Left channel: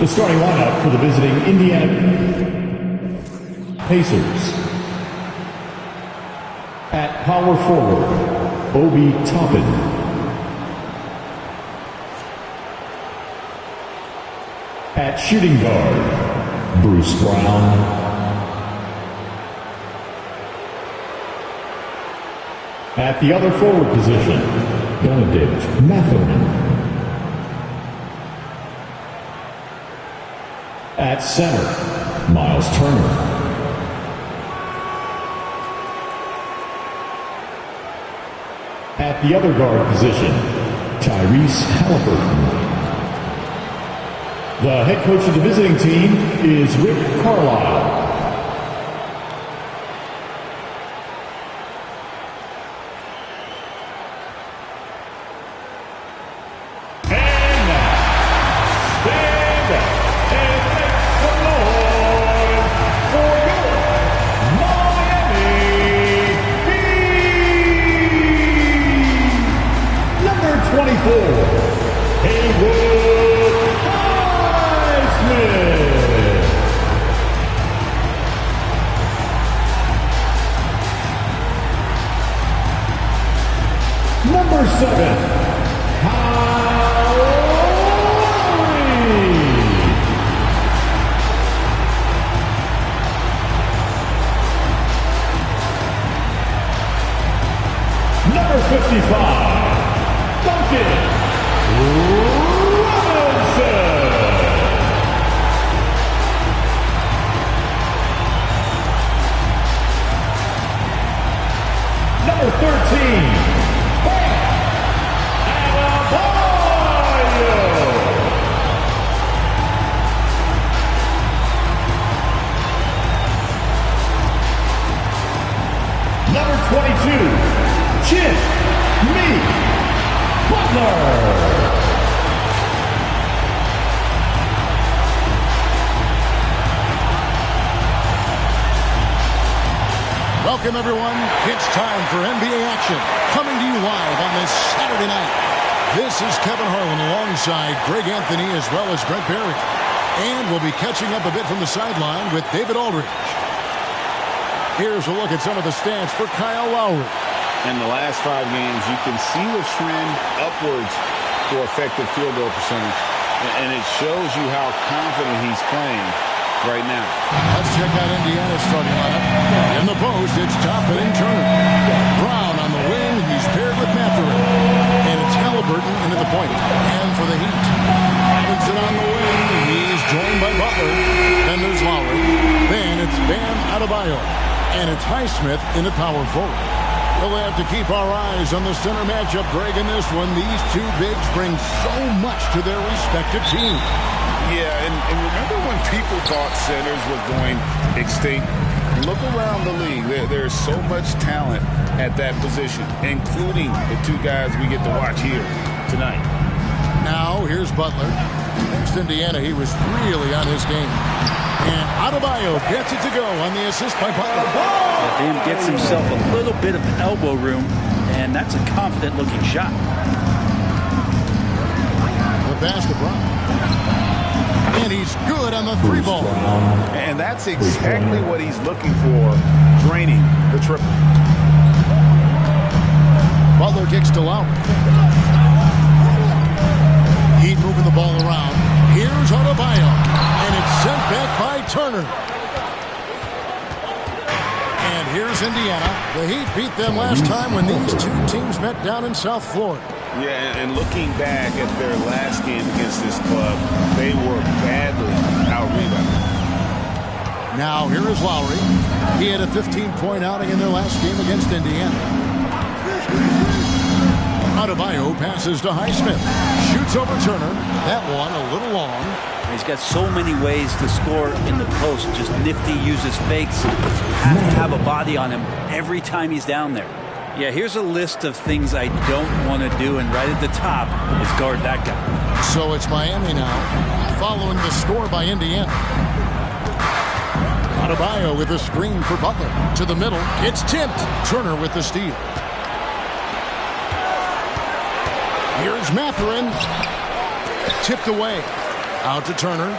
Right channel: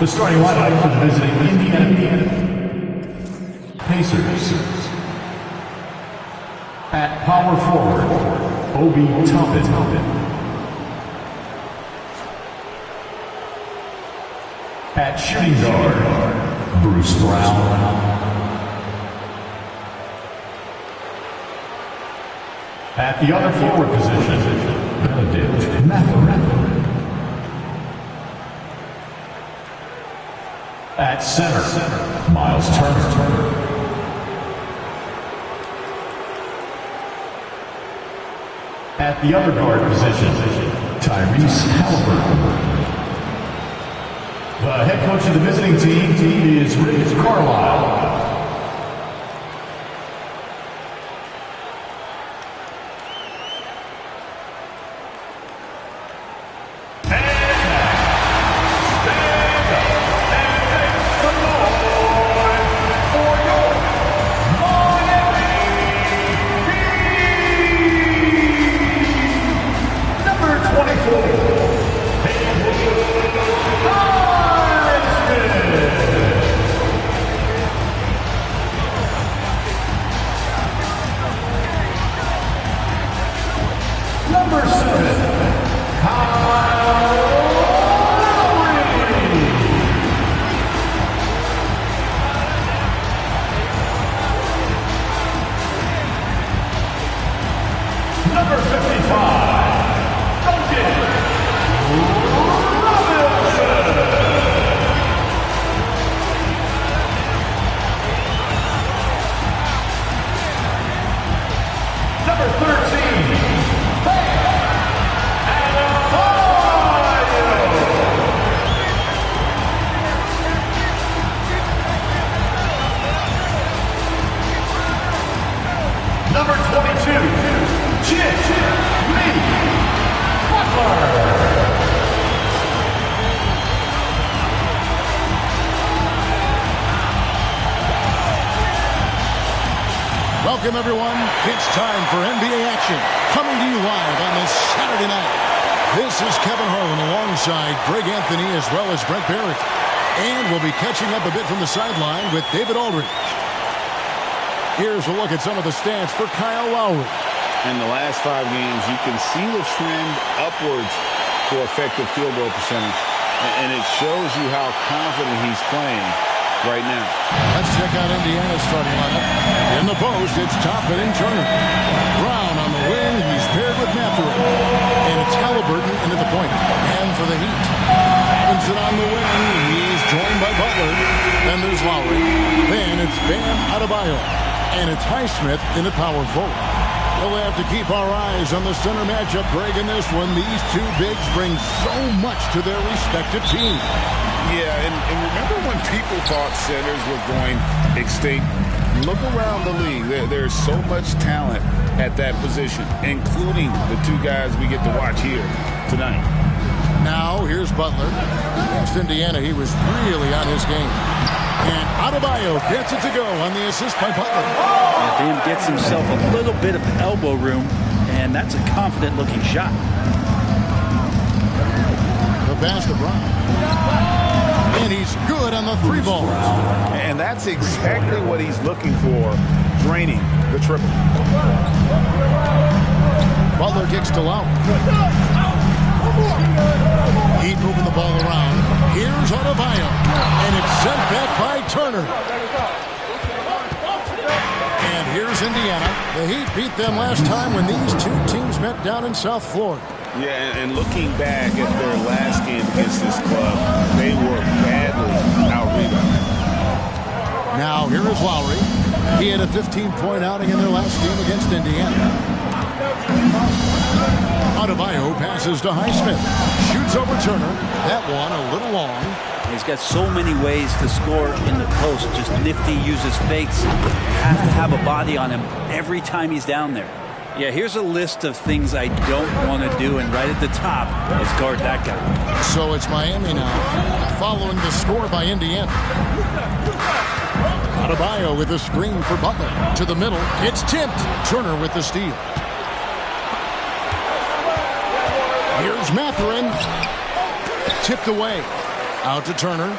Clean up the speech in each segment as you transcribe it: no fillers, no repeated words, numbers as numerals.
The starting lineup for the visiting Indiana Pacers. At power forward, Obi Toppin. At shooting guard, Bruce Brown. At the other forward position, Benedict Mathurin. At center, Miles Turner. At the other guard position, Tyrese Haliburton. The head coach of the visiting team is Rick Carlisle. Number 7, Kyle Lowry. Number 55, Duncan Robinson. Number 13, Number 22, Jimmy Butler. Welcome, everyone. It's time for NBA action. Coming to you live on this Saturday night. This is Kevin Harlan alongside Greg Anthony as well as Brent Barry. And we'll be catching up a bit from the sideline with David Aldridge. Here's a look at some of the stats for Kyle Lowry. In the last 5 games, you can see the trend upwards for effective field goal percentage. And it shows you how confident he's playing right now. Let's check out Indiana's starting lineup. In the post, it's Toppin and Turner. Brown on the wing, he's paired with Mathurin. And it's Haliburton into the point. And for the Heat, Robinson on the wing, he's joined by Butler. Then there's Lowry. Then it's Bam Adebayo. And it's Highsmith in at power forward. We'll have to keep our eyes on the center matchup, Greg, in this one. These two bigs bring so much to their respective teams. Yeah, and remember when people thought centers were going extinct? Look around the league. There's so much talent at that position, including the 2 guys we get to watch here tonight. Now, here's Butler. Against Indiana, he was really on his game. And Adebayo gets it to go on the assist by Butler. Yeah, Bam gets himself a little bit of elbow room, and that's a confident-looking shot. The pass to Brown. And he's good on the 3 ball. And that's exactly what he's looking for, draining the triple. Butler kicks to Lowry. Heat moving the ball around. Here's Adebayo. And it's sent back by Turner. And here's Indiana. The Heat beat them last time when these 2 teams met down in South Florida. Yeah, and looking back at their last game against this club, they were badly out-rebounded. Now here is Lowry. He had a 15-point outing in their last game against Indiana. Adebayo passes to Highsmith. Shoots over Turner. That one a little long. He's got so many ways to score in the post. Just nifty, uses fakes. You have to have a body on him every time he's down there. Yeah, here's a list of things I don't want to do, and right at the top is guard that guy. So it's Miami now, following the score by Indiana. Adebayo with a screen for Butler. To the middle, it's tipped. Turner with the steal. Here's Mathurin. Tipped away. Out to Turner.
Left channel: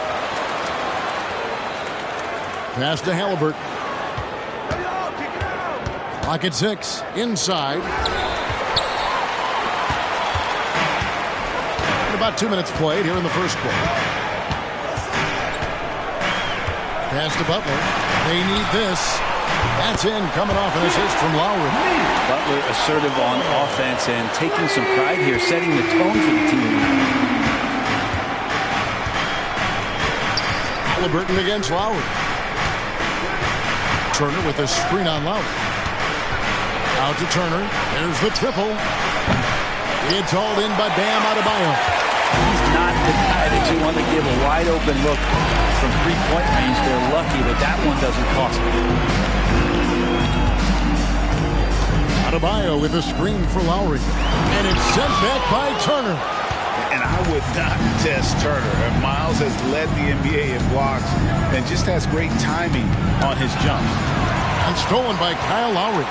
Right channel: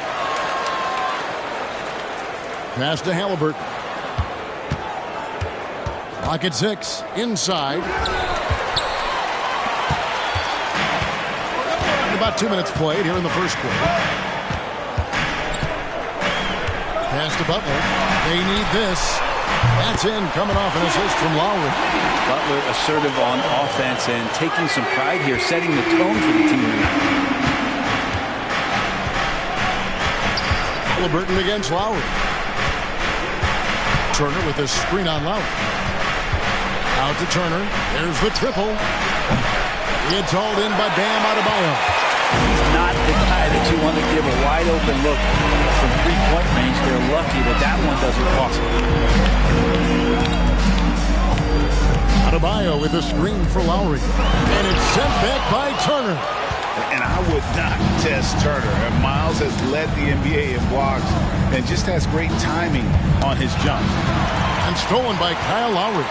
Pass to Haliburton. Clock at 6. Inside. And about 2 minutes played here in the first quarter. Pass to Butler. They need this. That's in, coming off an assist from Lowry. Butler assertive on offense and taking some pride here, setting the tone for the team tonight. Haliburton against Lowry. Turner with a screen on Lowry. Out to Turner. There's the triple. It's hauled in by Bam Adebayo. He's not the guy that you want to give a wide open look from three-point range. They're lucky that that one doesn't cost them. Adebayo with a screen for Lowry. And it's sent back by Turner. And I would not test Turner. And Miles has led the NBA in blocks and just has great timing on his jumps. And stolen by Kyle Lowry.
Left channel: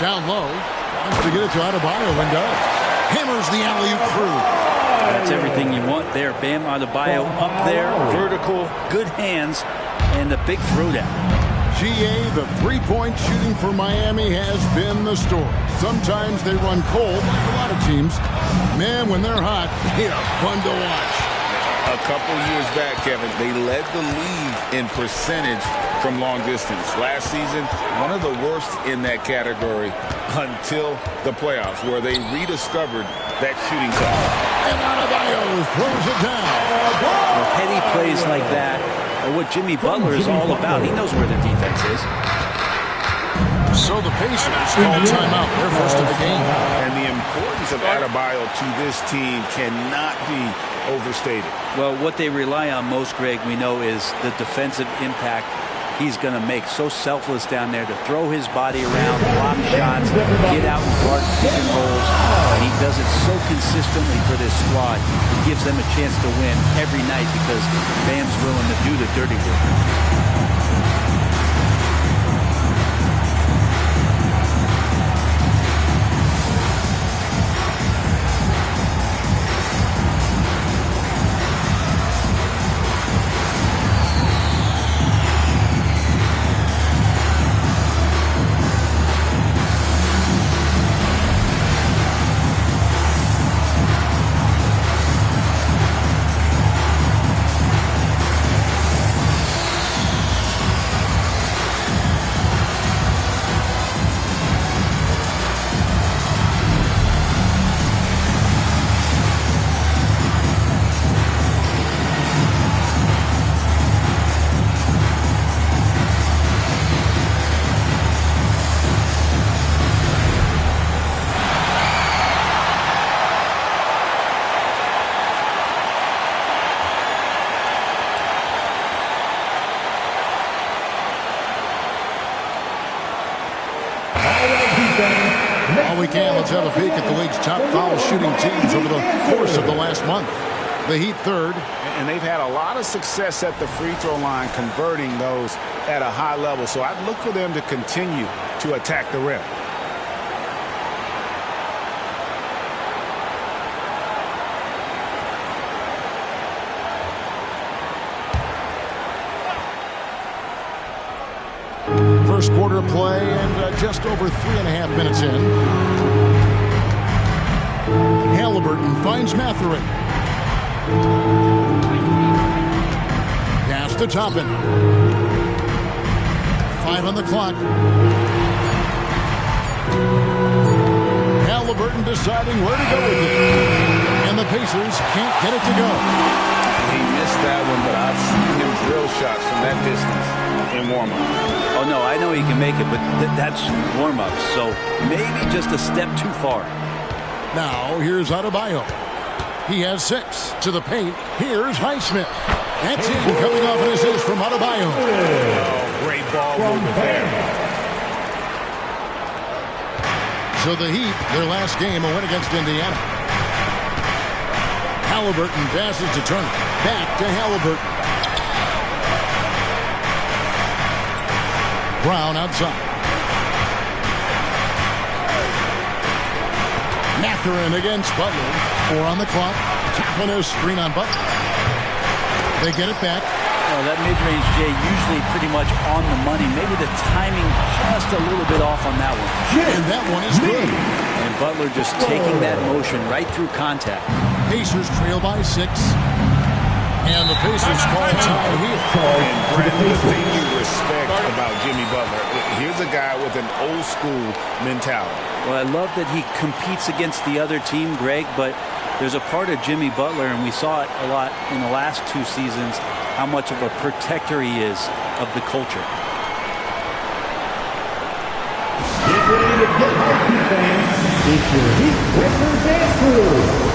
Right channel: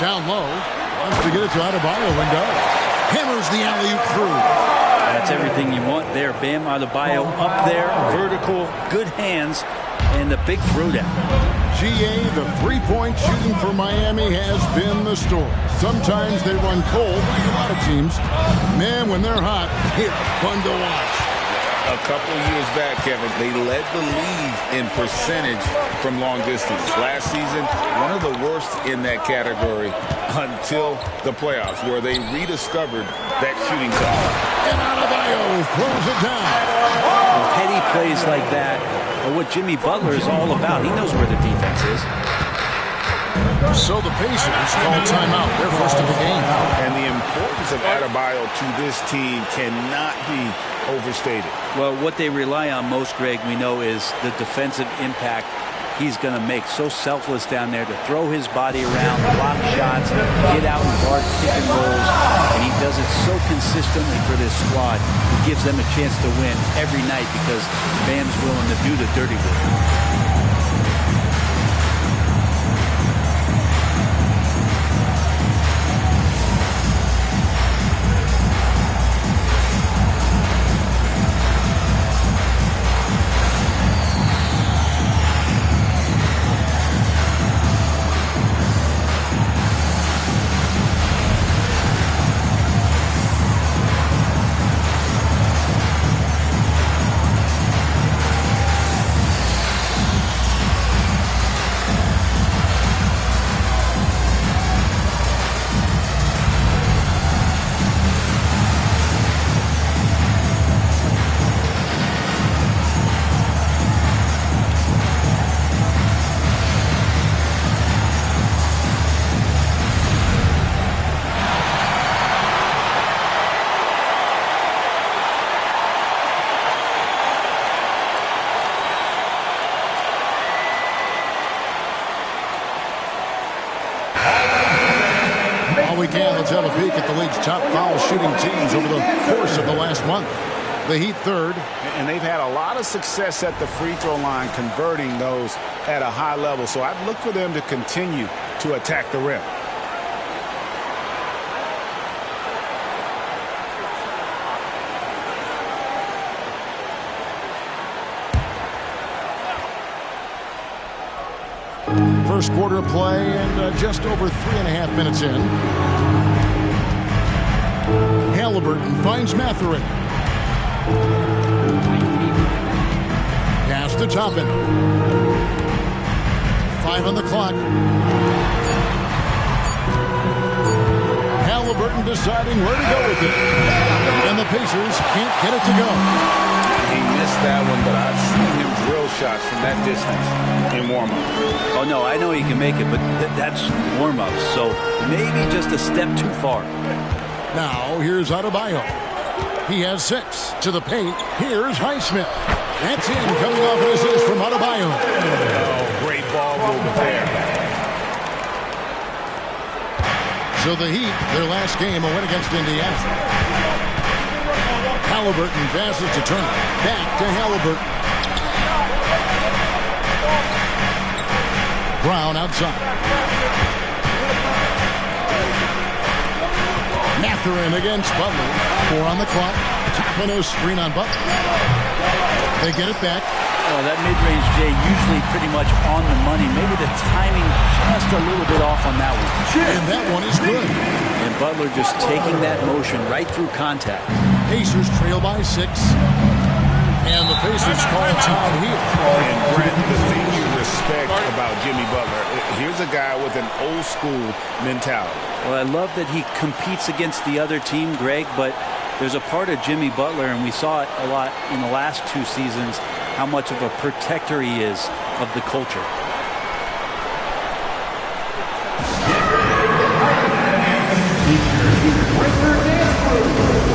Down low. Wants to get it to Adebayo and does. Hammers the alley-oop through. That's everything you want there. Bam Adebayo up there. Vertical. Good hands. And the big throwdown. GA, the three-point shooting for Miami has been the story. Sometimes they run cold, like a lot of teams. Man, when they're hot, they are fun to watch. A couple years back, Kevin, they led the league in percentage from long distance. Last season, one of the worst in that category until the playoffs, where they rediscovered that shooting touch. And Adebayo throws it down. Well, heady plays like that are what Jimmy Butler is all about. He knows where the defense is. So the Pacers call timeout, their first of the game. And the importance of Adebayo to this team cannot be overstated. Well, what they rely on most, Greg, we know, is the defensive impact he's going to make. So selfless down there to throw his body around, block shots, get out and guard pick and rolls. And he does it so consistently for this squad. He gives them a chance to win every night because Bam's willing to do the dirty work. While we can, let's have a peek at the league's top foul shooting teams over the course of the last month. The Heat third. And they've had a lot of success at the free throw line, converting those at a high level. So I'd look for them to continue to attack the rim. First quarter of play and just over 3.5 minutes in. Haliburton finds Mathurin. Pass to Toppin. 5 on the clock. Haliburton deciding where to go with it. And the Pacers can't get it to go. He missed that one, but I've seen him drill shots from that distance in warm-up. Oh, no, I know he can make it, but that's warm-ups, so maybe just a step too far. Now, here's Adebayo. He has 6 to the paint. Here's Highsmith. That's in, coming off an assist from Adebayo. Oh, great ball movement there. So the Heat, their last game, a win against Indiana. Haliburton passes to Turner. Back to Haliburton. Brown outside. Mathurin against Butler. 4 on the clock. Tapping a screen on Butler. They get it back. Well, that mid-range J usually pretty much on the money. Maybe the timing just a little bit off on that one. And that one is good. And Butler just taking that motion right through contact. Pacers trail by 6. And the Pacers call time here. And Brent, the thing you respect about Jimmy Butler, here's a guy with an old school mentality. Well, I love that he competes against the other team, Greg, but there's a part of Jimmy Butler, and we saw it a lot in the last 2 seasons, how much of a protector he is of the culture. Get ready to get hyped, fans. It's your Heat Breaker Dance Crew.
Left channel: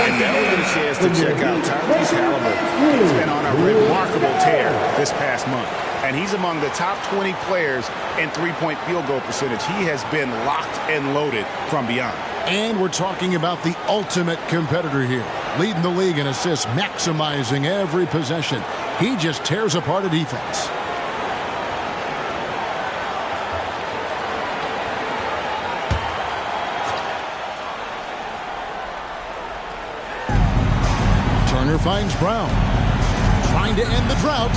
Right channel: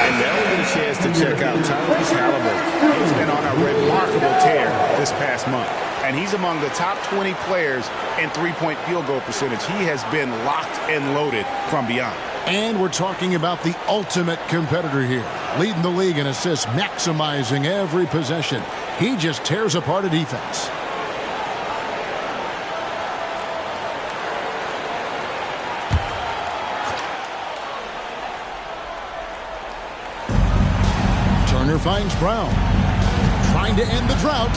And now we get a chance to check out Tyrese Haliburton. He's been on a remarkable tear this past month. And he's among the top 20 players in three-point field goal percentage. He has been locked and loaded from beyond. And we're talking about the ultimate competitor here. Leading the league in assists, maximizing every possession. He just tears apart a defense. Turner finds Brown. Trying to end the drought.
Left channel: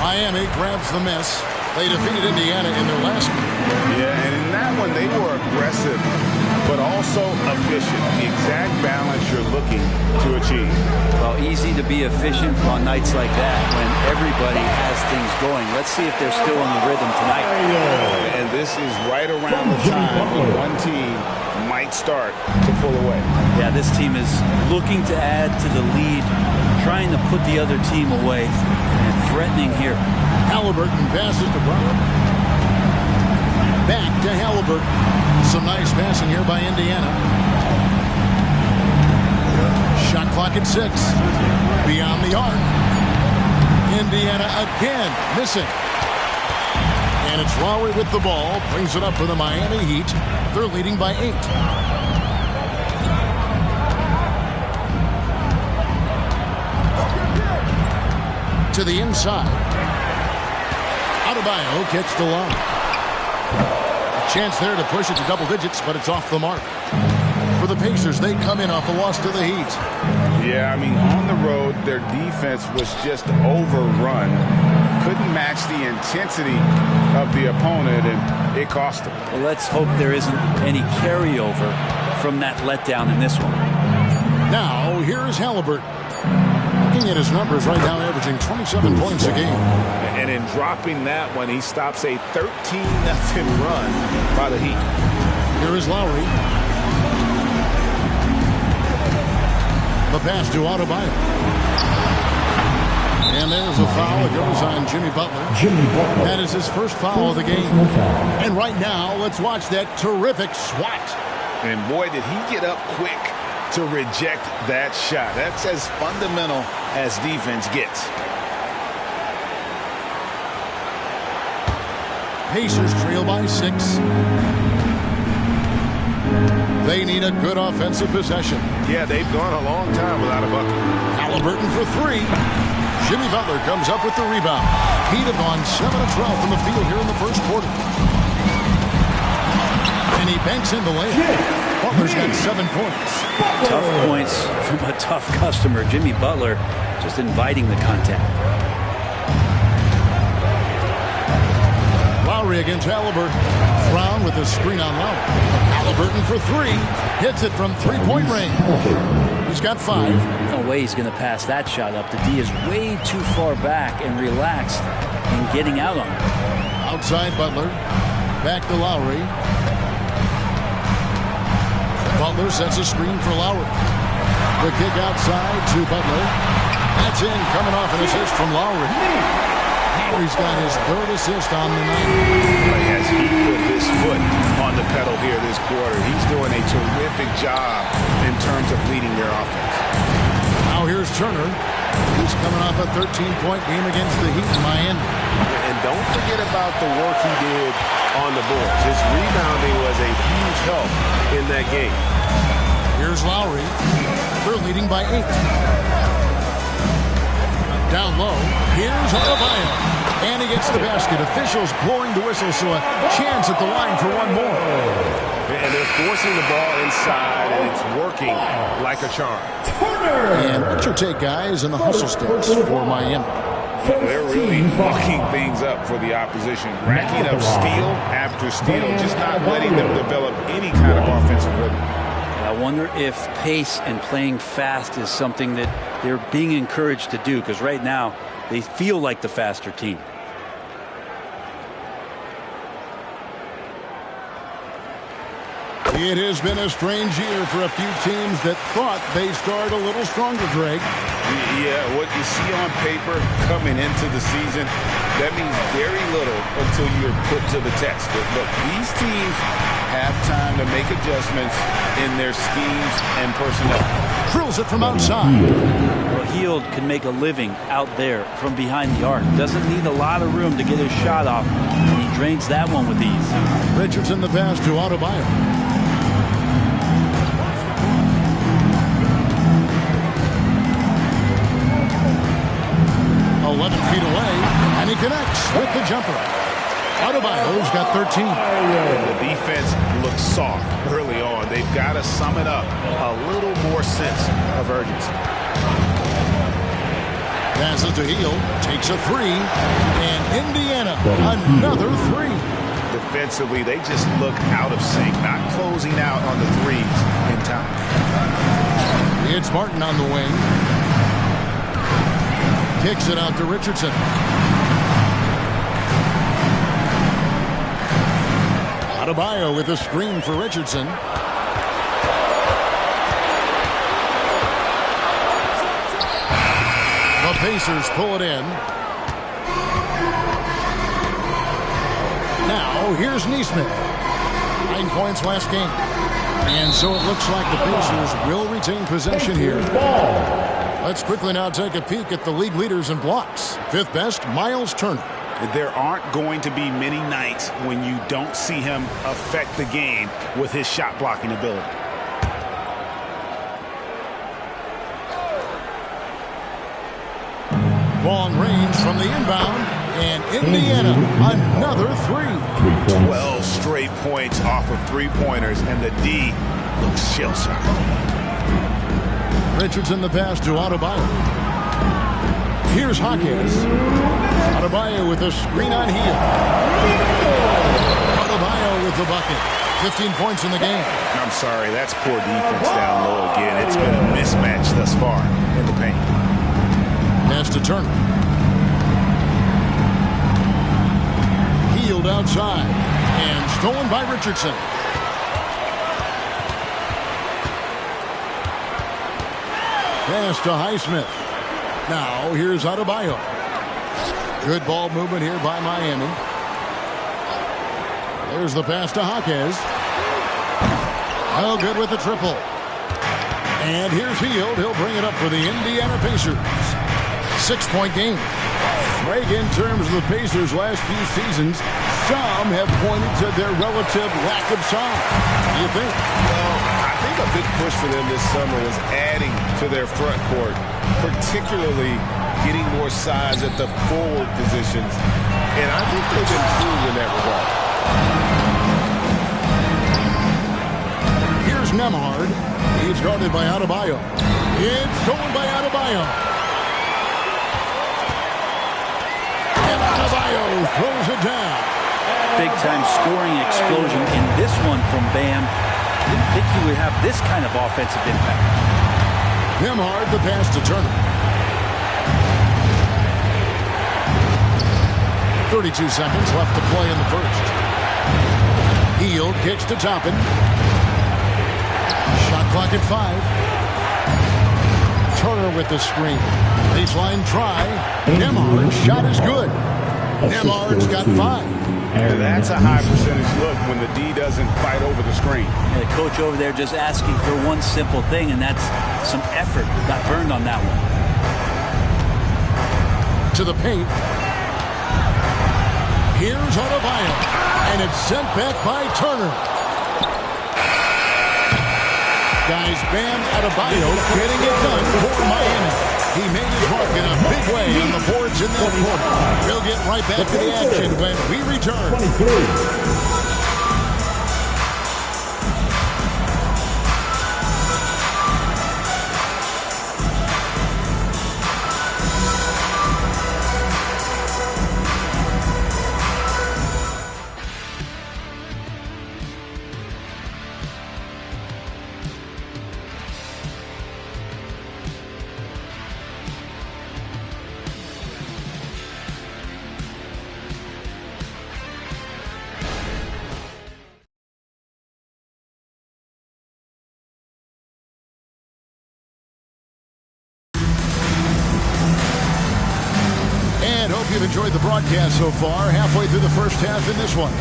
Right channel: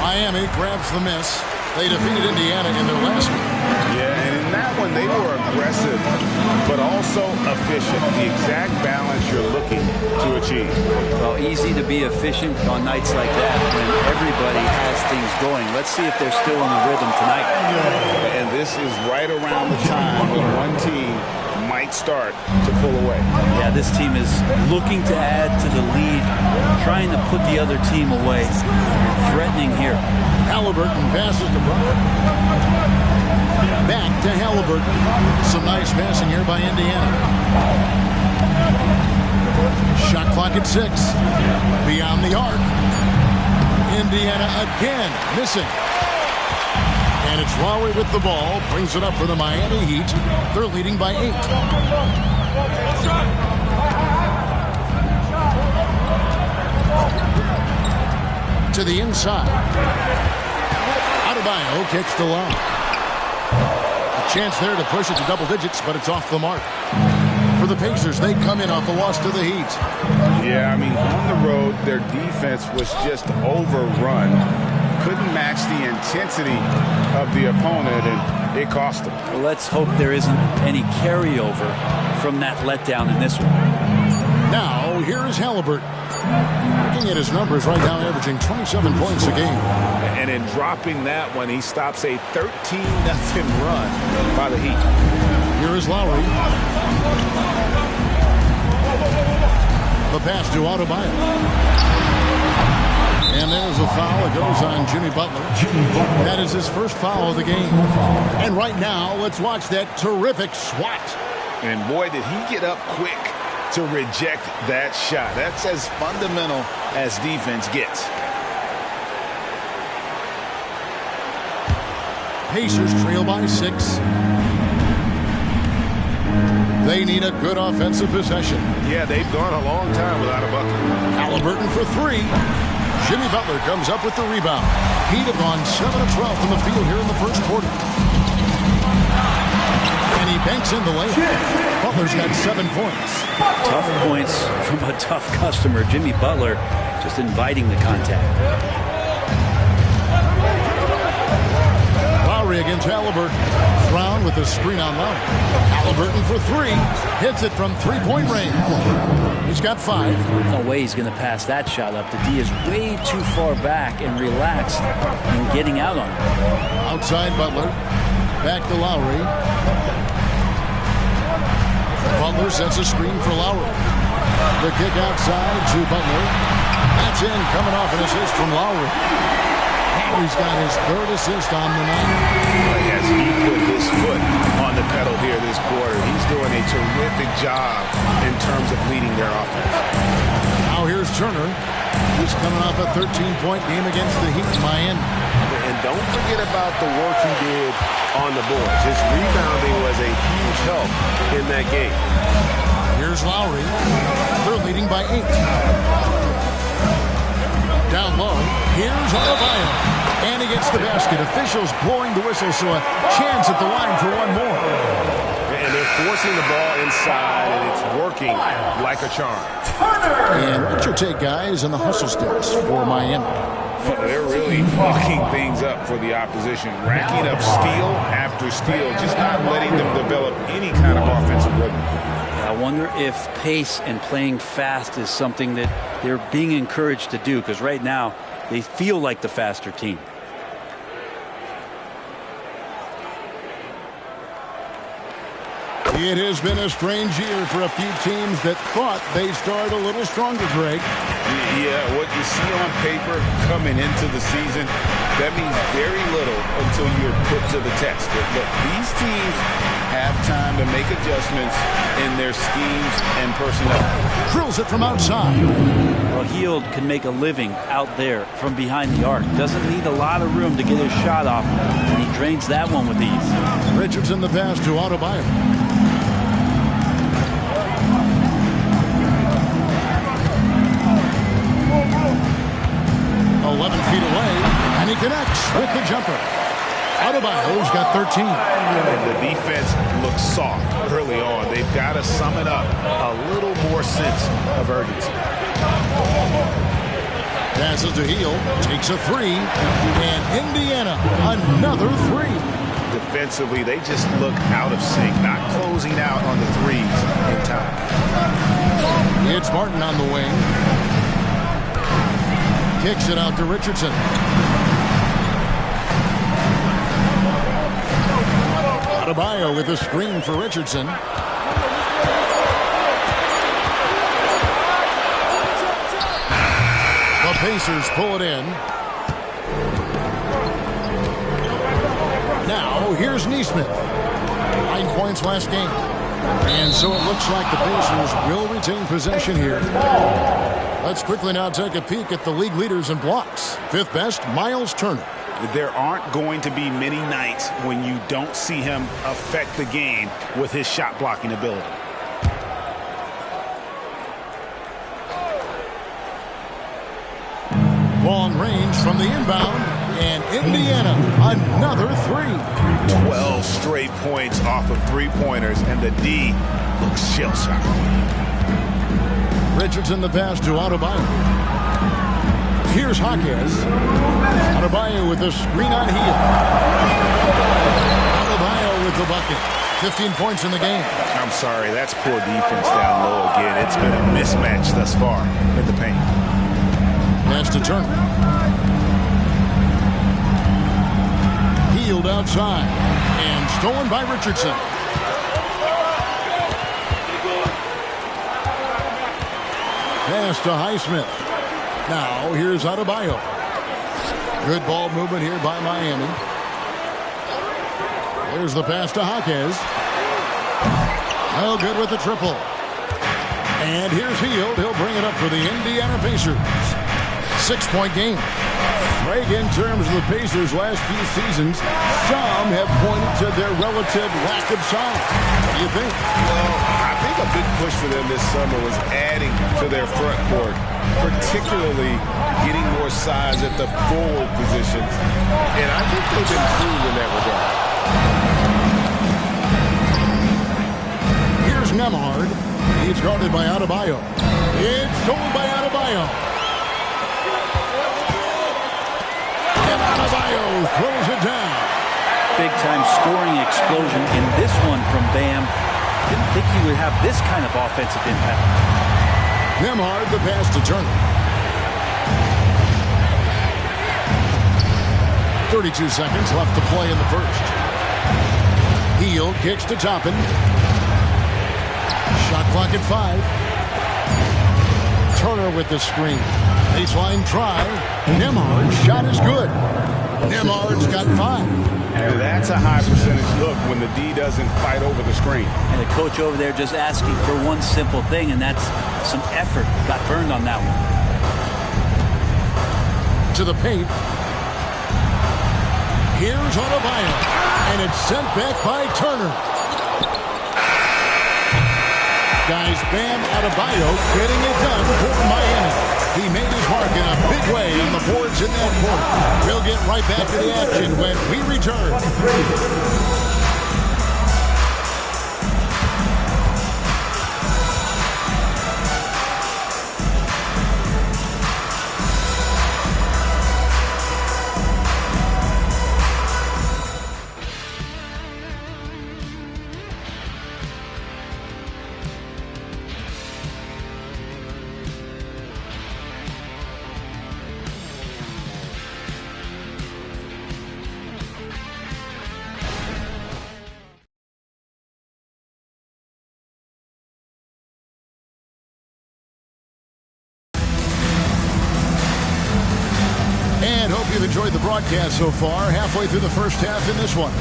Miami grabs the miss. They defeated Indiana in their last game. Yeah, and in that one, they were aggressive, but also efficient. The exact balance you're looking to achieve. Well, easy to be efficient on nights like that when everybody has things going. Let's see if they're still in the rhythm tonight. And this is right around the time when one team might start to pull away. Yeah, this team is looking to add to the lead, trying to put the other team away, and threatening here. Haliburton passes to Brown. Back to Haliburton. Some nice passing here by Indiana. Shot clock at 6. Beyond the arc. Indiana again missing. And it's Lowry with the ball. Brings it up for the Miami Heat. They're leading by 8. To the inside. Adebayo kicks the lob. A chance there to push it to double digits, but it's off the mark. For the Pacers, they come in off a loss to the Heat. Yeah, I mean, on the road, their defense was just overrun. Couldn't match the intensity of the opponent, and it cost them. Well, let's hope there isn't any carryover from that letdown in this one. Now, here's Haliburton. Looking at his numbers right now, averaging 27 points a game. And in dropping that one, he stops a 13-0 run by the Heat. Here is Lowry. The pass to Adebayo. And there's a foul. It goes on Jimmy Butler. That is his first foul of the game. And right now, let's watch that terrific swat. And boy, did he get up quick to reject that shot. That's as fundamental as defense gets. Pacers trail by 6. They need a good offensive possession. Yeah, they've gone a long time without a bucket. Haliburton for 3. Jimmy Butler comes up with the rebound. Heat have gone 7 of 12 from the field here in the first quarter. And he banks in the layup. Butler's got 7 points. Tough points from a tough customer. Jimmy Butler just inviting the contact. Lowry against Haliburton. Brown with a screen on Lowry. Haliburton for three. Hits it from three-point range. He's got 5. No way he's going to pass that shot up. The D is way too far back and relaxed in getting out on it. Outside Butler. Back to Lowry. Butler sets a screen for Lowry. The kick outside to Butler. That's in, coming off an assist from Lowry. Lowry's got his 3rd assist on the night. As he put his foot on the pedal here this quarter, he's doing a terrific job in terms of leading their offense. Now here's Turner. He's coming off a 13-point game against the Heat in Miami. And don't forget about the work he did on the boards. His rebounding was a huge help in that game. Here's Lowry. They're leading by 8. Down low. Here's Adebayo. And he gets the basket. Officials blowing the whistle, so a chance at the line for one more. And they're forcing the ball inside, and it's working like a charm. And what's your take, guys, on the hustle sticks for Miami? They're really fucking things up for the opposition, racking up steal after steal, just not letting them develop any kind of offensive rhythm. And I wonder if pace and playing fast is something that they're being encouraged to do, because right now they feel like the faster team. It has been a strange year for a few teams that thought they'd start a little stronger, Greg. Yeah, what you see on paper coming into the season, that means very little until you're put to the test. But these teams have time to make adjustments in their schemes and personnel. Drills it from outside. Well, Hield can make a living out there from behind the arc. Doesn't need a lot of room to get his shot off, and he drains that one with ease. Richardson the pass to Adebayo. 11 feet away, and he connects with the jumper. Adebayo's got 13. And the defense looks soft early on. They've got to sum it up a little more sense of urgency. Passes to Hield, takes a 3, and Indiana another 3. Defensively, they just look out of sync, not closing out on the threes in time. It's Martin on the wing. Kicks it out to Richardson. Adebayo with a screen for Richardson. The Pacers pull it in. Now, here's Nesmith. 9 points last game. And so it looks like the Pacers will retain possession here. Let's quickly now take a peek at the league leaders in blocks. 5th best, Miles Turner. There aren't going to be many nights when you don't see him affect the game with his shot blocking ability. Long range from the inbound, and Indiana another 3. 12 straight points off of three-pointers, and the D looks shell-shocked. Richardson the pass to Adebayo. Here's Jaquez. Adebayo with a screen on Hield. Adebayo with the bucket. 15 points in the game. I'm sorry, that's poor defense down low again. It's been a mismatch thus far in the paint. Pass to Turner. Hield outside. And stolen by Richardson. Pass to Highsmith. Now here's Adebayo. Good ball movement here by Miami. There's the pass to Jaquez. Oh, good with the triple. And here's Hield. He'll bring it up for the Indiana Pacers. 6-point game. Greg, in terms of the Pacers' last few seasons, some have pointed to their relative lack of size. What do you think? Well, I think a big push for them this summer was adding to their front court, particularly getting more size at the forward positions. And I think they've improved in that regard. Here's Nembhard. He's guarded by Adebayo. It's stolen by Adebayo. And Adebayo throws it down. big-time scoring explosion in this one from Bam. Didn't think he would have this kind of offensive impact. Nembhard the pass to Turner. 32 seconds left to play in the first. Hield kicks to Toppin. Shot clock at 5. Turner with the screen. Baseline try. Nembhard's shot is good. Nembhard's got 5. That's a high percentage look when the D doesn't fight over the screen. And the coach over there just asking for one simple thing, and that's some effort. Got burned on that one. To the paint. Here's Adebayo. And it's sent back by Turner. Guys, Bam Adebayo getting it done for Miami. He made his mark in a big way on the boards in that quarter. We'll get right back to the action when we return. And hope you've enjoyed the broadcast so far, halfway through the first half in this one.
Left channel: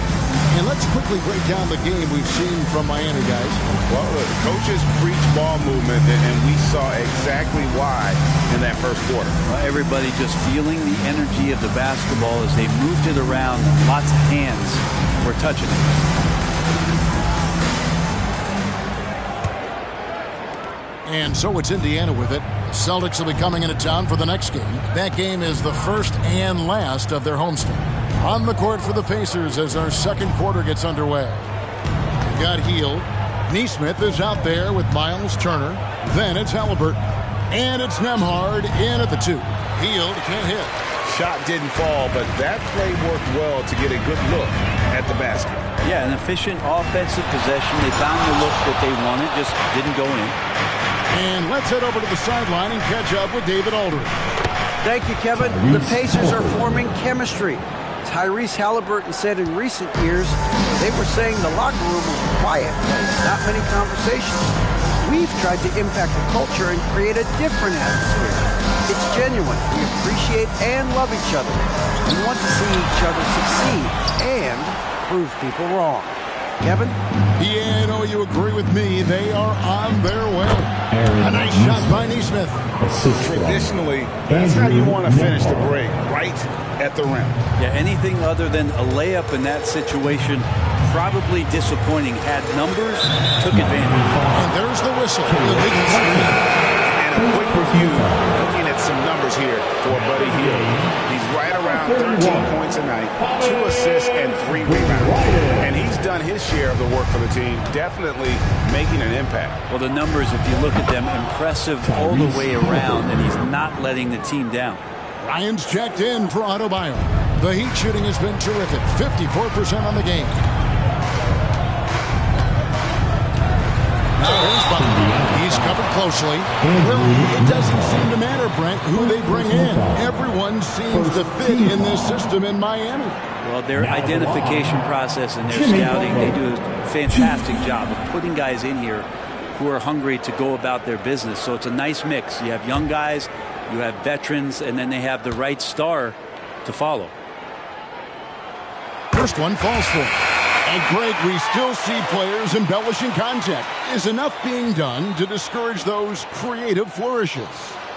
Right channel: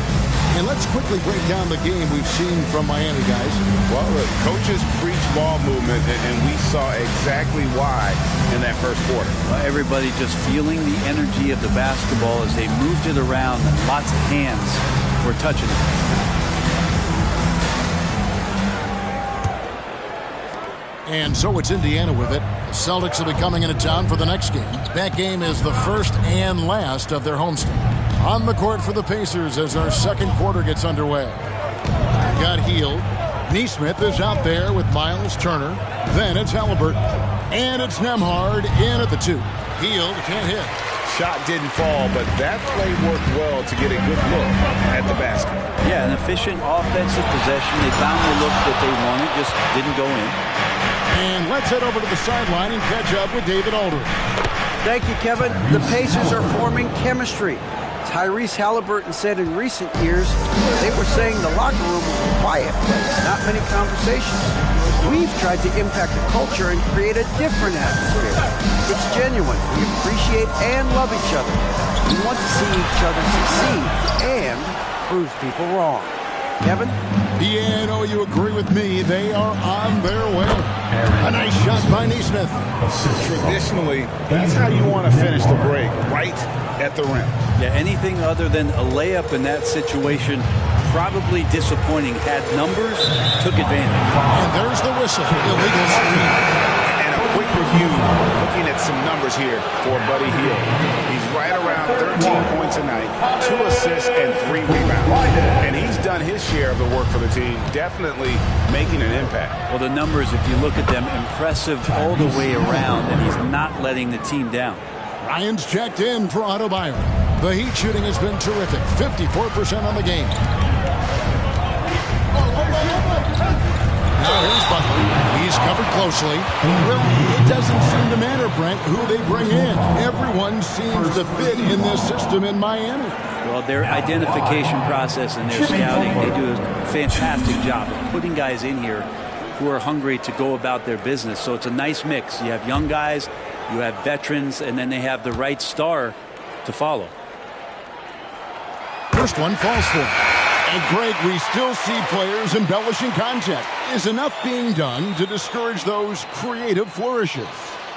And let's quickly break down the game we've seen from Miami, guys. Well, the coaches preach ball movement, and we saw exactly why in that first quarter. Well, everybody just feeling the energy of the basketball as they moved it around, and lots of hands were touching it. And so it's Indiana with it. The Celtics will be coming into town for the next game. That game is the first and last of their homestand. On the court for the Pacers as our second quarter gets underway. We've got Hield. Nesmith is out there with Miles Turner. Then it's Haliburton. And it's Nembhard in at the 2. Hield can't hit. Shot didn't fall, but that play worked well to get a good look at the basket. Yeah, an efficient offensive possession. They found the look that they wanted, just didn't go in. And let's head over to the sideline and catch up with David Aldridge. Thank you, Kevin. The Pacers are forming chemistry. Tyrese Haliburton said in recent years they were saying the locker room was a quiet place, not many conversations. We've tried to impact the culture and create a different atmosphere. It's genuine. We appreciate and love each other. We want to see each other succeed and prove people wrong. Kevin? Yeah, no, you agree with me. They are on their way. A nice shot by Nesmith. Traditionally, that's how you want to finish the break, right at the rim. Yeah, anything other than a layup in that situation, probably disappointing. Had numbers, took advantage. And there's the whistle. Illegal screen. And a quick review, looking at some numbers here for Buddy Hield. He's right around 13 points a night, 2 assists, and 3 rebounds. And he's done his share of the work for the team, definitely making an impact. Well, the numbers, if you look at them, impressive all the way around, and he's not letting the team down. Ryan's checked in for Adebayo. The Heat shooting has been terrific, 54% on the game. Now here's Butler. He's covered closely. Well, it doesn't seem to matter, Brent, who they bring in. Everyone seems to fit in this system in Miami. Well, their identification process and their scouting, they do a fantastic job of putting guys in here who are hungry to go about their business. So it's a nice mix. You have young guys, you have veterans, and then they have the right star to follow. First one falls for him. And Greg, we still see players embellishing contact. Is enough being done to discourage those creative flourishes?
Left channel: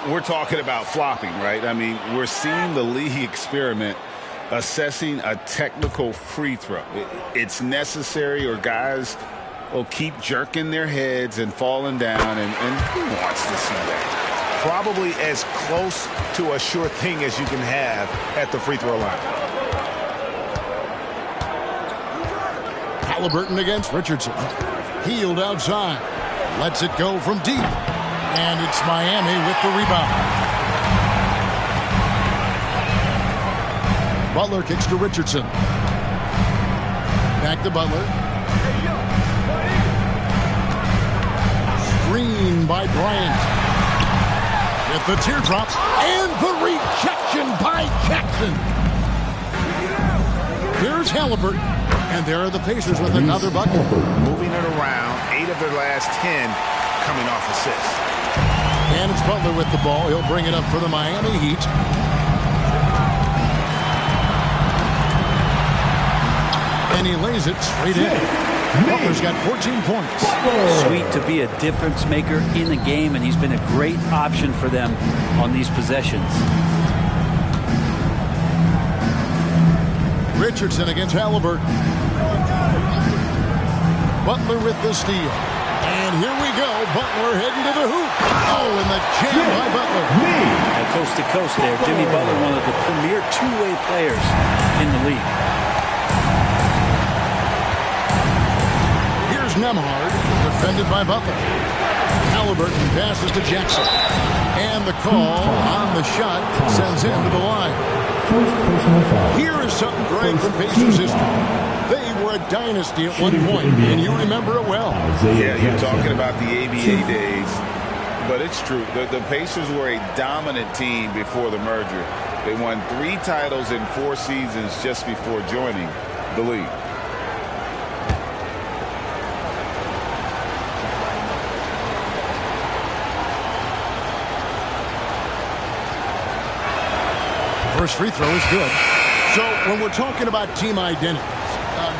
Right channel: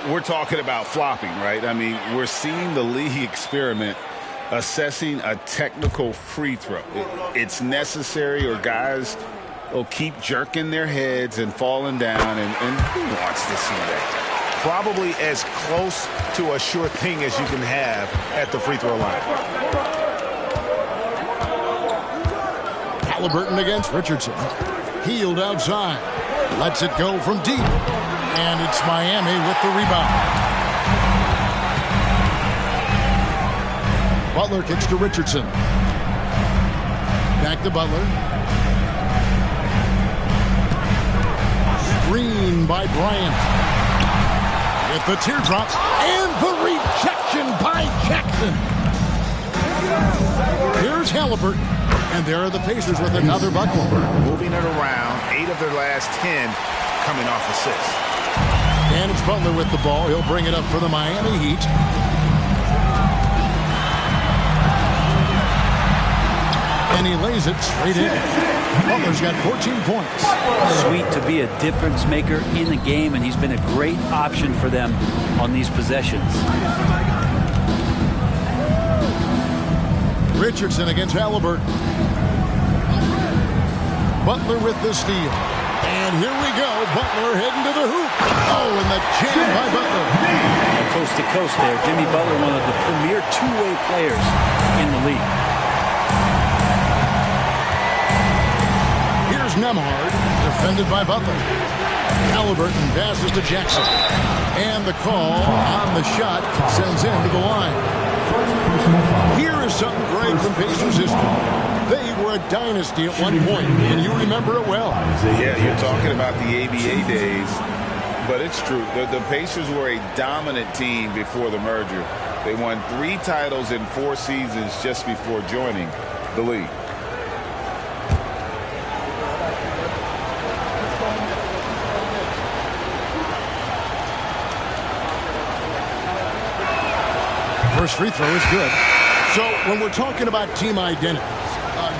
We're talking about flopping, right? I mean, we're seeing the league experiment assessing a technical free throw. It's necessary, or guys will keep jerking their heads and falling down, and who wants to see that? Probably as close to a sure thing as you can have at the free throw line. Haliburton against Richardson. Hield outside. Lets it go from deep. And it's Miami with the rebound. Butler kicks to Richardson. Back to Butler. Screen by Bryant. With the teardrop and the rejection by Jackson. Here's Haliburton. And there are the Pacers with another bucket. Moving it around, 8 of their last 10 coming off assists. And it's Butler with the ball. He'll bring it up for the Miami Heat. And he lays it straight in. Butler's got 14 points. Sweet to be a difference maker in the game, and he's been a great option for them on these possessions. Richardson against Haliburton. Butler with the steal. And here we go. Butler heading to the hoop. Oh, and the jam by Butler. Now, coast to coast there. Jimmy Butler, one of the premier two-way players in the league. Here's Nembhard, defended by Butler. Haliburton passes to Jackson. And the call on the shot sends him to the line. Here is something great from Pacers history. They were a dynasty at one point, and you remember it well. Yeah, you're talking about the ABA days, but it's true. The Pacers were a dominant team before the merger. They won 3 titles in 4 seasons just before joining the league. First free throw is good. So when we're talking about team identities,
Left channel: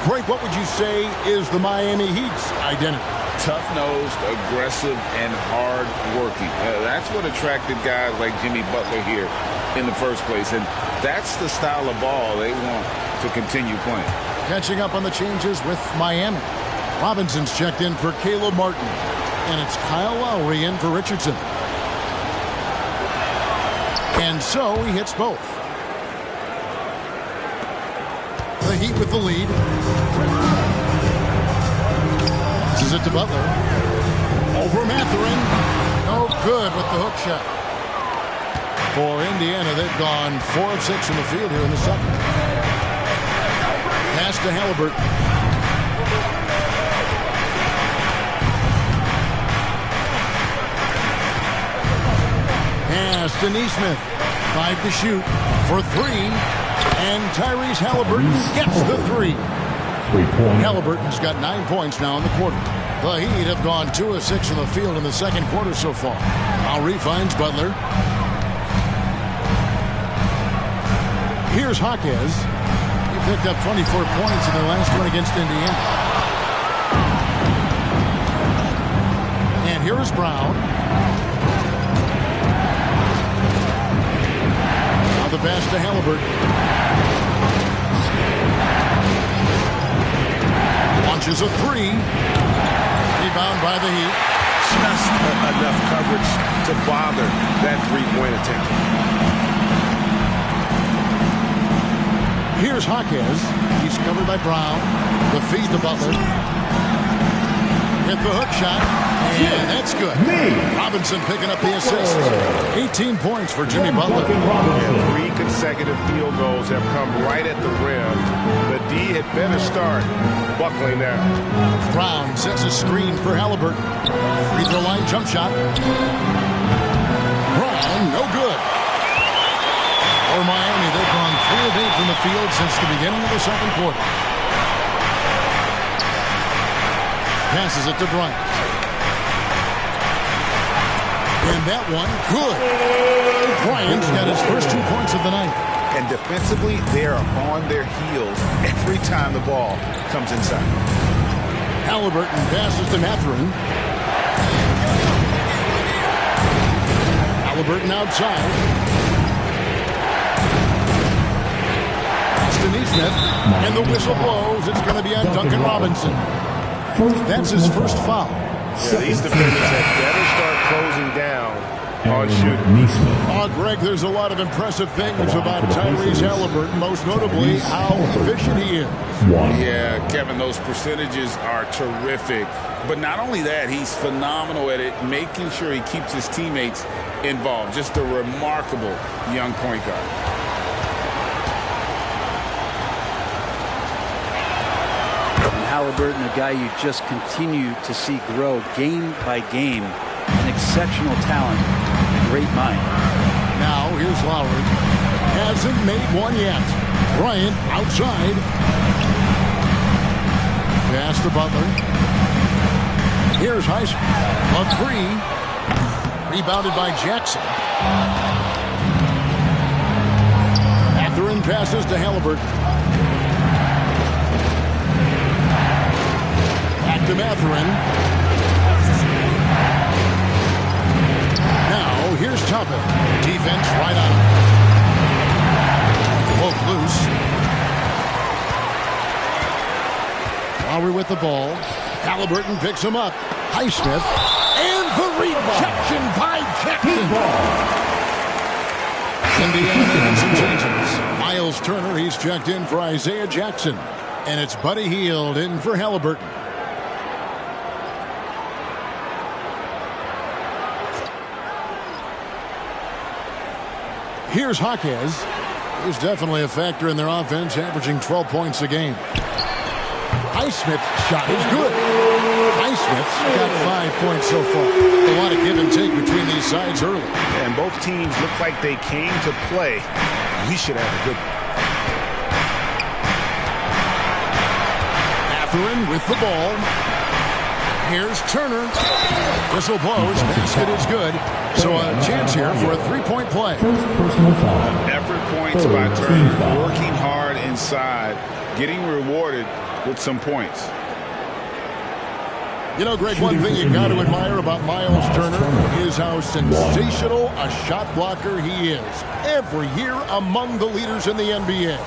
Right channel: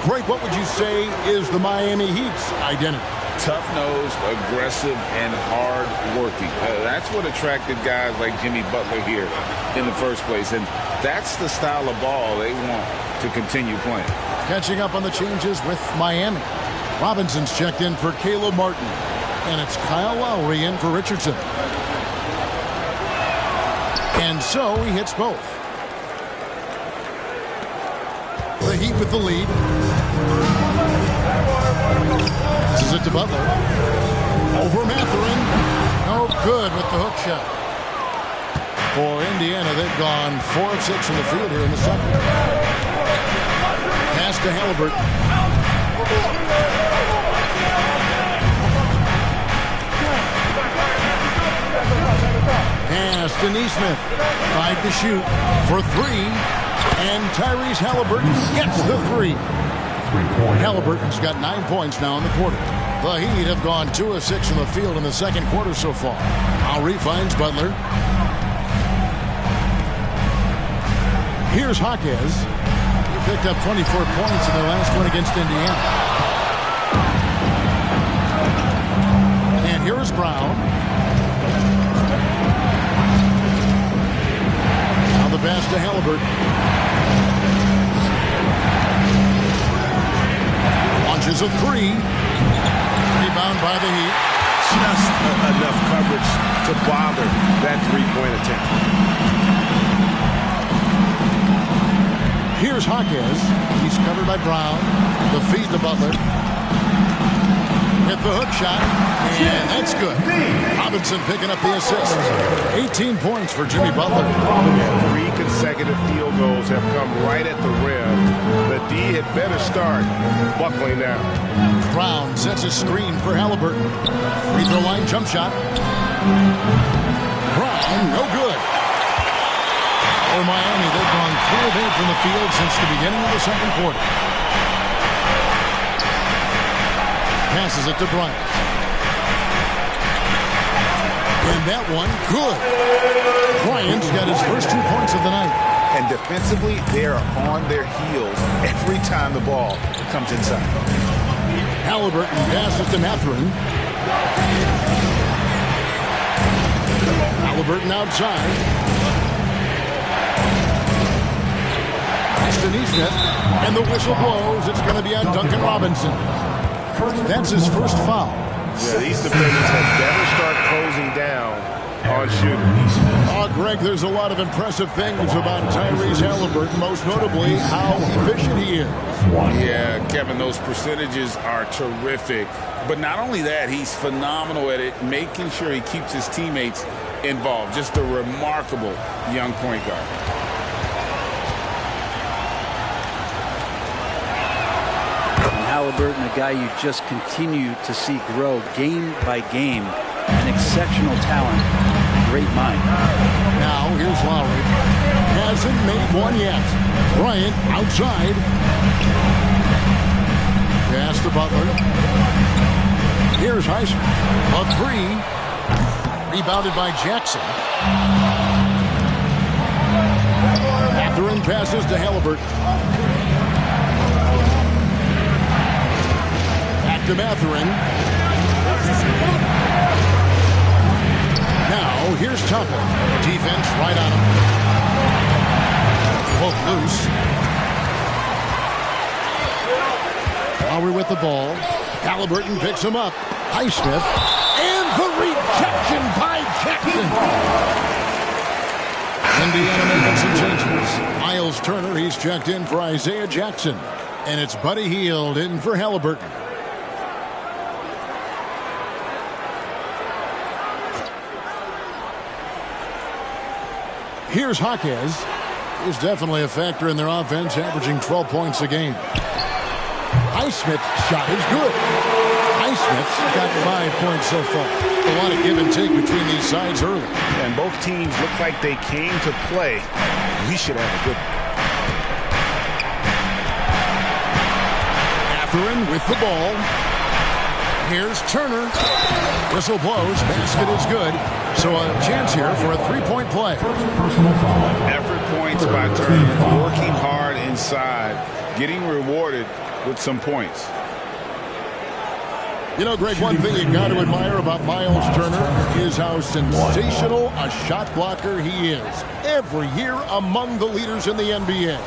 Greg, what would you say is the Miami Heat's identity? Tough-nosed, aggressive, and hard-working. That's what attracted guys like Jimmy Butler here in the first place. And that's the style of ball they want to continue playing. Catching up on the changes with Miami. Robinson's checked in for Caleb Martin. And it's Kyle Lowry in for Richardson. And so he hits both. The Heat with the lead. Passes it to Butler. Over Mathurin. No good with the hook shot. For Indiana, they've gone 4 of 6 from the field here in the second. Pass to Haliburton. Pass to Nesmith. 5 to shoot for 3. And Tyrese Haliburton gets the 3. Haliburton's got 9 points now in the quarter. The Heat have gone 2 of 6 from the field in the second quarter so far. Lowry finds Butler. Here's Jaquez. He picked up 24 points in their last one against Indiana. And here is Brown. Now the pass to Haliburton. Launches a 3. Rebound by the Heat. Just enough coverage to bother that three-point attempt. Here's Jaquez. He's covered by Brown. The feed to Butler. With the hook shot. And that's good. Robinson picking up the assist. 18 points for Jimmy Butler. Yeah, 3 consecutive field goals have come right at the rim. The D had better start buckling down. Brown sets a screen for Haliburton. Free throw line jump shot. Brown, no good. For Miami, they've gone 3 of 8 from the field since the beginning of the second quarter. Passes it to Bryant. And that one, good. Bryant's got his first 2 points of the night. And defensively, they are on their heels every time the ball comes inside. Haliburton passes to Mathurin. Haliburton outside. Pass to Nesmith. And the whistle blows. It's going to be on Duncan Robinson. That's his first foul. Yeah, these defenders had better start closing down on shooters. Oh, Greg, there's a lot of impressive things about Tyrese Haliburton, most notably how efficient he is. Yeah, Kevin, those percentages are terrific. But not only that, he's phenomenal at it, making sure he keeps his teammates involved. Just a remarkable young point guard. Haliburton, a guy you just continue to see grow game by game. An exceptional talent, a great mind. Now here's Lowry. Hasn't made one yet. Bryant outside. Pass to Butler. Here's Heisman. A three. Rebounded by Jackson. Mathurin passes to Haliburton. Back to Mathurin. Now here's Toppin. Defense right on him. Poke loose. Lowry with the ball. Haliburton picks him up. Highsmith. And the rejection by Jackson. Indiana making some changes. Miles Turner, he's checked in for Isaiah Jackson. And it's Buddy Hield in for Haliburton. Here's Jaquez. He's definitely a factor in their offense, averaging 12 points a game. Highsmith's shot is good. Highsmith's got 5 points so far. A lot of give and take between these sides early. And both teams look like they came to play. We should have a good one. Mathurin with the ball. Here's Turner. Whistle blows. Basket is good. So a chance here for a three-point play. Effort points by Turner. Working hard inside. Getting rewarded with some points. You know, Greg, one thing you got to admire about Miles Turner is how sensational a shot blocker he is. Every year among the leaders in the NBA.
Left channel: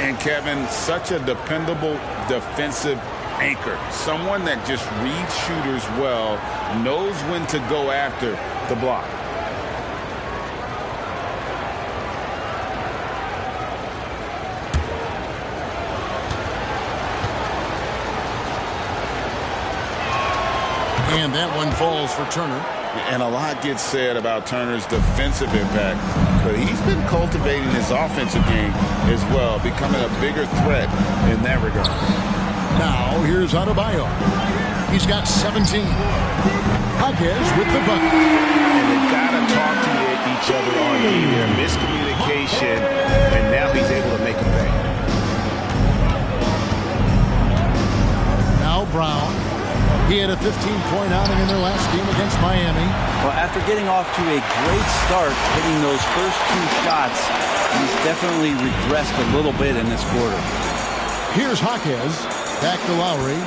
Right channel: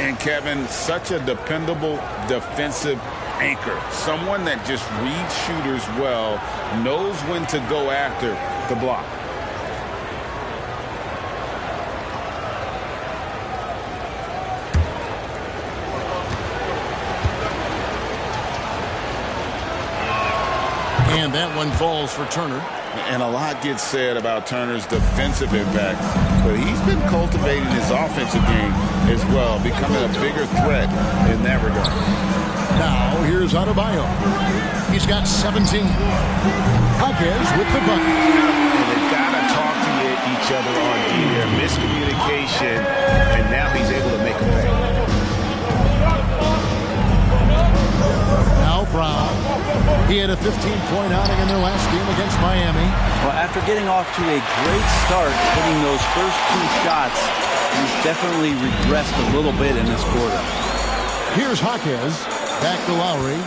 And Kevin, such a dependable defensive anchor. Someone that just reads shooters well, knows when to go after the block. And that one falls for Turner. And a lot gets said about Turner's defensive impact, but he's been cultivating his offensive game as well, becoming a bigger threat in that regard. Now, here's Adebayo. He's got 17. Jaquez with the bucket. And they've got to talk to each other on D there. Miscommunication, and now he's able to make a pay. Now Brown. He had a 15-point outing in their last game against Miami. Well, after getting off to a great start, hitting those first two shots, he's definitely regressed a little bit in this quarter. Here's Jaquez. Back to Lowry.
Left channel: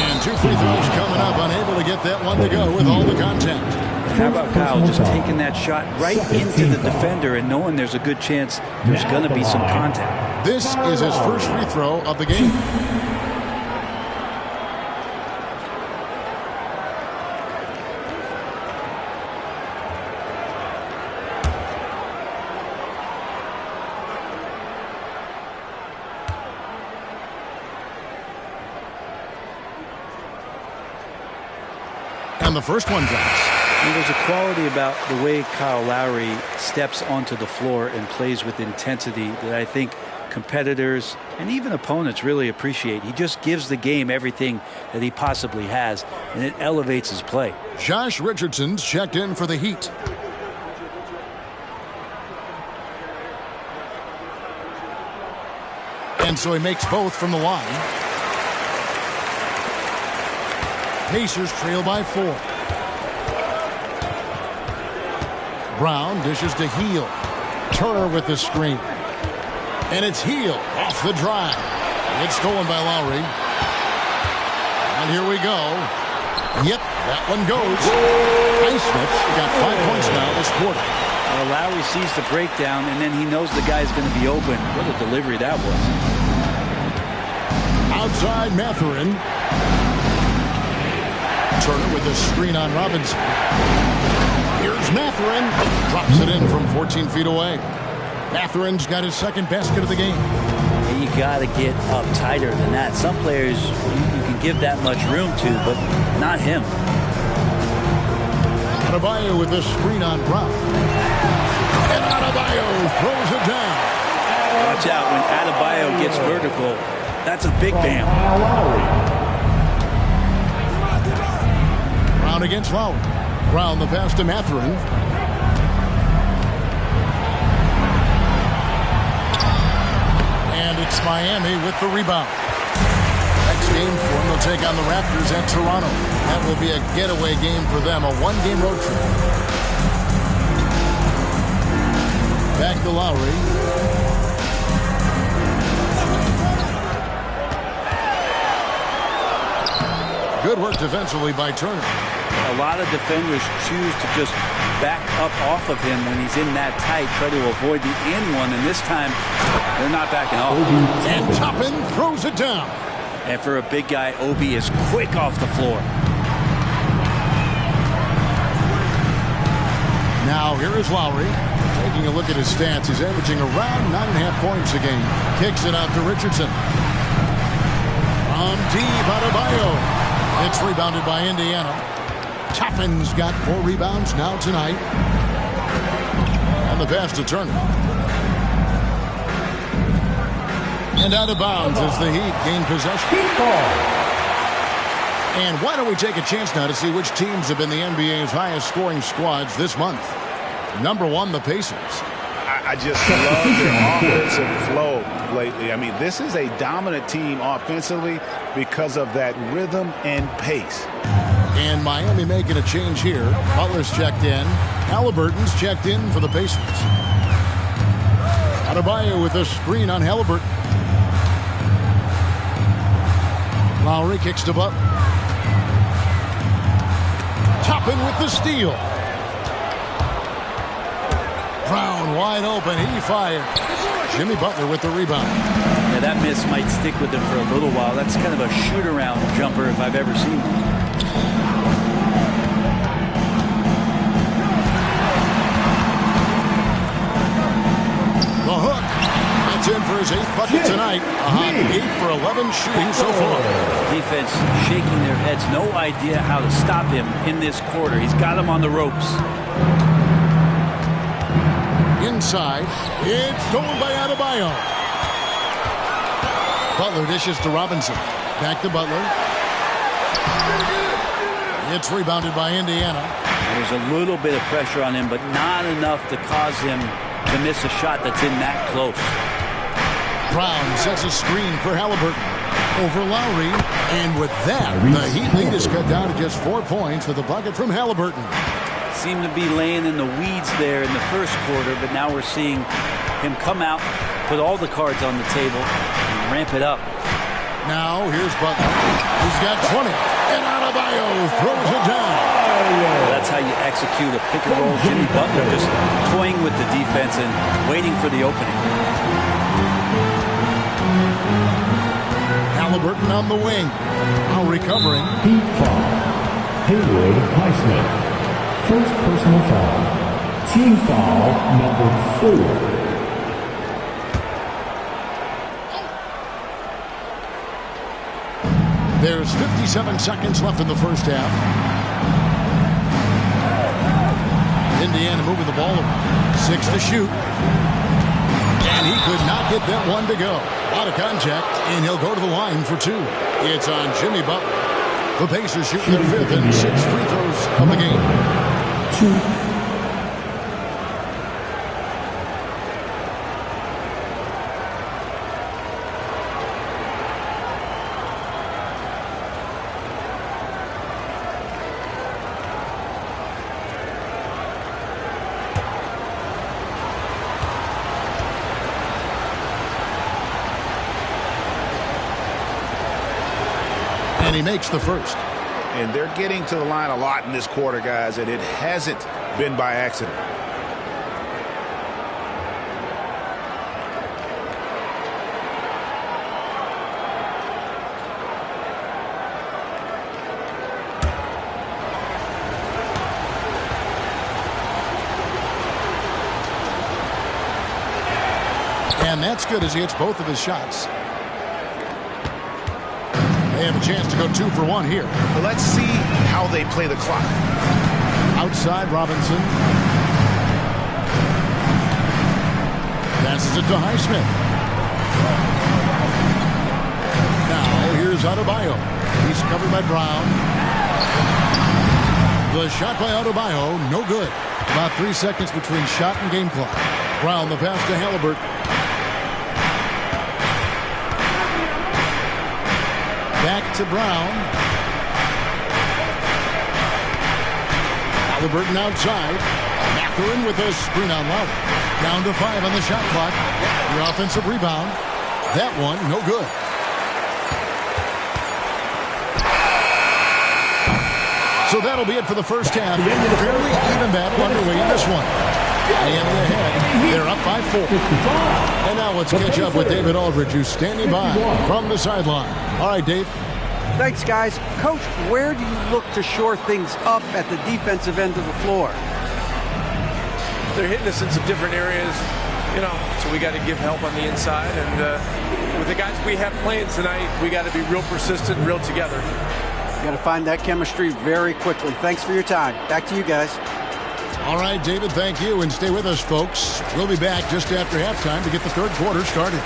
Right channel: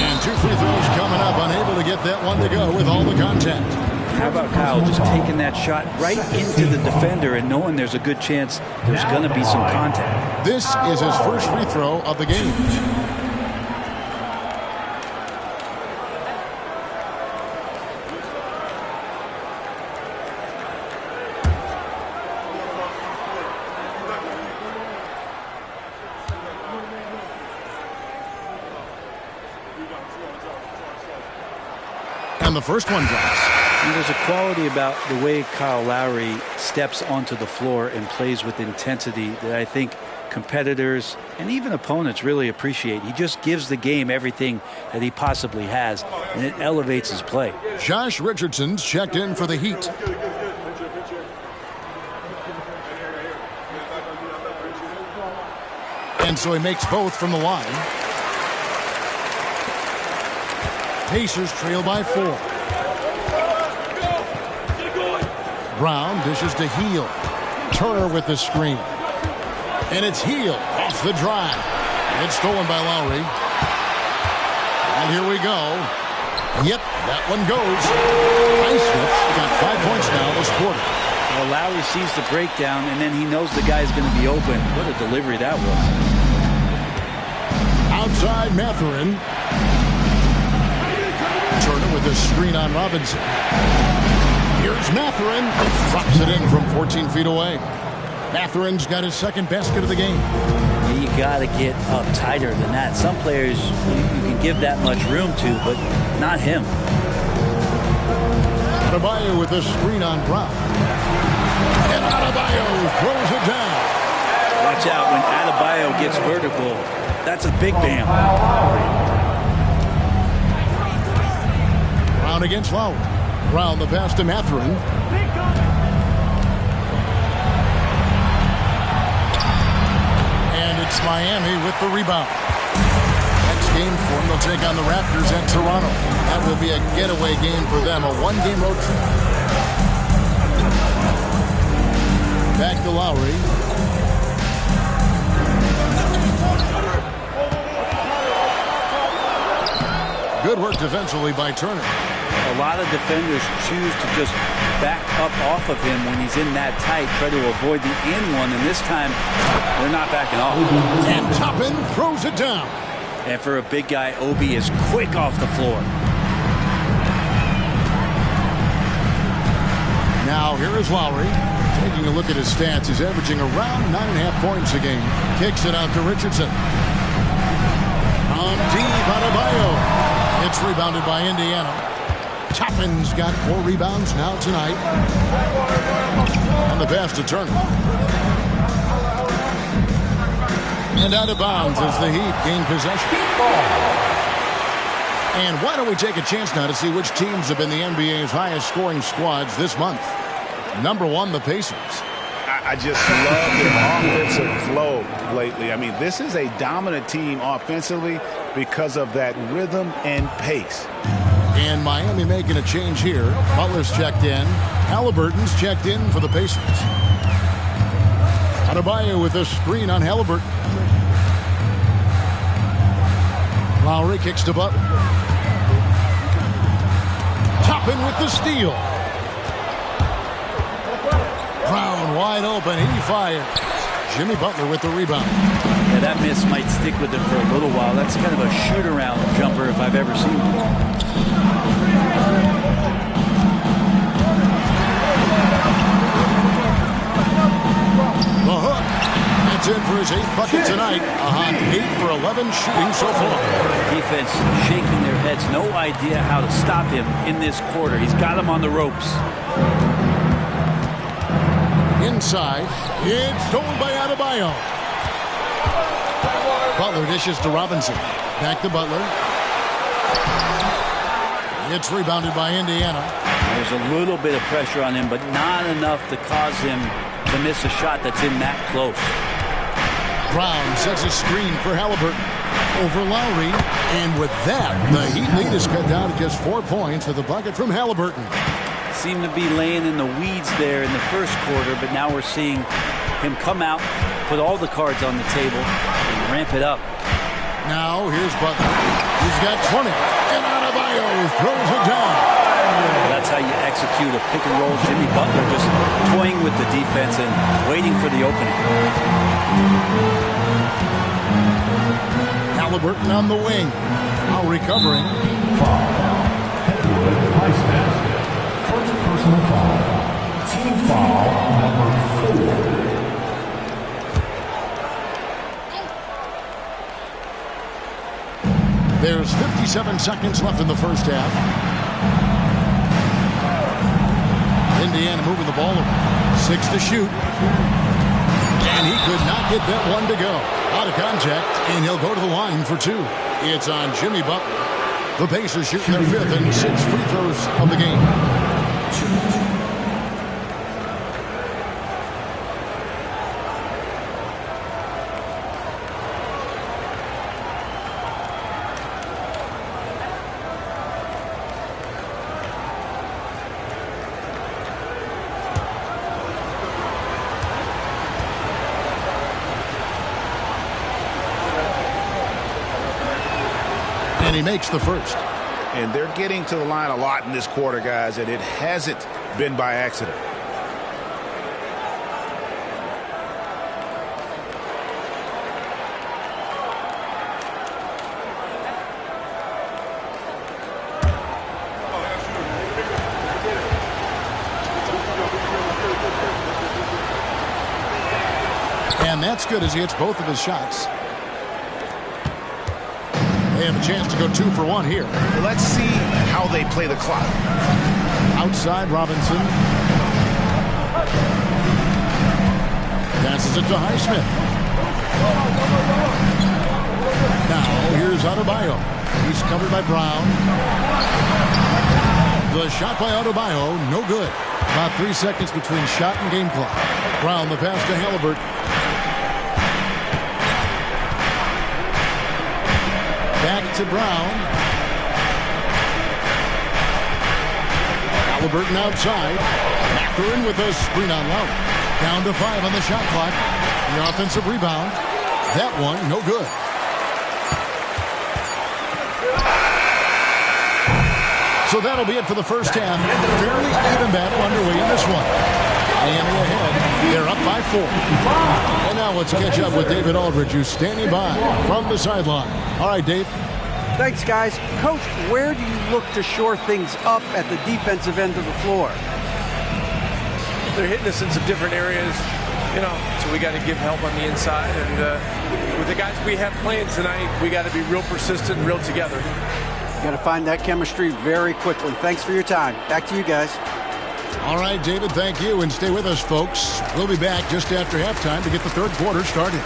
And two free throws coming up. Unable to get that one to go with all the contact. How about Kyle just taking that shot right into the defender and knowing there's a good chance there's going to be some contact. This is his first free throw of the game. And the first one drops. And there's a quality about the way Kyle Lowry steps onto the floor and plays with intensity that I think competitors and even opponents really appreciate. He just gives the game everything that he possibly has, and it elevates his play. Josh Richardson's checked in for the Heat. And so he makes both from the line. Pacers trail by 4. Brown dishes to Hield. Turner with the screen. And it's Hield off the drive. It's stolen by Lowry. And here we go. Yep, that one goes. Highsmith's got 5 points now this quarter. Well, Lowry sees the breakdown, and then he knows the guy's going to be open. What a delivery that was. Outside Mathurin. Turner with the screen on Robinson. Here's Mathurin. Drops it in from 14 feet away. Mathurin's got his second basket of the game. Yeah, you got to get up tighter than that. Some players you can give that much room to, but not him. Adebayo with the screen on Brown. And Adebayo throws it down. Watch out when Adebayo gets vertical. That's a big bam. Brown against Lowry. Brown the pass to Mathurin. And it's Miami with the rebound. Next game for them, they'll take on the Raptors at Toronto. That will be a getaway game for them, a one-game road trip. Back to Lowry. Good work defensively by Turner. A lot of defenders choose to just back up off of him when he's in that tight, try to avoid the and one, and this time they're not backing off. And Toppin throws it down. And for a big guy, Obi is quick off the floor. Now here is Lowry. Taking a look at his stats, he's averaging around 9.5 points a game. Kicks it out to Richardson. From deep, Adebayo. It's rebounded by Indiana. Toppin's got 4 rebounds now tonight. And the pass to Turner. And out of bounds as the Heat gain possession. And why don't we take a chance now to see which teams have been the NBA's highest scoring squads this month. Number 1, the Pacers. I just love their offensive flow lately. I mean, this is a dominant team offensively because of that rhythm and pace. And Miami making a change here. Butler's checked in. Haliburton's checked in for the Pacers. Adebayo with a screen on Haliburton. Lowry kicks to Butler. Toppin with the steal. Brown wide open. He fires. Jimmy Butler with the rebound. Yeah, that miss might stick with him for a little while. That's kind of a shoot-around jumper if I've ever seen one. The hook. That's in for his 8th bucket tonight. A hot 8 for 11 shooting so far. Defense shaking their heads. No idea how to stop him in this quarter. He's got him on the ropes. Inside. It's stolen by Adebayo. Butler dishes to Robinson. Back to Butler. It's rebounded by Indiana. There's a little bit of pressure on him, but not enough to cause him to miss a shot that's in that close. Brown sets a screen for Haliburton. Over Lowry. And with that, the Heat lead is cut down to just 4 points with a bucket from Haliburton. Seemed to be laying in the weeds there in the first quarter, but now we're seeing him come out, put all the cards on the table, and ramp it up. Now here's Butler. He's got 20. And Adebayo throws it down. That's how you execute a pick and roll. Jimmy Butler just toying with the defense and waiting for the opening. Haliburton on the wing. Now recovering. Heat foul. Haywood Highsmith. First personal foul. Team foul number 4. There's 57 seconds left in the first half. Indiana moving the ball around. 6 to shoot. And he could not get that one to go. Out of contact, and he'll go to the line for 2. It's on Jimmy Butler. The Pacers shooting their 5th and 6th free throws of the game. 2. And he makes the first. And they're getting to the line a lot in this quarter, guys, and it hasn't been by accident. And that's good as he hits both of his shots. They have a chance to go 2 for 1 here. Let's see how they play the clock. Outside Robinson. Passes it to Highsmith. Now, here's Adebayo. He's covered by Brown. The shot by Adebayo, no good. About 3 seconds between shot and game clock. Brown, the pass to Haliburton. Back to Brown. Haliburton outside. Mathurin with a screen on Lowry. Down to 5 on the shot clock. The offensive rebound. That one, no good. So that'll be it for the first half. Fairly even battle underway in this one. Miami ahead. They're up by 4. And now let's catch up with David Aldridge, who's standing by from the sideline. All right, Dave. Thanks, guys. Coach, where do you look to shore things up at the defensive end of the floor? They're hitting us in some different areas, so we got to give help on the inside. And with the guys we have playing tonight, we got to be real persistent and real together. You got to find that chemistry very quickly. Thanks for your time. Back to you guys. All right, David, thank you. And stay with us, folks. We'll be back just after halftime to get the third quarter started.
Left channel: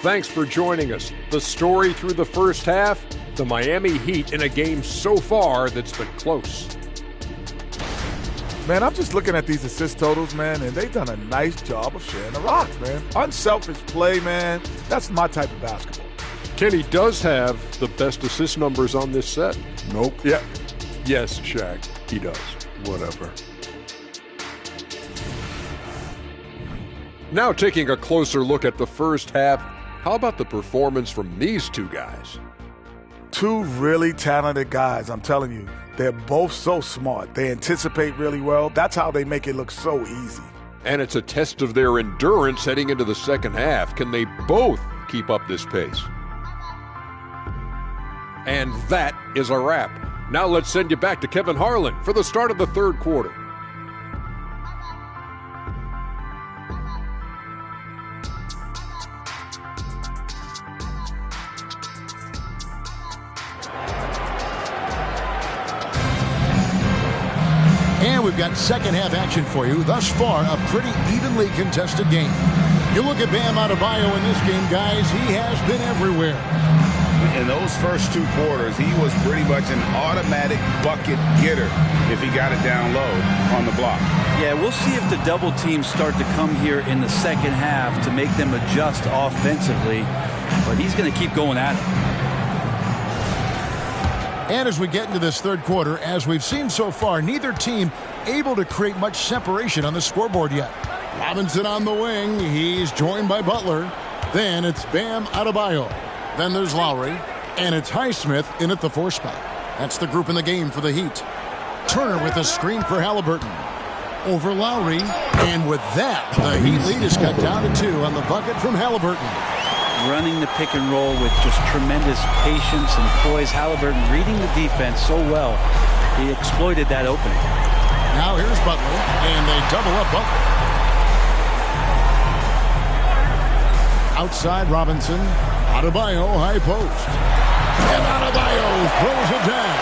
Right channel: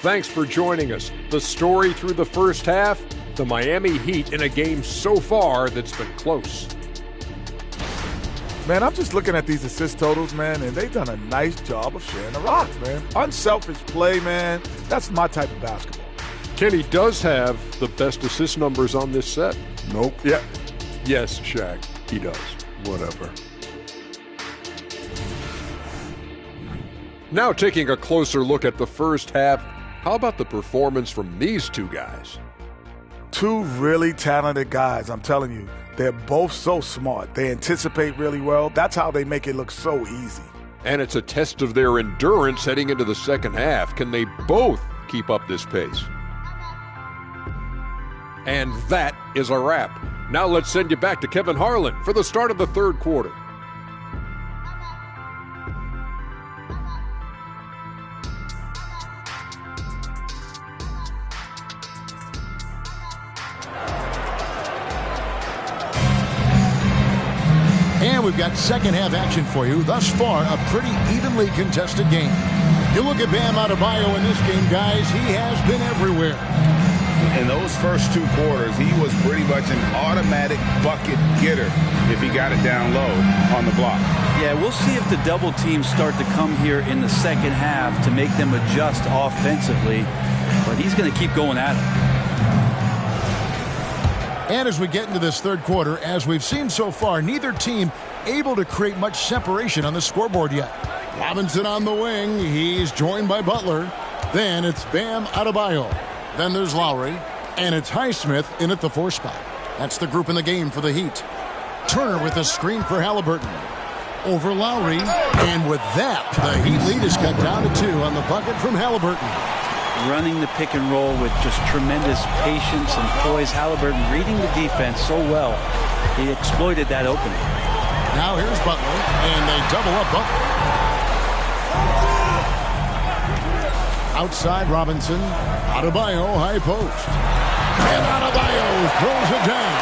Thanks for joining us. The story through the first half, the Miami Heat in a game so far that's been close. Man, I'm just looking at these assist totals, man, and they've done a nice job of sharing the rock, man. Unselfish play, man. That's my type of basketball. Kenny does have the best assist numbers on this set. Nope. Yeah. Yes, Shaq, he does. Whatever. Now taking a closer look at the first half, how about the performance from these two guys? Two really talented guys, I'm telling you. They're both so smart. They anticipate really well. That's how they make it look so easy. And it's a test of their endurance heading into the second half. Can they both keep up this pace? And that is a wrap. Now let's send you back to Kevin Harlan for the start of the third quarter. And we've got second half action for you. Thus far, a pretty evenly contested game. You look at Bam Adebayo in this game, guys, he has been everywhere. In those first 2 quarters, he was pretty much an automatic bucket getter if he got it down low on the block. Yeah, we'll see if the double teams start to come here in the second half to make them adjust offensively. But he's going to keep going at it. And as we get into this third quarter, as we've seen so far, neither team able to create much separation on the scoreboard yet. Robinson on the wing. He's joined by Butler. Then it's Bam Adebayo. Then there's Lowry. And it's Highsmith in at the 4 spot. That's the group in the game for the Heat. Turner with a screen for Haliburton. Over Lowry. And with that, the Heat lead is cut down to 2 on the bucket from Haliburton. Running the pick and roll with just tremendous patience and poise. Haliburton reading the defense so well. He exploited that opening. Now here's Butler, and they double up Butler. Outside Robinson. Adebayo, high post. And Adebayo throws it down.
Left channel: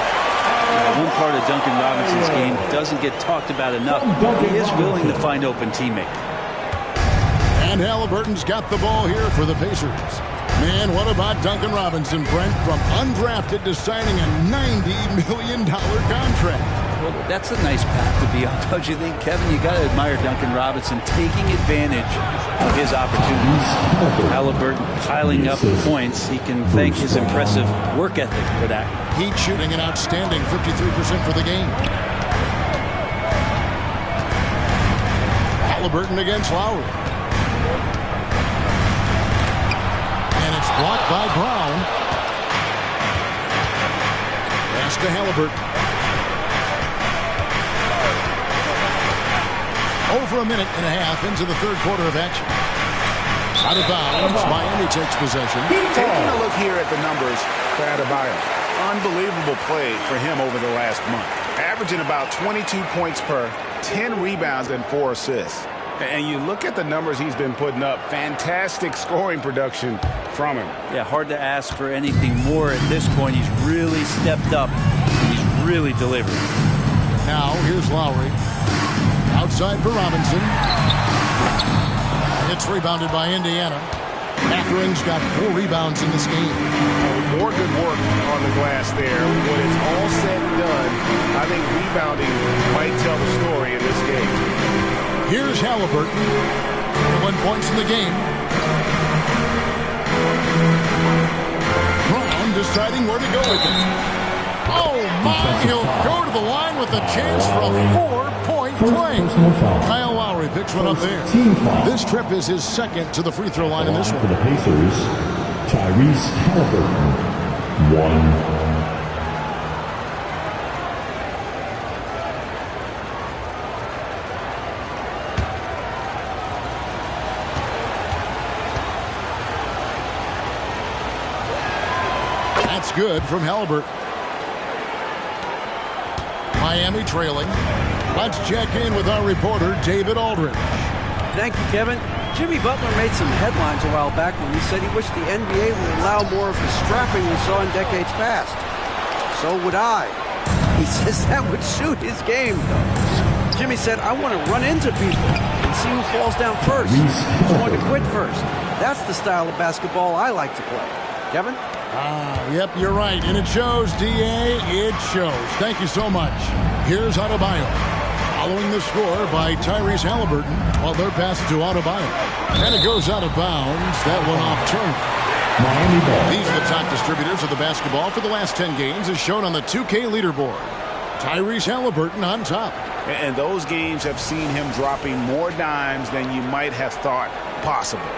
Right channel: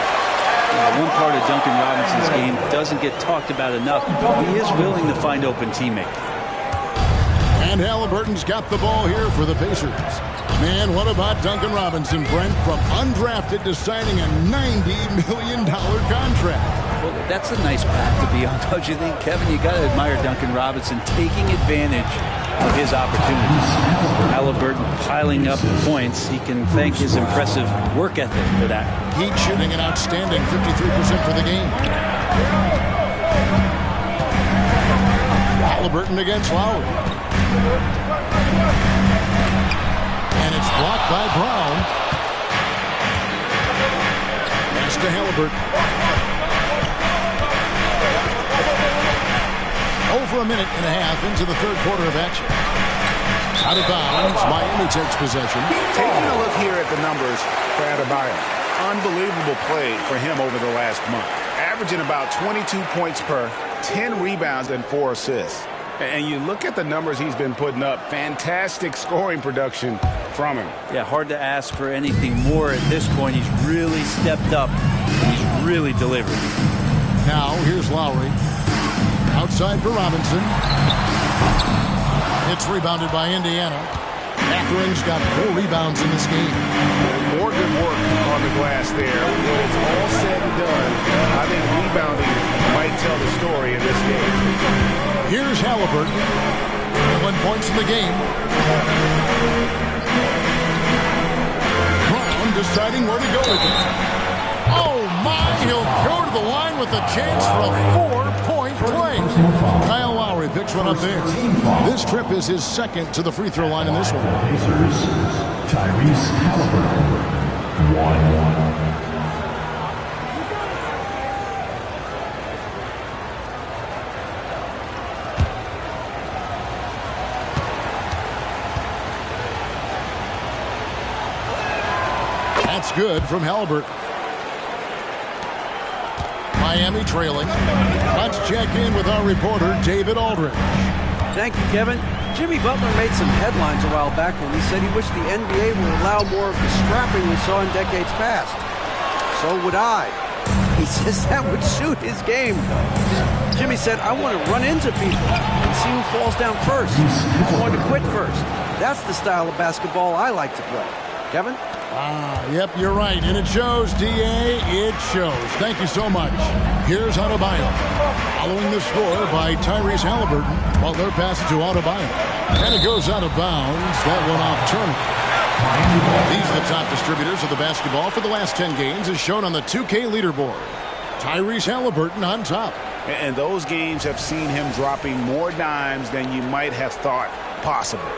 Now, one part of Duncan Robinson's game doesn't get talked about enough. He is willing to find open teammates. And Haliburton's got the ball here for the Pacers. Man, what about Duncan Robinson, Brent, from undrafted to signing a $90 million contract? Well, that's a nice path to be on, don't you think, Kevin? You got to admire Duncan Robinson taking advantage of his opportunities. Haliburton piling up points. He can thank his impressive work ethic for that. Heat shooting an outstanding 53% for the game. Haliburton against Lowry. And it's blocked by Brown. Pass to Haliburton. Over a minute and a half into the third quarter of action. Out of bounds, Miami takes possession. Taking a look here at the numbers for Adebayo. Unbelievable play for him over the last month. Averaging about 22 points per 10 rebounds and 4 assists. And you look at the numbers he's been putting up, fantastic scoring production from him. Yeah, hard to ask for anything more at this point. He's really stepped up, and he's really delivered. Now, here's Lowry. Outside for Robinson. It's rebounded by Indiana. Matherin's got 4 rebounds in this game. More good work on the glass there. When it's all said and done, I think rebounding might tell the story in this game. Here's Haliburton. 1 point in the game. Brown deciding where to go with it. Oh, my. He'll go to the line with a chance for a 4-point play. Kyle Lowry picks one up there. This trip is his second to the free throw line in this one. For the Pacers, Tyrese Haliburton, 1. That's good from Haliburton. Miami trailing. Let's check in with our reporter, David Aldridge. Thank you, Kevin. Jimmy Butler made some headlines a while back when he said he wished the NBA would allow more of the scrapping we saw in decades past. So would I. He says that would suit his game, though. Jimmy said, I want to run into people and see who falls down first, who's going to quit first. That's the style of basketball I like to play. Kevin? Yep, you're right. And it shows, D.A. It shows. Thank you so much. Here's Adebayo. Following the score by Tyrese Haliburton. Butler passes to Adebayo. And it goes out of bounds. That one off Turner. These are the top distributors of the basketball for the last 10 games as shown on the 2K leaderboard. Tyrese Haliburton on top. And those games have seen him dropping more dimes than you might have thought possible.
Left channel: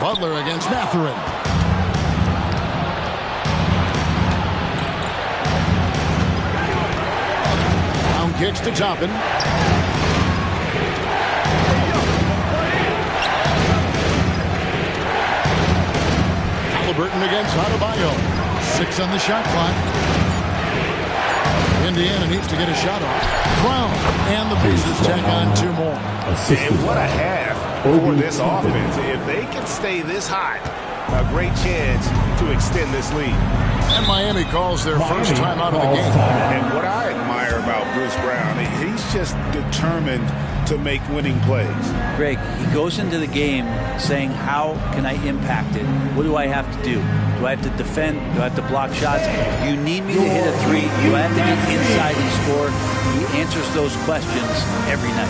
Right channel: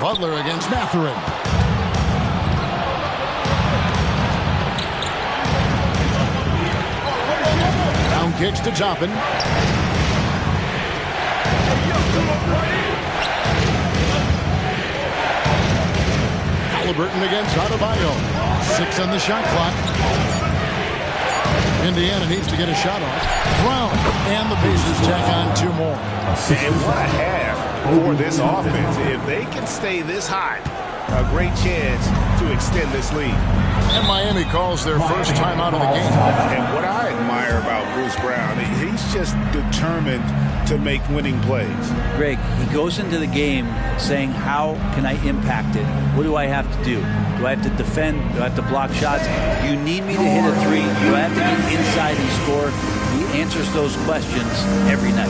Butler against Matherin. Down kicks to Toppin. Haliburton against Adebayo. 6 on the shot clock. Indiana needs to get a shot off. Brown and the Pacers tack on 2 more. And what a half for this offense. If they can stay this hot, a great chance to extend this lead. And Miami calls their first time out of the game. And what I admire about Bruce Brown, he's just determined to make winning plays. Greg, he goes into the game saying, how can I impact it? What do I have to do? Do I have to defend? Do I have to block shots? You need me to hit a 3? Do I have to get inside and score? He answers those questions every night.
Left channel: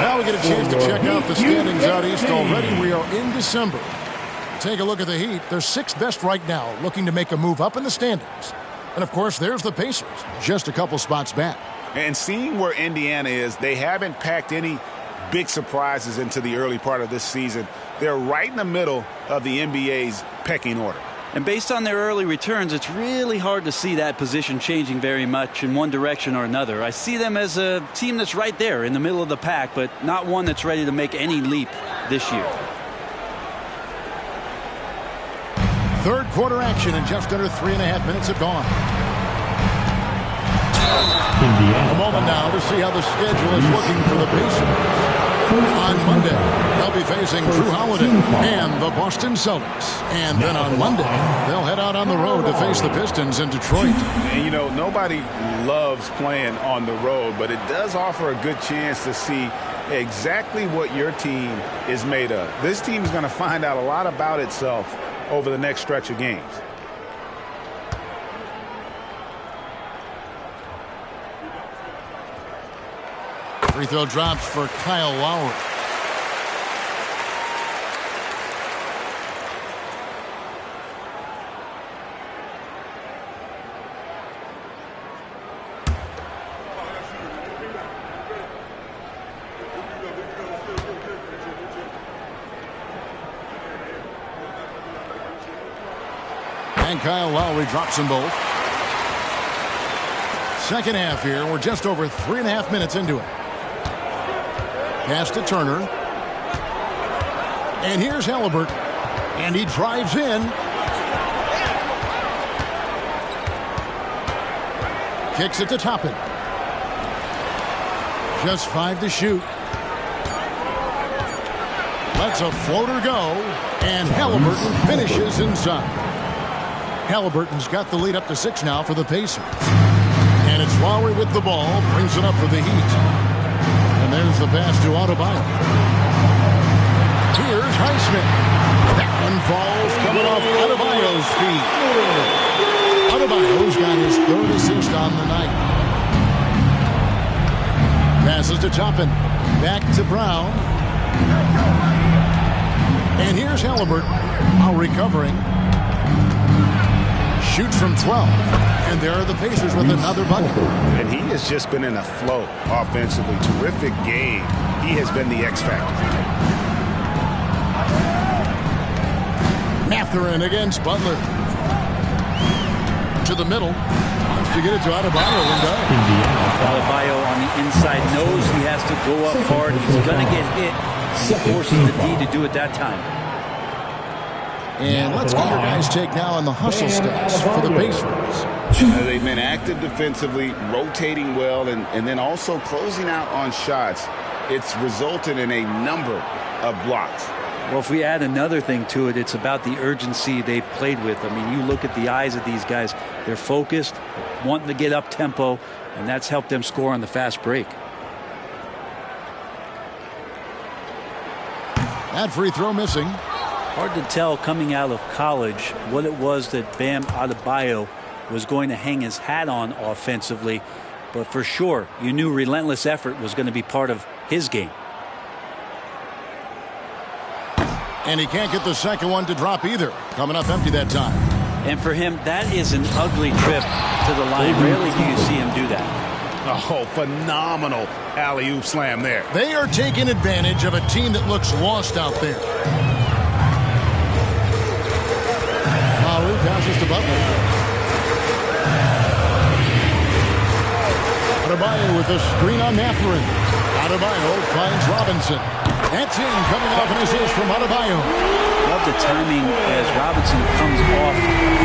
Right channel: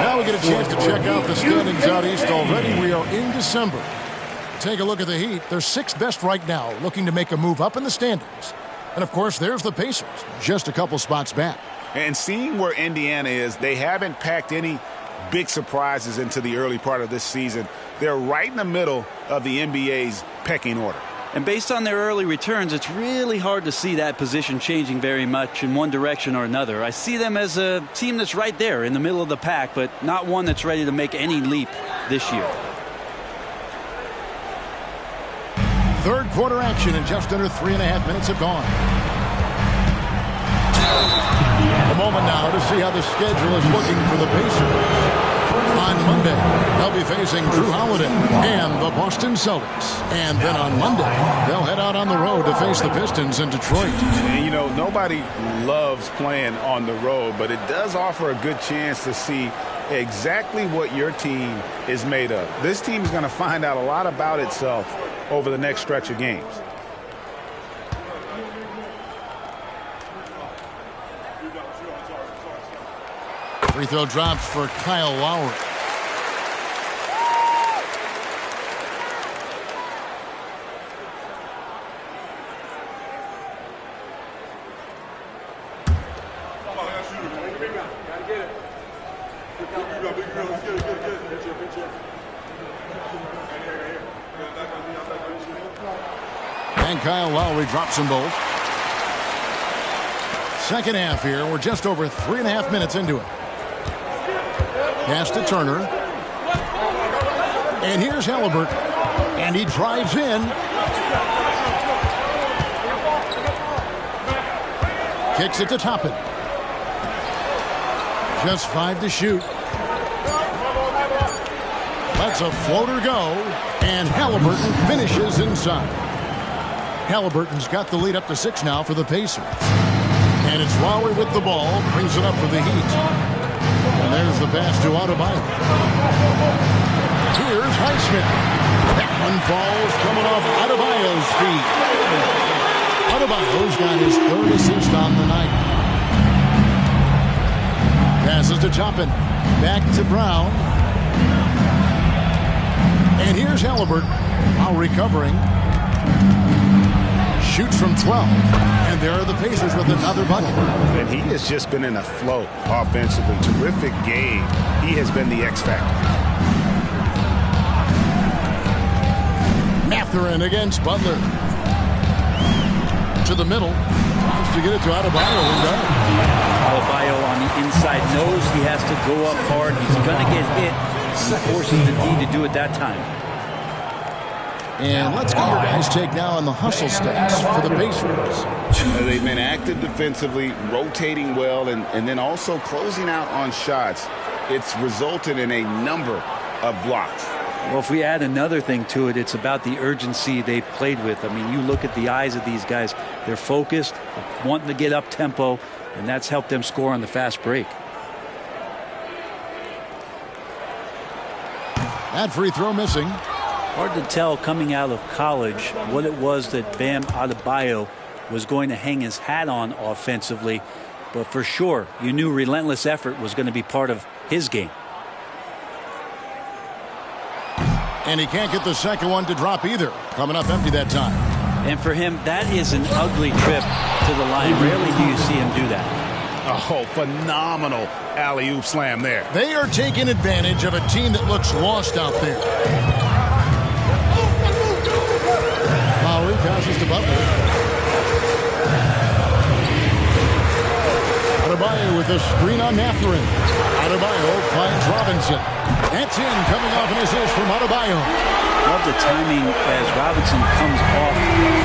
Now we get a chance to check out the standings out east already. We are in December. Take a look at the Heat. They're 6th best right now, looking to make a move up in the standings. And, of course, there's the Pacers, just a couple spots back. And seeing where Indiana is, they haven't packed any big surprises into the early part of this season. They're right in the middle of the NBA's pecking order. And based on their early returns, it's really hard to see that position changing very much in one direction or another. I see them as a team that's right there in the middle of the pack, but not one that's ready to make any leap this year. Third quarter action, and just under 3.5 minutes have gone. A moment now to see how the schedule is looking for the Pacers. On Monday, they'll be facing Drew Holiday and the Boston Celtics. And then on Monday, they'll head out on the road to face the Pistons in Detroit. And, you know, nobody loves playing on the road, but it does offer a good chance to see exactly what your team is made of. This team is going to find out a lot about itself over the next stretch of games. Free throw drops for Kyle Lowry. And Kyle Lowry drops them both. Second half here. We're just over 3.5 minutes into it. Pass to Turner. And here's Haliburton. And he drives in. Kicks it to Toppin. Just 5 to shoot. Lets a floater go. And Haliburton finishes inside. Haliburton's got the lead up to 6 now for the Pacers. And it's Lowry with the ball. Brings it up for the Heat. And there's the pass to Adebayo. Here's Highsmith. That one falls coming off Adebayo's feet. Adebayo's got his 3rd assist on the night. Passes to Toppin. Back to Brown. And here's Haliburton. While recovering. Shoots from 12. And there are the Pacers with another bucket. And he has just been in a flow offensively. Terrific game. He has been the X factor. Mathurin against Butler. To the middle. Wants to get it to Adebayo and does. Adebayo on the inside knows he has to go up hard. He's going to get hit. He forces the D to do it that time. And let's get your guys' take now on the hustle stats for the Pacers. They've been active defensively, rotating well, and then also closing out on shots. It's resulted in a number of blocks. Well, if we add another thing to it, it's about the urgency they've played with. I mean, you look at the eyes of these guys. They're focused, wanting to get up tempo, and that's helped them score on the fast break. That free throw missing. Hard to tell coming out of college what it was that Bam Adebayo was going to hang his hat on offensively. But for sure, you knew relentless effort was going to be part of his game. And he can't get the second one to drop either. Coming up empty that time. And for him, that is an ugly trip to the line. Rarely do you see him do that. Oh, phenomenal alley-oop slam there. They are taking advantage of a team that looks lost out there. Lowry passes to Butler. Adebayo with a screen on Mathurin. Adebayo finds Robinson. That's in, coming off an assist from Adebayo. Love the timing as Robinson comes off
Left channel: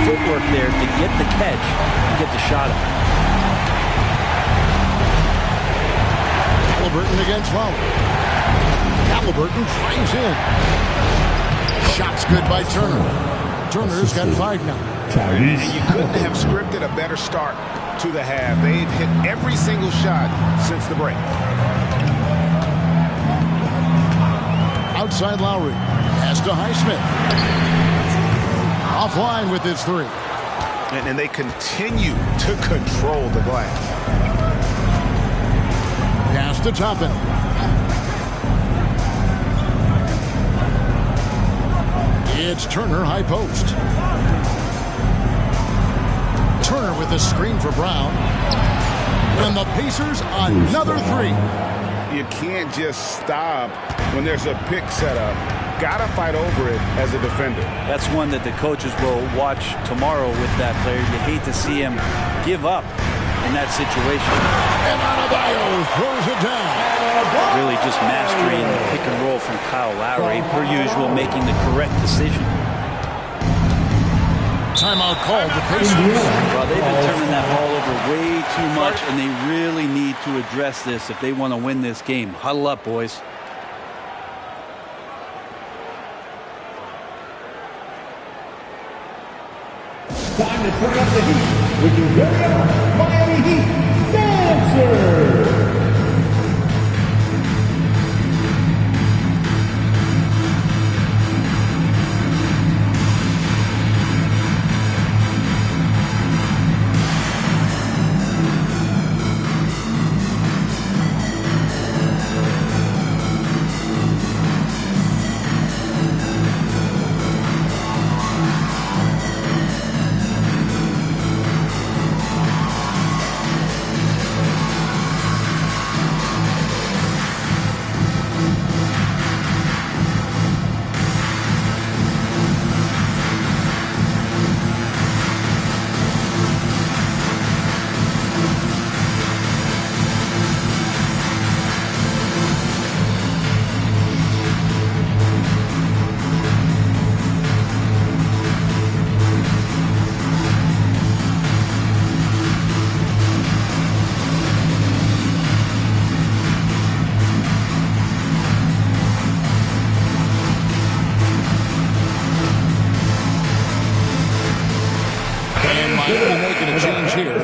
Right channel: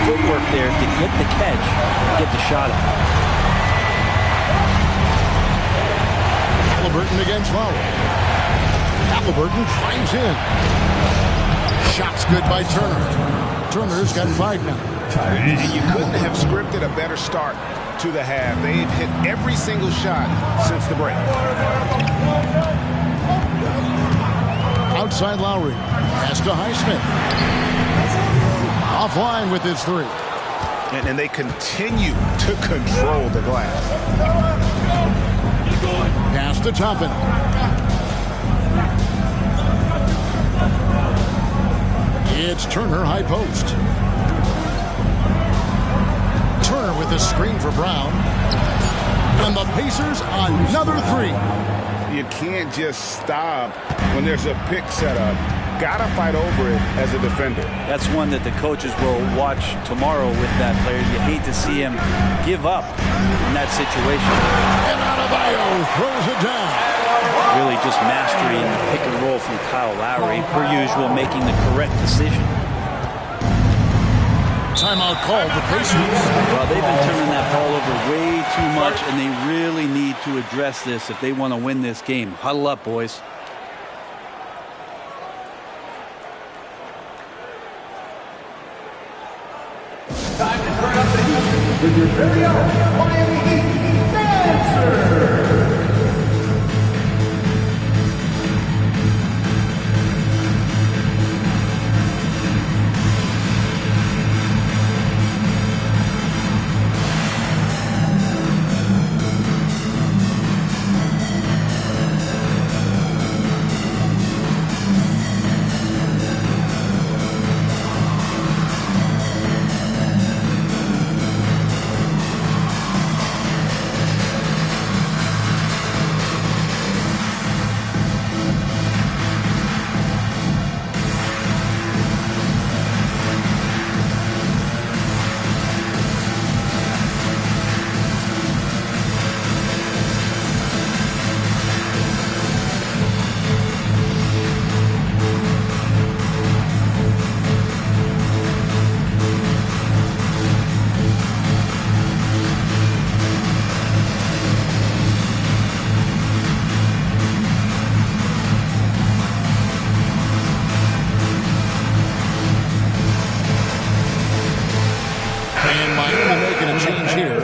footwork there to get the catch and get the shot up. Haliburton against Lowry. Haliburton drives in. Shot's good by Turner. Turner's got 5 now. And you couldn't have scripted a better start to the half. They've hit every single shot since the break. Outside Lowry. Pass to Highsmith. Offline with his 3. And they continue to control the glass. Pass to Toppin. It's Turner, high post. Turner with a screen for Brown. And the Pacers another 3. You can't just stop when there's a pick set up. Gotta fight over it as a defender. That's one that the coaches will watch tomorrow with that player. You hate to see him give up in that situation. And Adebayo throws it down. Really just mastery in the pick and roll from Kyle Lowry. Per usual, making the correct decision. timeout called the Pacers. Well, they've been turning that ball over way too much, and they really need to address this if they want to win this game. Huddle up, boys. Time to turn up the heat with your very own Miami Heat Dancer. Making a change here.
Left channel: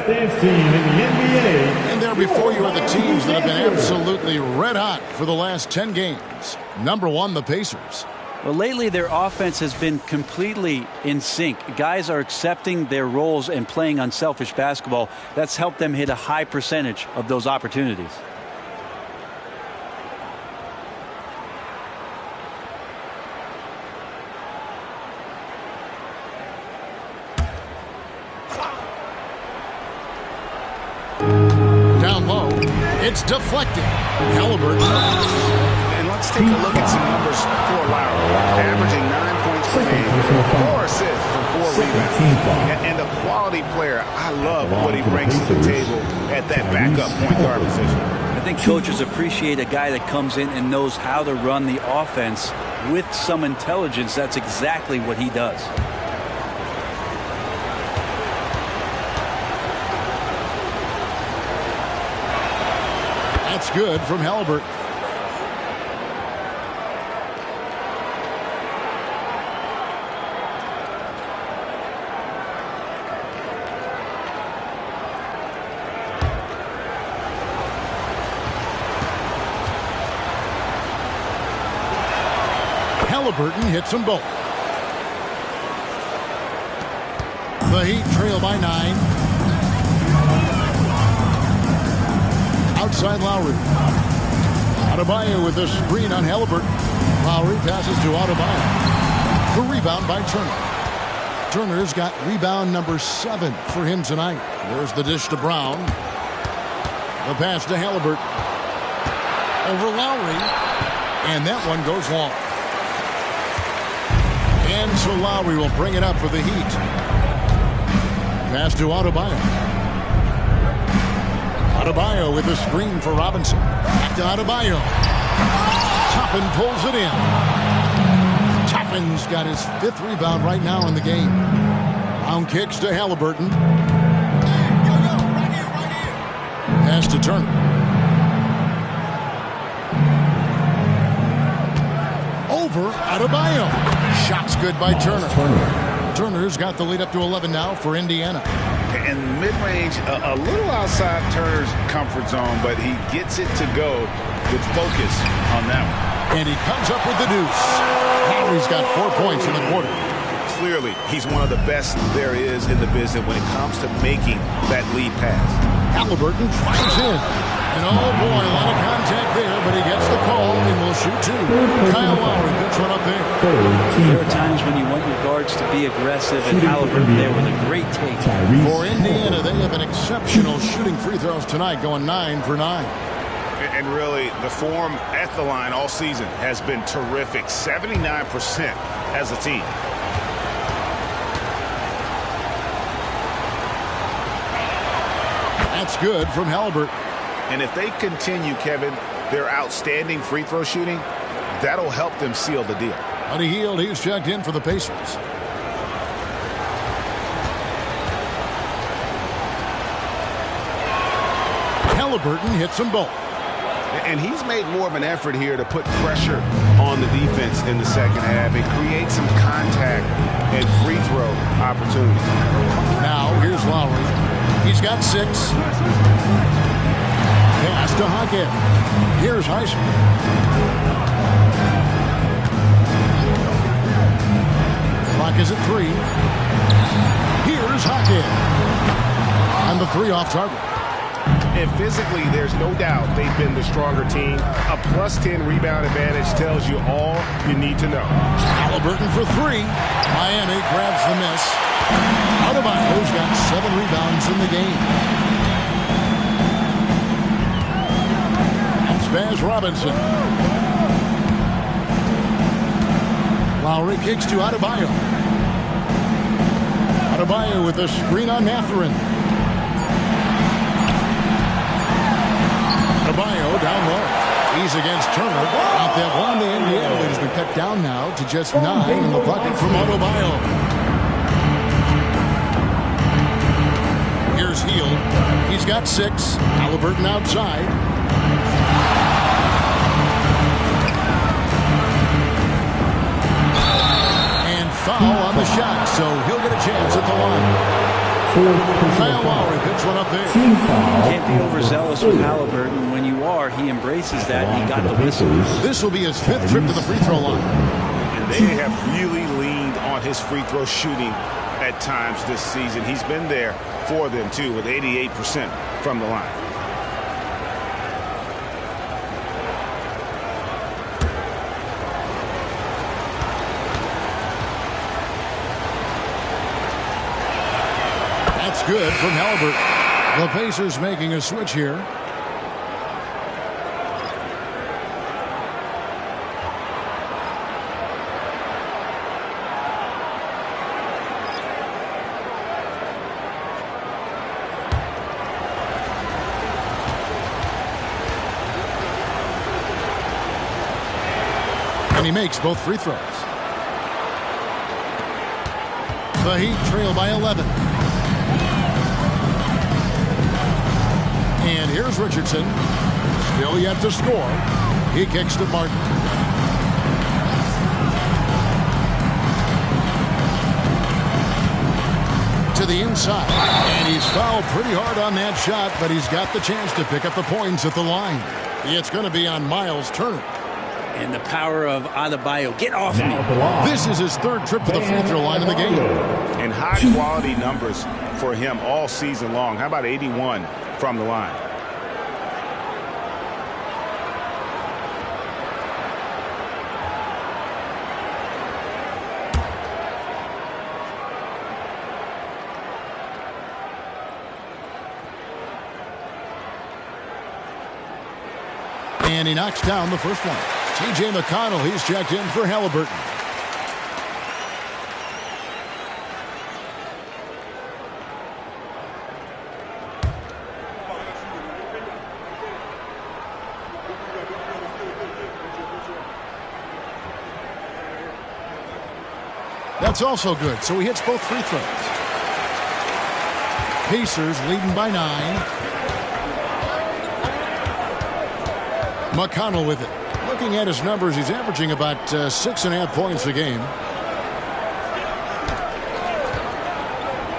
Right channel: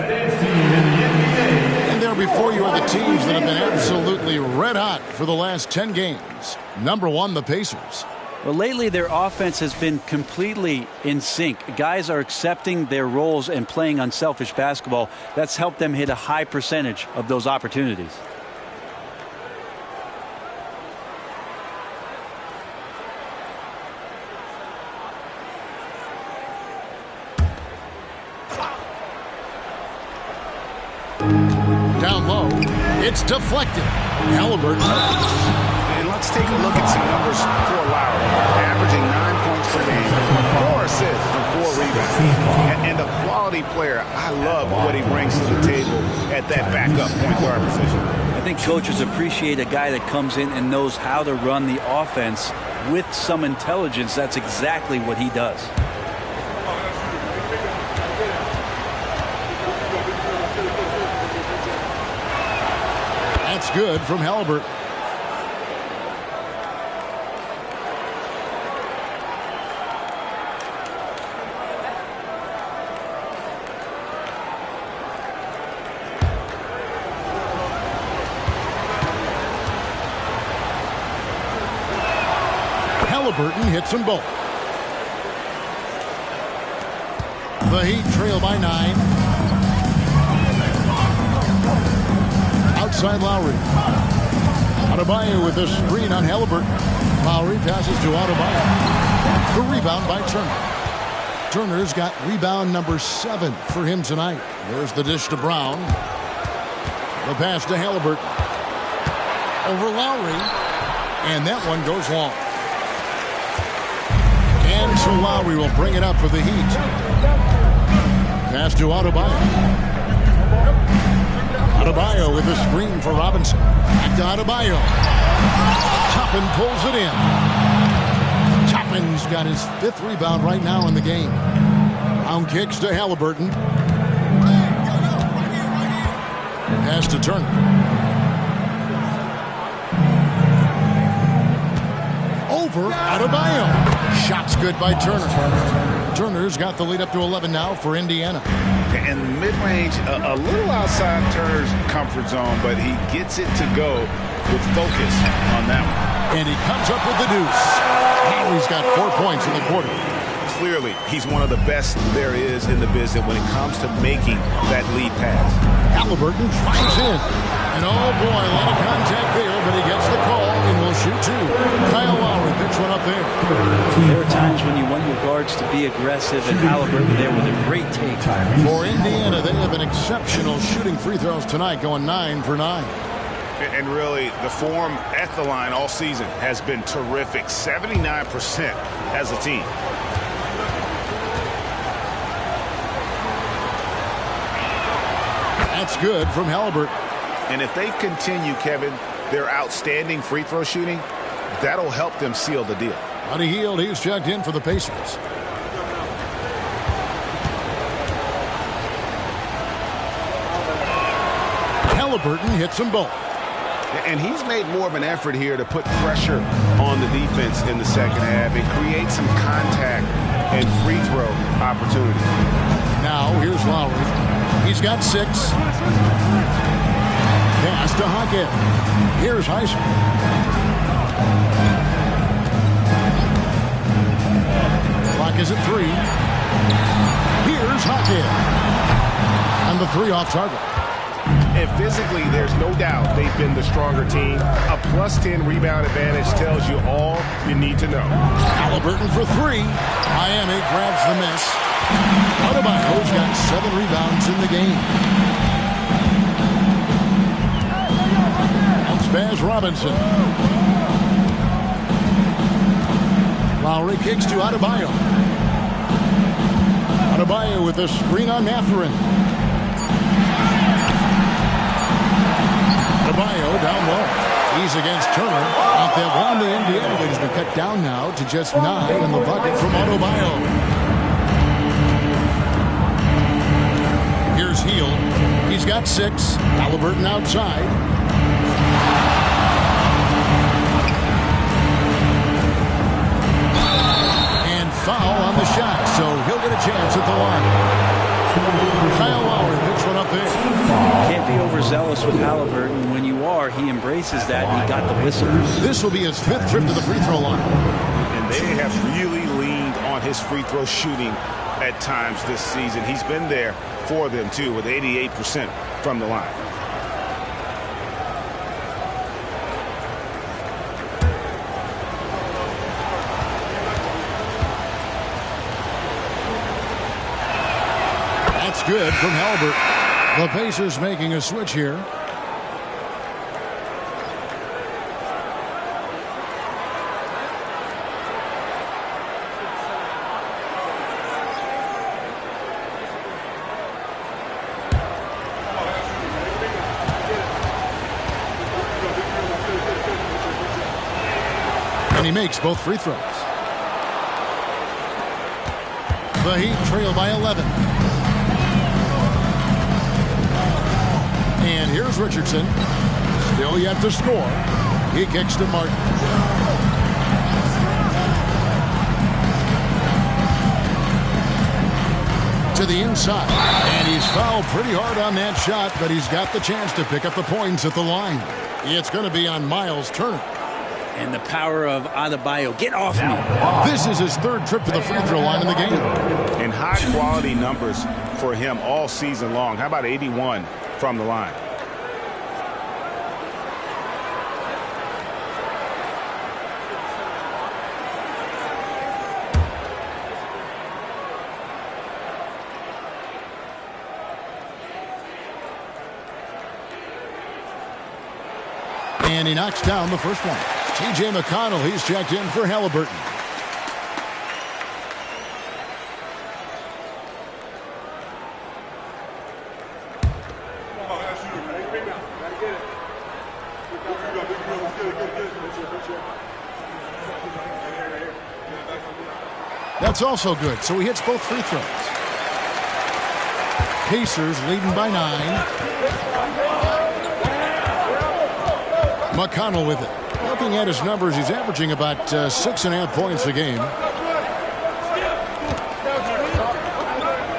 And there before you are the teams that have been absolutely red hot for the last 10 games. Number 1, the Pacers. Well, lately their offense has been completely in sync. Guys are accepting their roles and playing unselfish basketball. That's helped them hit a high percentage of those opportunities. Down low, it's deflected. Haliburton. And let's take a look at some numbers for Lowry. Averaging 9 points per game, 4 assists, and 4 rebounds. And a quality player. I love what he brings to the table at that backup point guard position. I think coaches appreciate a guy that comes in and knows how to run the offense with some intelligence. That's exactly what he does. That's good from Haliburton. Haliburton hits them both. The Heat trail by 9. Outside Lowry. Adebayo with a screen on Haliburton. Lowry passes to Adebayo. The rebound by Turner. Turner's got rebound number 7 for him tonight. There's the dish to Brown. The pass to Haliburton. Over Lowry. And that one goes long. And so Lowry will bring it up for the Heat. Pass to Adebayo. Adebayo with a screen for Robinson. Back to Adebayo. Toppin pulls it in. Toppin's got his 5th rebound right now in the game. Brown kicks to Haliburton. Pass to Turner. Over Adebayo. Shot's good by Turner. Turner's got the lead up to 11 now for Indiana. And mid-range, a little outside Turner's comfort zone, but he gets it to go with focus on that one. And he comes up with the deuce. Lowry's got 4 points in the quarter. Clearly, he's one of the best there is in the business when it comes to making that lead pass. Haliburton drives in. And oh boy, a lot of contact there, but he gets the call and will shoot 2. Kyle Lowry picks one up there. There are times when you want your guards to be aggressive, and Haliburton there with a great take. For Indiana, they have an exceptional shooting free throws tonight, going 9 for 9. And really, the form at the line all season has been terrific. 79% as a team. That's good from Haliburton. And if they continue, Kevin, their outstanding free throw shooting, that'll help them seal the deal. Buddy Hield, he's checked in for the Pacers. Haliburton hits them both. And he's made more of an effort here to put pressure on the defense in the second half and create some contact and free throw opportunities. Now, here's Lowry. He's got 6. Pass to Hackett. Here's Heisman. Clock is at 3. Here's Hackett. And the 3 off target. And physically, there's no doubt they've been the stronger team. A +10 rebound advantage tells you all you need to know. Haliburton for 3. Miami grabs the miss. Adebayo's got 7 rebounds in the game. Spaz Robinson. Lowry kicks to Adebayo. Adebayo with a screen on Mathurin. Adebayo down low. He's against Turner. Out that one, the Indiana lead has been cut down now to just 9 in the bucket from Adebayo. Here's Hield. He's got 6. Haliburton outside. And foul on the shot, so he'll get a chance at the line. Kyle Lowry picks one up there. Can't be overzealous with Haliburton. When you are, he embraces that, and he got the whistle. This will be his 5th trip to the free throw line. And they have really leaned on his free throw shooting at times this season. He's been there for them, too, with 88% from the line. That's good from Haliburton. The Pacers making a switch here. And he makes both free throws. The Heat trail by 11. And here's Richardson. Still yet to score. He kicks to Martin. To the inside. And he's fouled pretty hard on that shot, but he's got the chance to pick up the points at the line. It's going to be on Miles Turner. And the power of Adebayo. Get off me. This is his 3rd trip to the free throw line in the game. And high-quality numbers for him all season long. How about 81 from the line? And he knocks down the first one. T.J. McConnell, he's checked in for Haliburton. That's also good, so he hits both free throws. Pacers leading by 9. McConnell with it. Looking at his numbers, he's averaging about 6.5 points a game.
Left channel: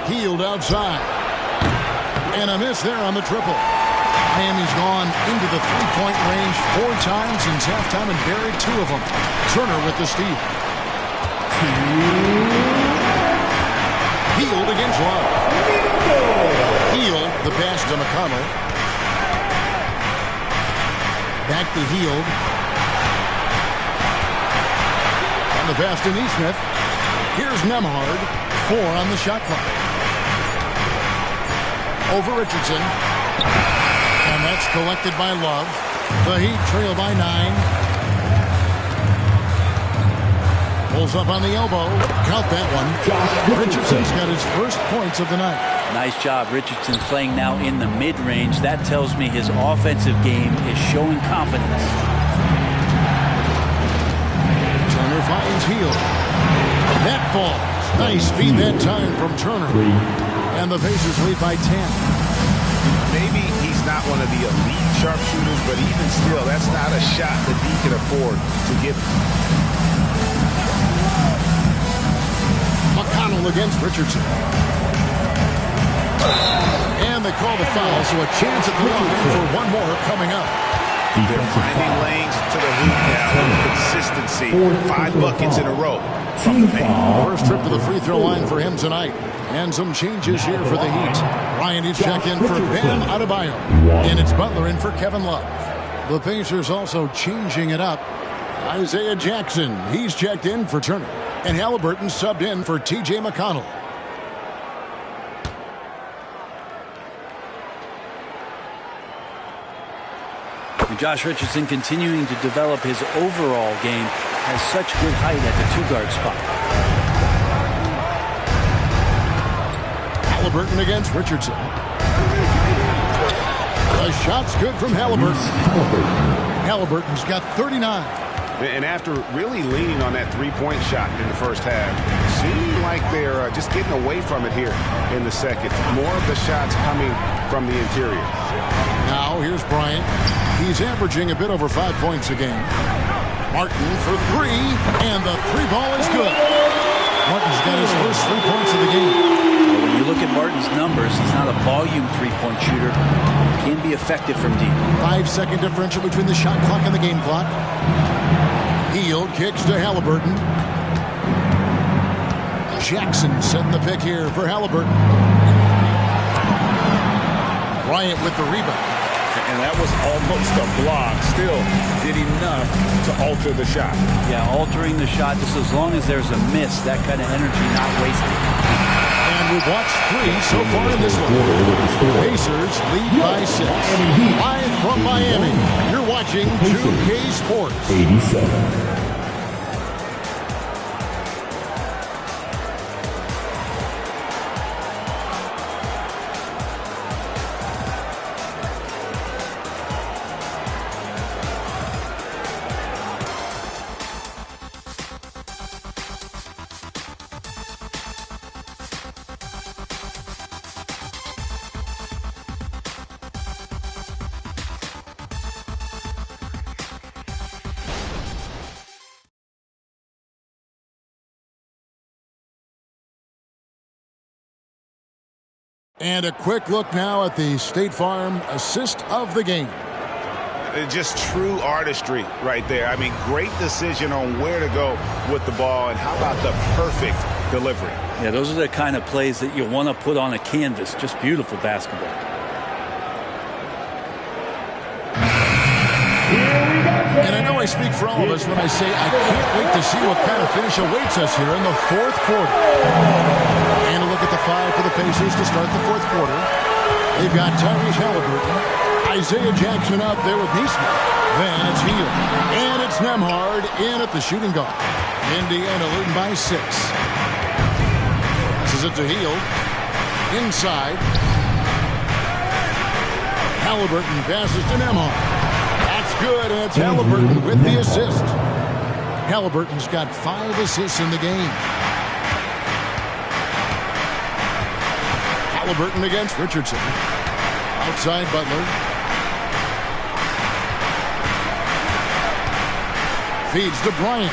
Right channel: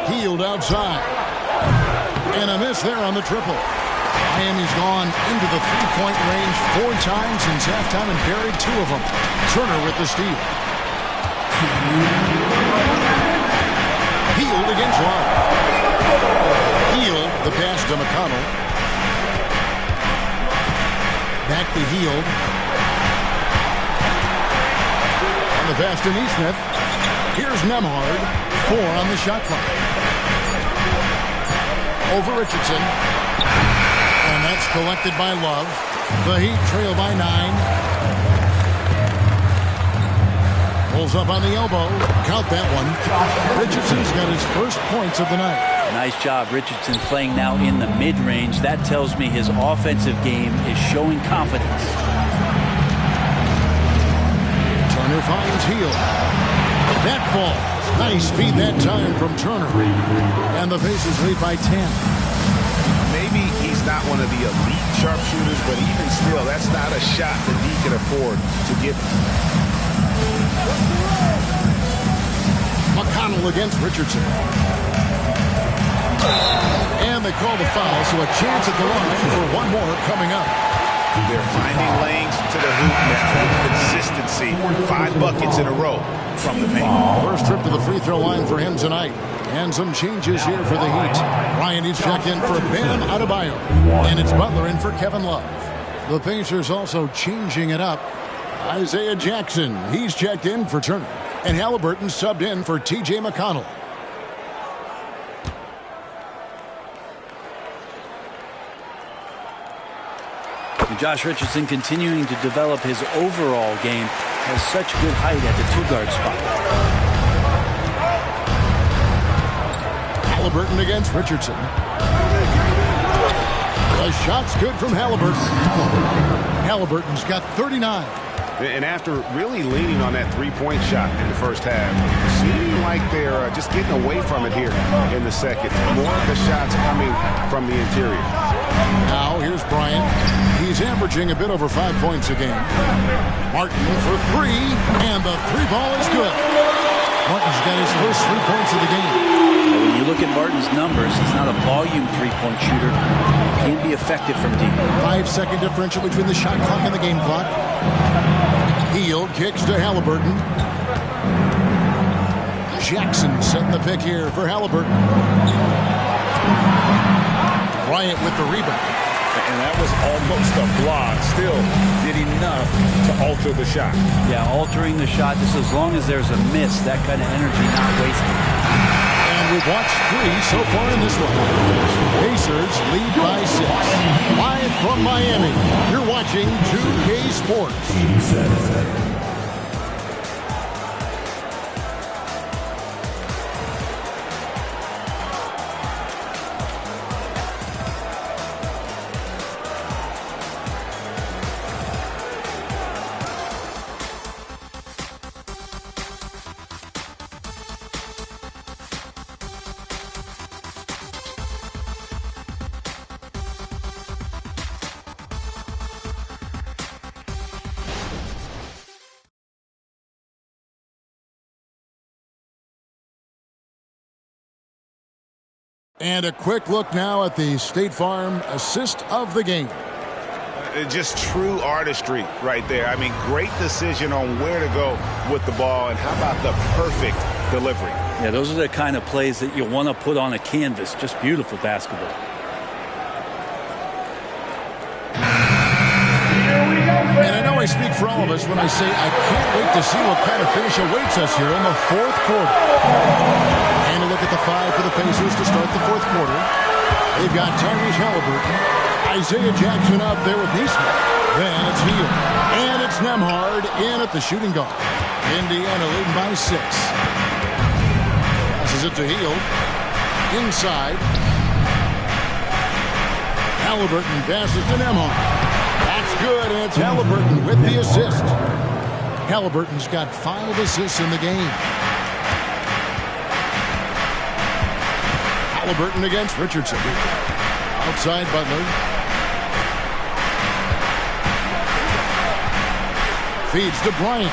Hield outside. And a miss there on the triple. Miami's gone into the three-point range 4 times since halftime and buried 2 of them. Turner with the steal. Hield against Love. Hield, the pass to McConnell. Back to Hield. And the pass to Neesmith. Here's Nembhard. 4 on the shot clock. Over Richardson. And that's collected by Love. The Heat trail by 9. Pulls up on the elbow. Count that one. Richardson's got his first points of the night. Nice job, Richardson, playing now in the mid-range. That tells me his offensive game is showing confidence. Turner finds Hield. That falls. Nice feed that time from Turner. And the Pacers lead by 10. Maybe he's not one of the elite sharpshooters, but even still, that's not a shot that he can afford to give. McConnell against Richardson. And they call the foul, so a chance at the line for one more coming up. They're finding lanes to the hoop now with consistency. 5 buckets in a row from the paint. First trip to the free throw line for him tonight. And some changes here for the Heat. Ryan is checked in for Bam Adebayo. And it's Butler in for Kevin Love. The Pacers also changing it up. Isaiah Jackson, he's checked in for Turner. And Haliburton subbed in for T.J. McConnell. And Josh Richardson, continuing to develop his overall game, has such good height at the 2-guard spot. Haliburton against Richardson. The shot's good from Haliburton. Haliburton's got 39. And after really leaning on that three-point shot in the first half, seeming like they're just getting away from it here in the second. More of the shots coming from the interior. Now here's Bryant. He's averaging a bit over 5 points a game. Martin for 3, and the 3 ball is good. Martin's got his first 3 points of the game. When you look at Martin's numbers, he's not a volume 3-point shooter. He can be effective from deep. 5-second differential between the shot clock and the game clock. Hield kicks to Haliburton. Jackson setting the pick here for Haliburton. Bryant with the rebound. And that was almost a block. Still did enough to alter the shot. Yeah, altering the shot, just as long as there's a miss, that kind of energy not wasted. And we've watched 3 so far in this one. Pacers lead by 6. Live from Miami, you're watching 2K Sports. 87. And a quick look now at the State Farm assist of the game. Just true artistry right there. I mean, great decision on where to go with the ball, and how about the perfect delivery? Yeah, those are the kind of plays that you want to put on a canvas. Just beautiful basketball. And I know I speak for all of us when I say I can't wait to see what kind of finish awaits us here in the fourth quarter. And a look at the 5 for the Pacers to start the fourth quarter. They've got Tyrese Haliburton, Isaiah Jackson out there with Neesmith. Then it's Hield. And it's Nembhard in at the shooting guard. Indiana leading by 6. Passes it to Hield. Inside. Haliburton passes to Nembhard. That's good, and it's Haliburton with the assist. Haliburton's got 5 assists in the game. Haliburton against Richardson. Outside Butler. Feeds to Bryant.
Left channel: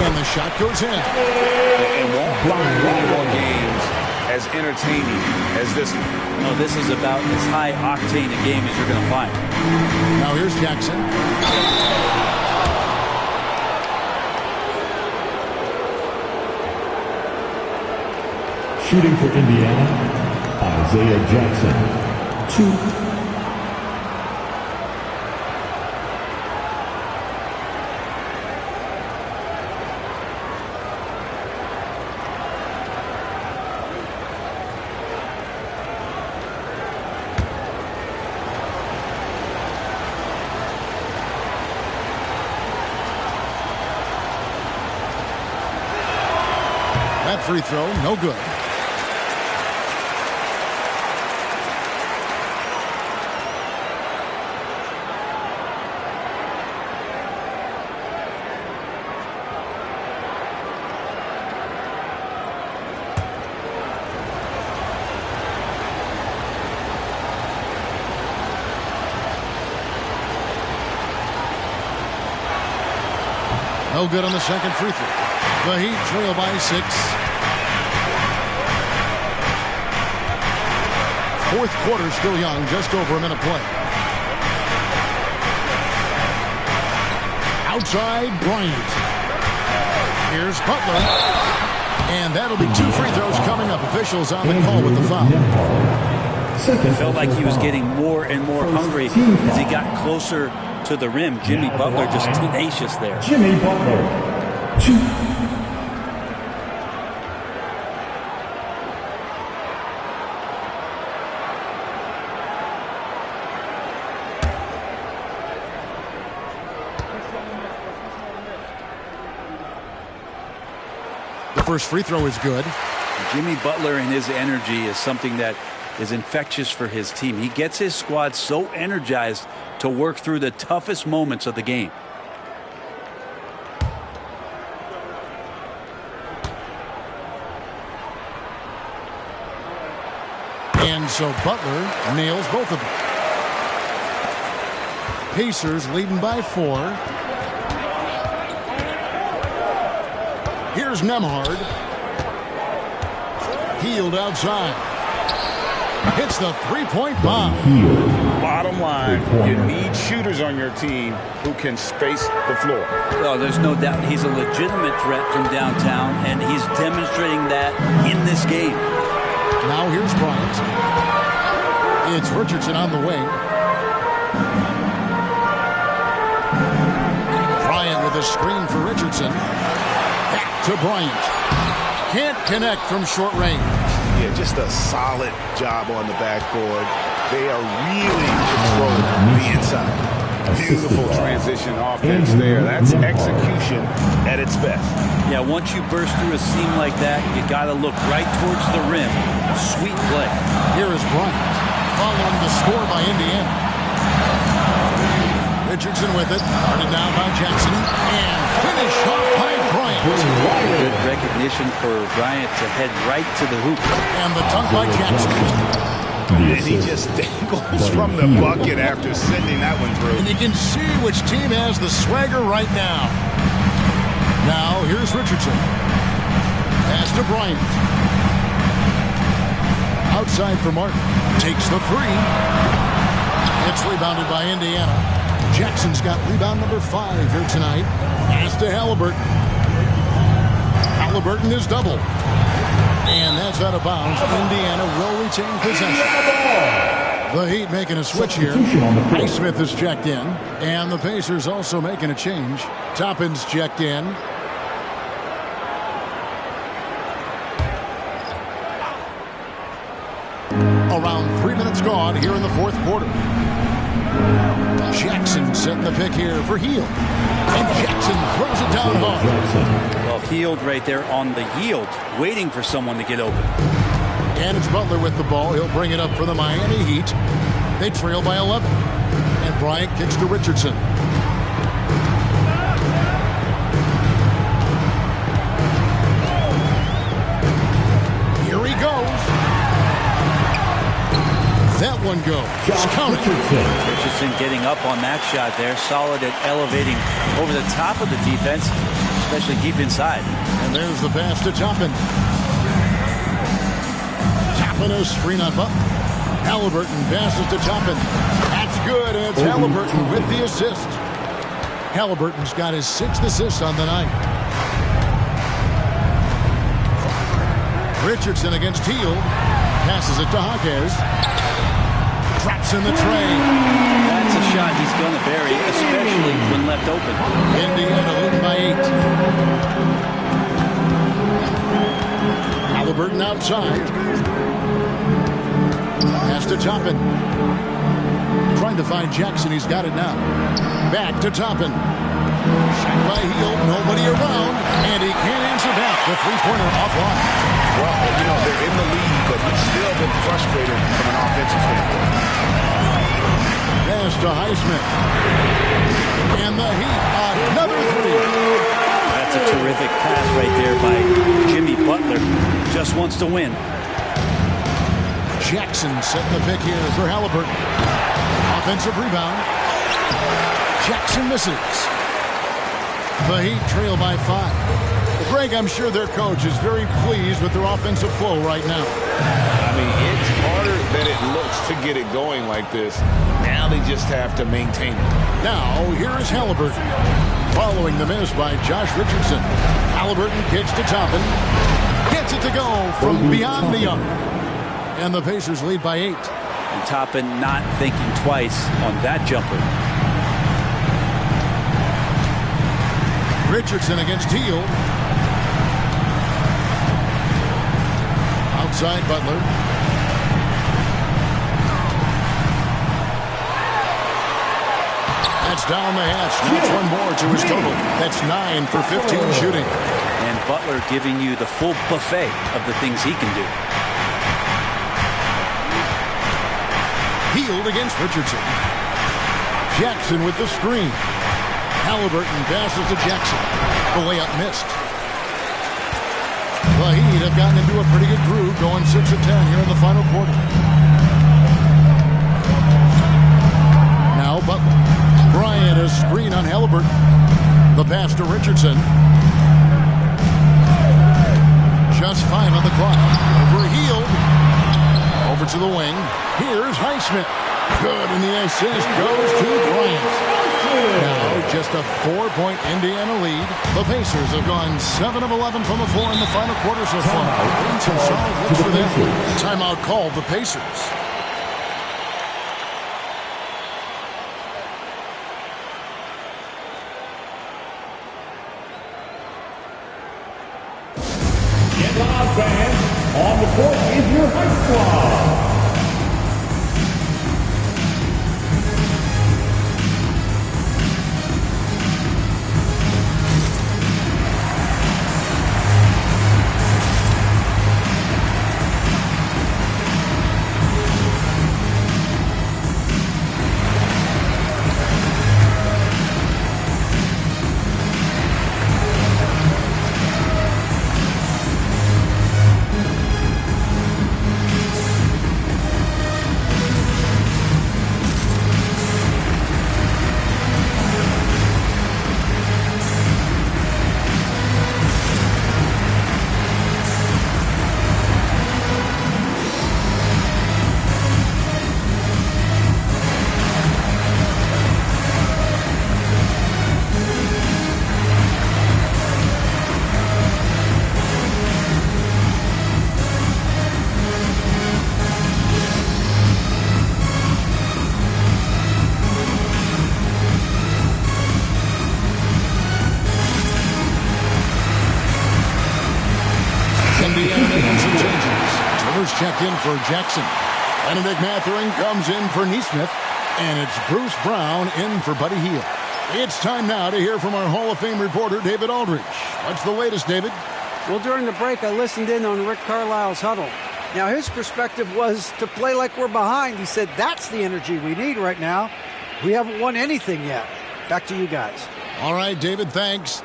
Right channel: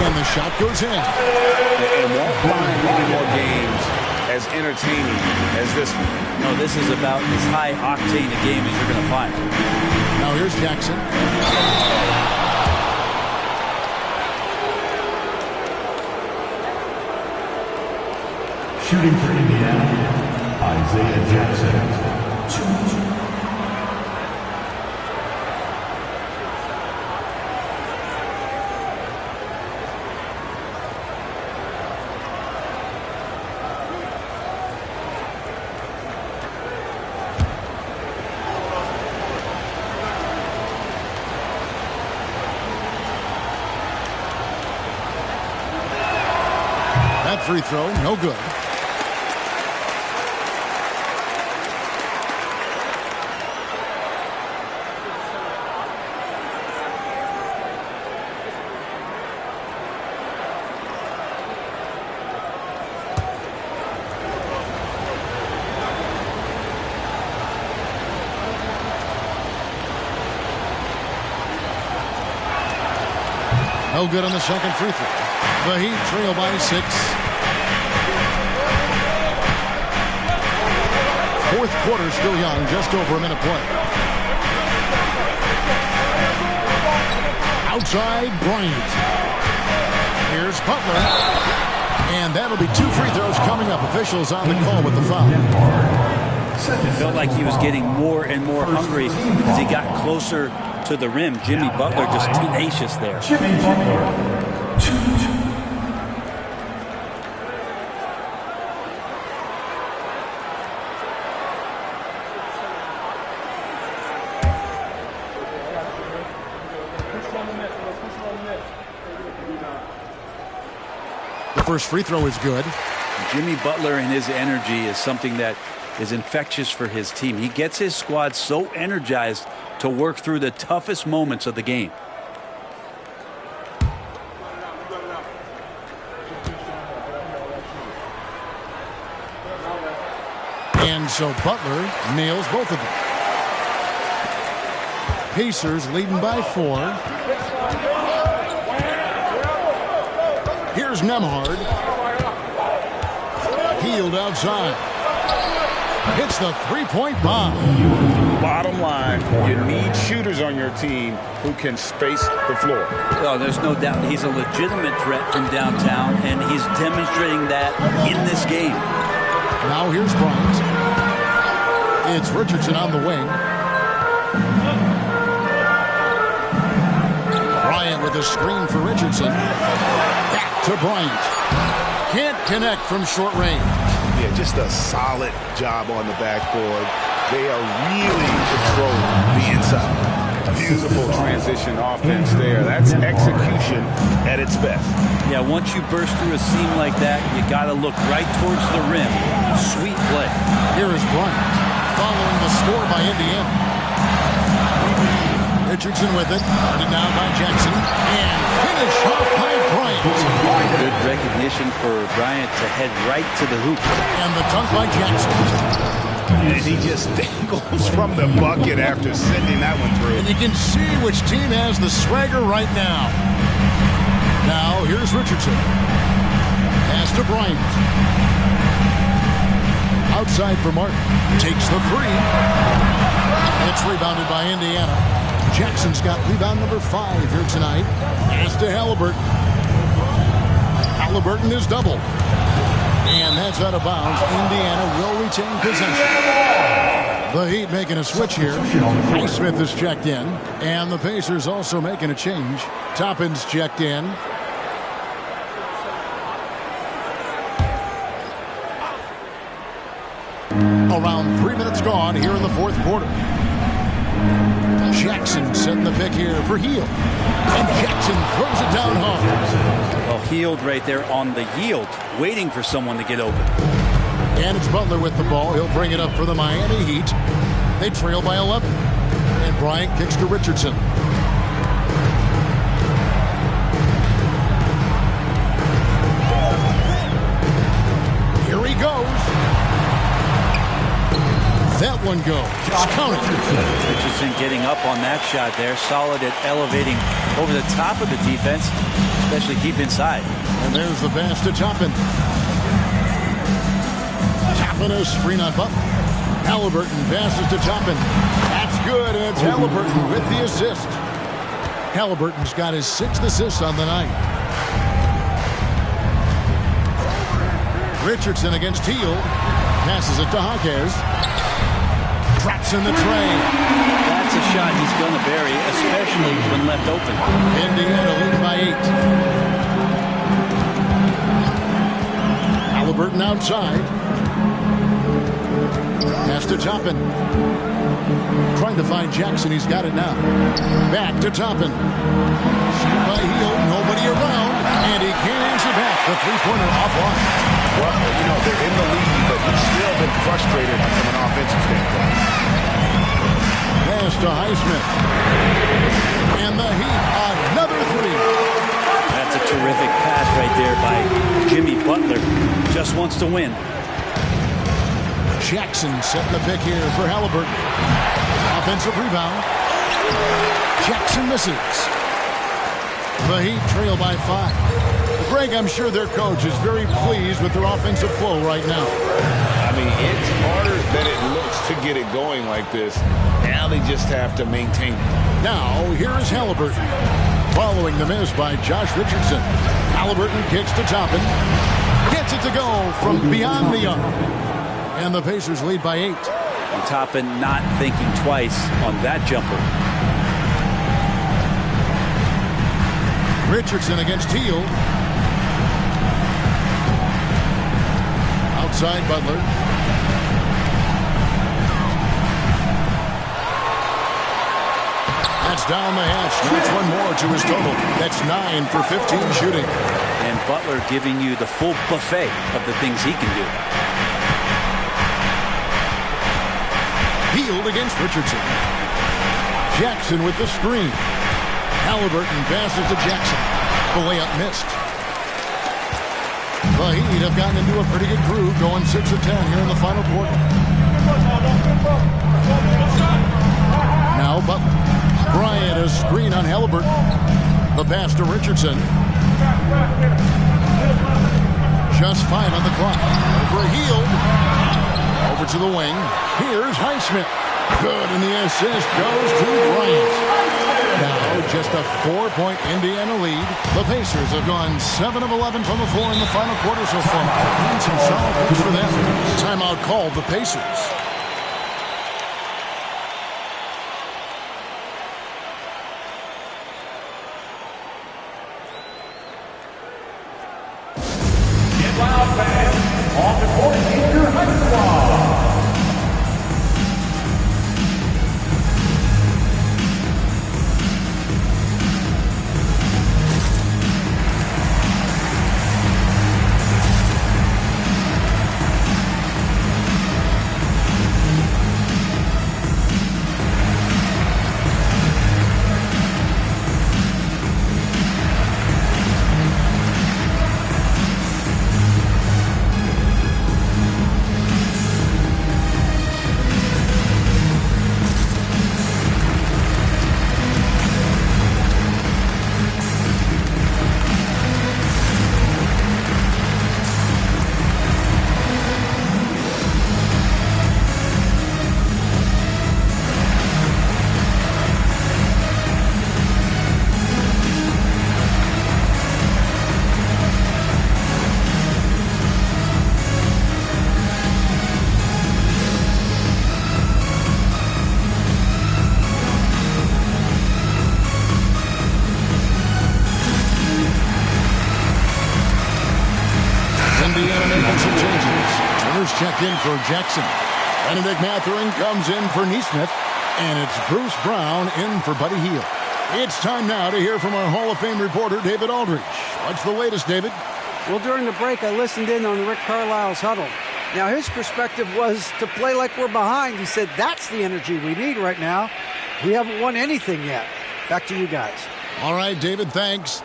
And the shot goes in. And won't find many more games as entertaining as this one. No, this is about as high-octane a game as you're going to find. Now here's Jackson. Shooting for Indiana, Isaiah Jackson. 2. That free throw, no good. No good on the second free throw. The Heat trail by 6. Fourth quarter still young, just over a minute play. Outside, Bryant. Here's Butler. And that'll be 2 free throws coming up. Officials on the call with the foul. It felt like he was getting more and more hungry as he got closer to the rim. Jimmy Butler just tenacious there. Jimmy Butler. 2. The first free throw is good. Jimmy Butler and his energy is something that is infectious for his team. He gets his squad so energized to work through the toughest moments of the game. And so Butler nails both of them. Pacers leading by 4. Here's Nembhard. Hield outside. Hits the three-point bomb. Bottom line, you need shooters on your team who can space the floor. Oh, there's no doubt he's a legitimate threat from downtown, and he's demonstrating that in this game. Now here's Bryant. It's Richardson on the wing. Bryant with a screen for Richardson. Back to Bryant. Can't connect from short range. Yeah, just a solid job on the backboard. They are really controlling the inside. Beautiful transition offense there. That's execution at its best. Yeah, once you burst through a seam like that, you got to look right towards the rim. Sweet play. Here is Bryant following the score by Indiana. Richardson with it. Started down by Jackson. And finish off by Bryant. Good recognition for Bryant to head right to the hoop. And the dunk by Jackson. And he just dangles from the bucket after sending that one through. And you can see which team has the swagger right now. Now, here's Richardson. Pass to Bryant. Outside for Martin. Takes the 3. It's rebounded by Indiana. Jackson's got rebound number 5 here tonight. Pass to Haliburton. Haliburton is doubled. And that's out of bounds. Indiana will retain possession. The Heat making a switch here. Highsmith is checked in. And the Pacers also making a change. Toppin's checked in. Around 3 minutes gone here in the fourth quarter. Jackson setting the pick here for Hield. And Jackson throws it down hard. Well, Hield right there on the yield, waiting for someone to get open. And it's Butler with the ball. He'll bring it up for the Miami Heat. They trail by 11. And Bryant kicks to Richardson. Here he goes. That one goes. Just count it. Richardson getting up on that shot there. Solid at elevating over the top of the defense, especially deep inside. And there's the pass to Toppin. Toppin a screen on Butler. Haliburton passes to Toppin. That's good, and it's Haliburton with the assist. Haliburton's got his 6th assist on the night. Richardson against Hield. Passes it to Jaquez. Drops in the tray. That's a shot he's going to bury, especially when left open. Indiana leading by 8. Haliburton outside. Pass to Toppin. Trying to find Jackson. He's got it now. Back to Toppin. Shot by Hield. Nobody around. And he can't answer back. The three-pointer offline. Well, you know, they're in the lead, but he's still been frustrated from an offensive standpoint. Pass to Highsmith. And the Heat, another 3. That's a terrific pass right there by Jimmy Butler. Just wants to win. Jackson setting the pick here for Haliburton. Offensive rebound. Jackson misses. The Heat trail by 5. Well, Greg, I'm sure their coach is very pleased with their offensive flow right now. I mean, it's harder than it looks to get it going like this. Now they just have to maintain it. Now, here is Haliburton. Following the miss by Josh Richardson. Haliburton kicks to Toppin. Gets it to go from beyond the arc. And the Pacers lead by 8. And Toppin not thinking twice on that jumper. Richardson against Hield. Outside Butler. That's down the hatch. Knocks one more to his total. That's 9 for 15 shooting. And Butler giving you the full buffet of the things he can do. Hield against Richardson. Jackson with the screen. Haliburton passes to Jackson. The layup missed. The Heat have gotten into a pretty good groove, going 6 of 10 here in the final quarter. Now Butler. Bryant a screen on Haliburton. The pass to Richardson. Just 5 on the clock. Over Hield. Over to the wing. Here's Highsmith. Good, and the assist goes to Bryant. Now just a 4-point Indiana lead. The Pacers have gone 7 of 11 from the floor in the final quarter so far. And some solid looks for them. Timeout called the Pacers. Get loud, fans. On the court is your high squad. Indiana making some changes. Turner's checked in for Jackson. Benedict Mathurin comes in for Nesmith. And it's Bruce Brown in for Buddy Hield. It's time now to hear from our Hall of Fame reporter, David Aldridge. What's the latest, David? Well, during the break, I listened in on Rick Carlisle's huddle. Now, his perspective was to play like we're behind. He said, that's the energy we need right now. We haven't won anything yet. Back to you guys. All right, David, thanks.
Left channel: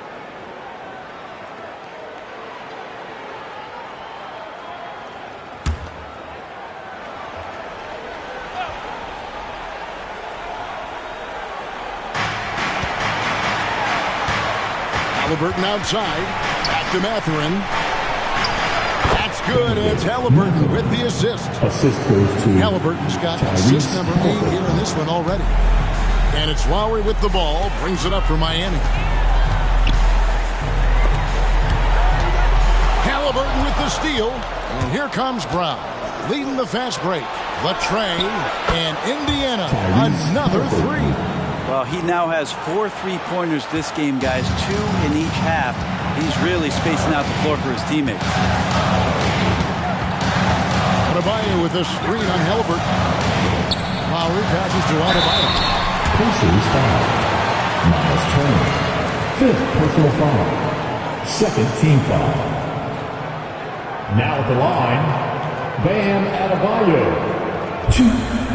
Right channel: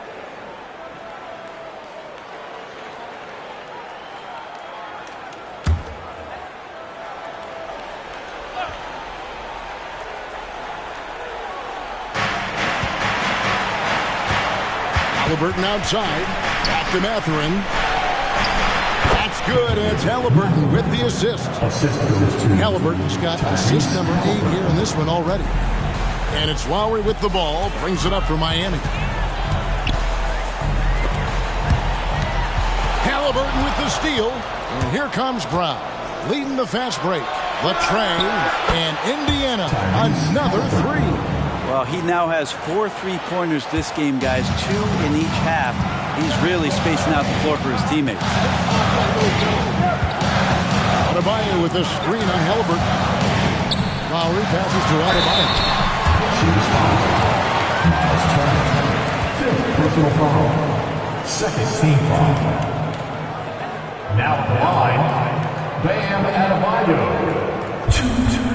Haliburton outside. Back to Mathurin. That's good. It's Haliburton with the assist. Assist goes to Haliburton's got assist number 8 here in this one already. And it's Lowry with the ball. Brings it up for Miami. Haliburton with the steal. And here comes Brown. Leading the fast break. Latray and Indiana. Another 3. Well, he now has 4 3-pointers this game, guys. 2 in each half. He's really spacing out the floor for his teammates. Adebayo with a screen on Haliburton. Lowry passes to Adebayo. Pacers foul. Miles Turner. 5th personal foul. 2nd team foul. Now at the line, Bam Adebayo. 2.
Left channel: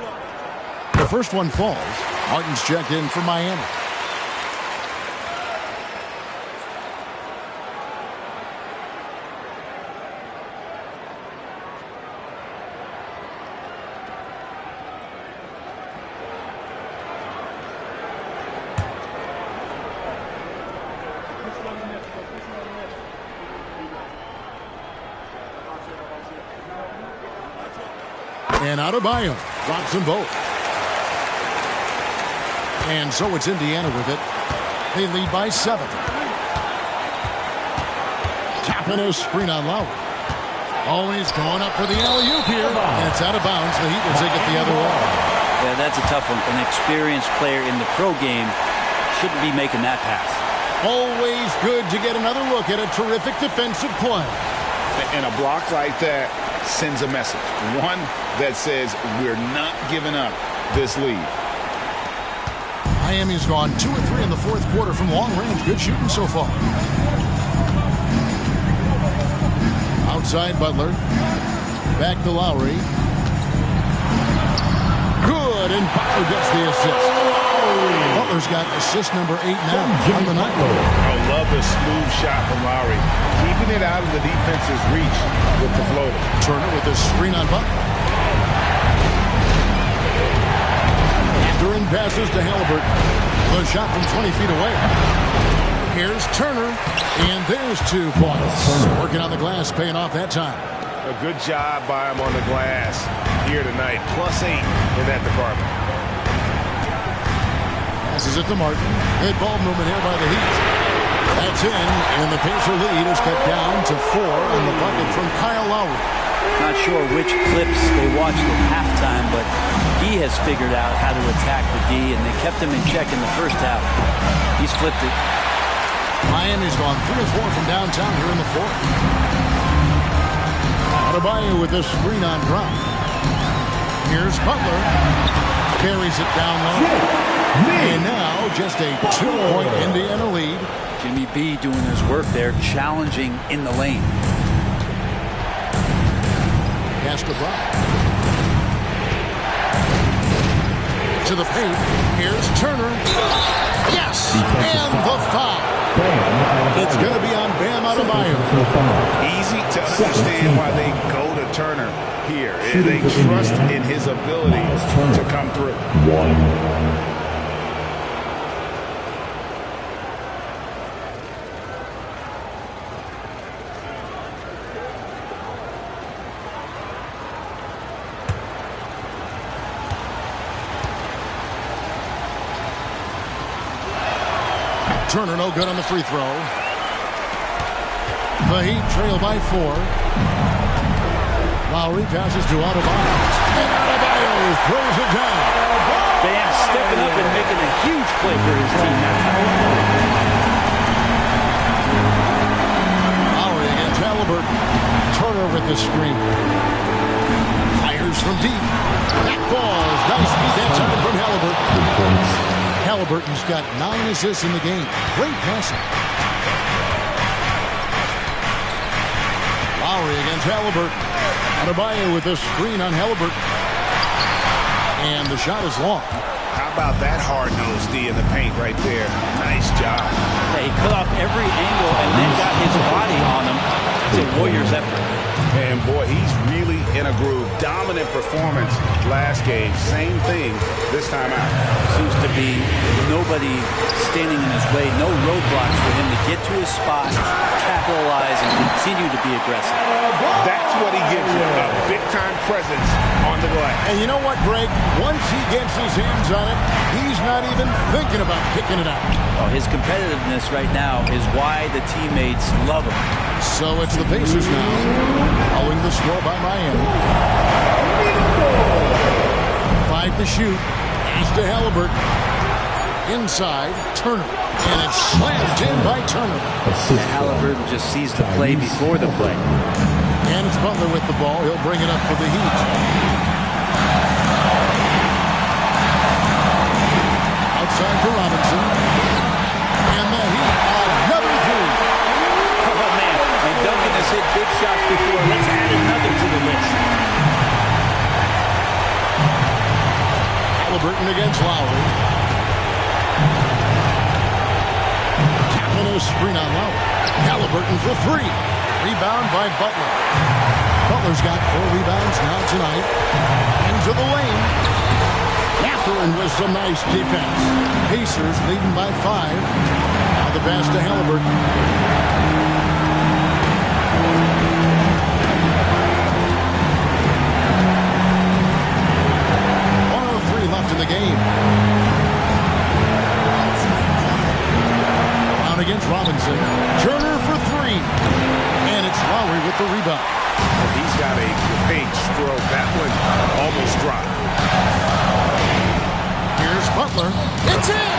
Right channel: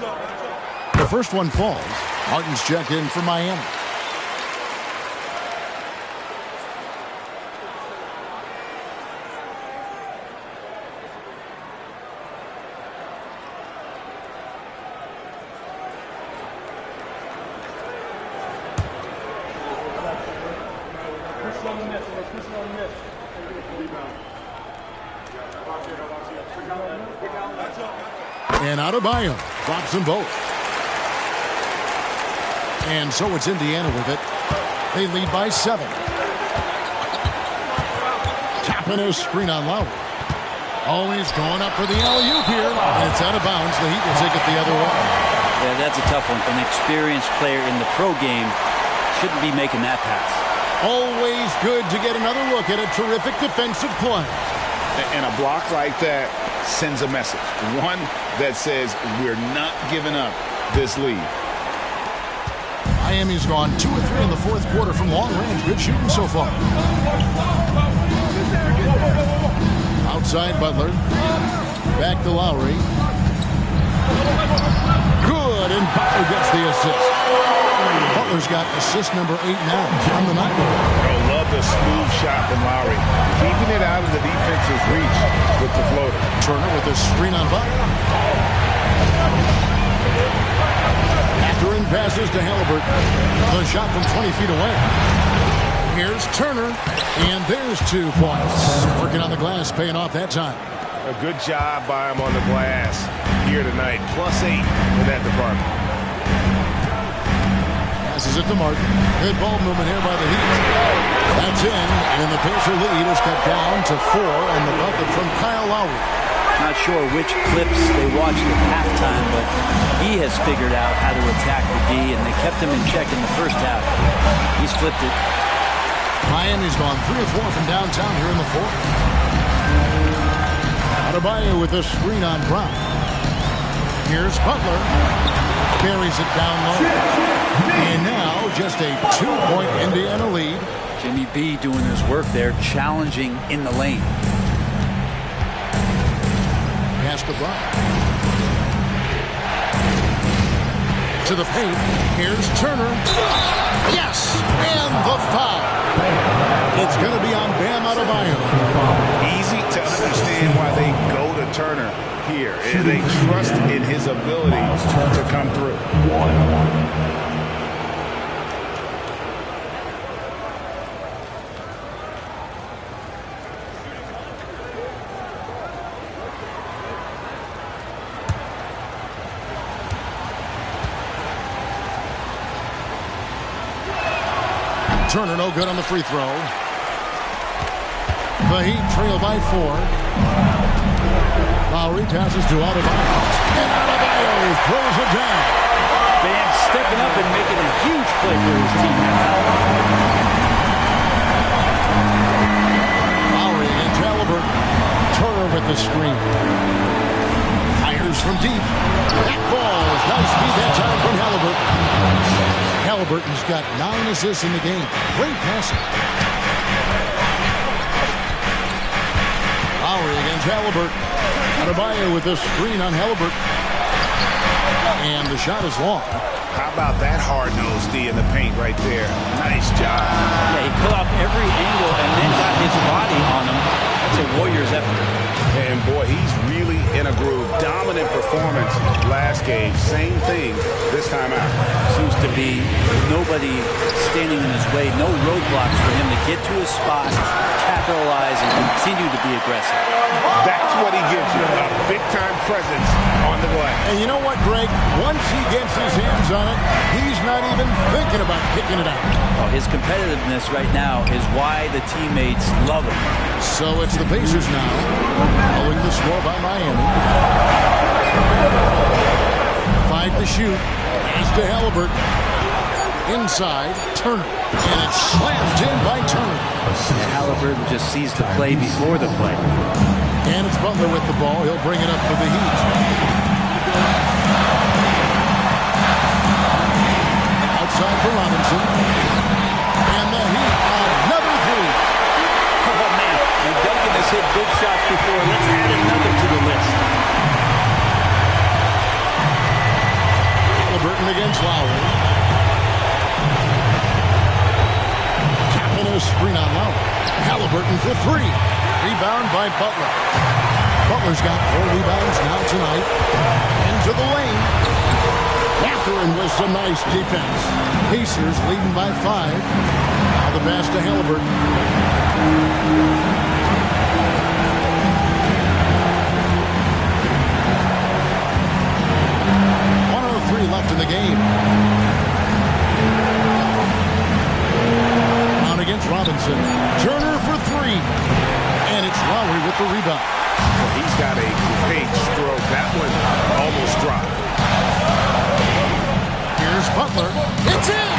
The first one falls. Martin's checked in for Miami. And Adebayo drops them both. And so it's Indiana with it. They lead by 7. Tapping a screen on Lowry. Always going up for the alley-oop here. And it's out of bounds. The Heat will take it the other way. Yeah, that's a tough one. An experienced player in the pro game shouldn't be making that pass. Always good to get another look at a terrific defensive play. And a block like that sends a message. One that says we're not giving up this lead. Miami's gone 2 of 3 in the fourth quarter from long range. Good shooting so far. Outside Butler. Back to Lowry. Good, and Butler gets the assist. Butler's got assist number 8 now on the night. Oh, love the smooth shot from Lowry. Keeping it out of the defense's reach with the floater. Turner with a screen on Butler. After in passes to Haliburton. The shot from 20 feet away. Here's Turner, and there's 2 points. Working on the glass, paying off that time. A good job by him on the glass here tonight. +8 in that department. Passes it to Martin. Good ball movement here by the Heat. That's in, and the Pacer lead is cut down to 4 on the bucket from Kyle Lowry. Not sure which clips they watched at halftime, but he has figured out how to attack the D, and they kept him in check in the first half. He's flipped it. Miami's gone 3 of 4 from downtown here in the fourth. Adebayo with a screen on Brown. Here's Butler. Carries it down low. And now just a 2-point Indiana lead. Jimmy B doing his work there, challenging in the lane. Pass to Brown. To the paint. Here's Turner. Yes! And the foul. It's going to be on Bam Adebayo. Easy to understand why they go to Turner here. They trust in his ability to come through. Turner no good on the free throw. The Heat trail by 4. Lowry passes to Adebayo. And Adebayo throws it down. Bam stepping up and making a huge play for his team that time. Lowry against Haliburton. Turner with the screen. Fires from deep. That falls. Nice feed that time from Haliburton. Haliburton's got 9 assists in the game. Great passing. Lowry against Haliburton. Adebayo with a screen on Haliburton. And the shot is long. How about that hard-nosed D in the paint right there? Nice job. Yeah, he cut off every angle and then got his body on him. That's a Warriors effort. And boy, he's really in a groove. Dominant performance last game. Same thing this time out. Seems to be nobody standing in his way. No roadblocks for him to get to his spot, capitalize, and continue to be aggressive. That's what he gives you, a big-time presence on the glass. And you know what, Greg? Once he gets his hands on it, he's not even thinking about kicking it out. Oh, his competitiveness right now is why the teammates love him. So it's the Pacers now, following the score by Miami. 5 to shoot. Pass to Haliburton. Inside, Turner. And it's slammed in by Turner. And Haliburton just sees the play before the play. And it's Butler with the ball. He'll bring it up for the Heat. Outside for Robinson. And the Heat, another 3. Oh, man. And Duncan has hit big shots before. Let's add another to the list. Haliburton against Lowry. Tapping a screen on Lowry. Haliburton for three. Rebound by Butler. Butler's got 4 rebounds now tonight. Into the lane. Mathurin with some nice defense. Pacers leading by 5. Now the pass to Haliburton. 1:03 left in the game. Brown against Robinson. Turner for 3. And it's Lowry with the rebound. Well, he's got a great stroke. That one almost dropped. Here's Butler. It's in!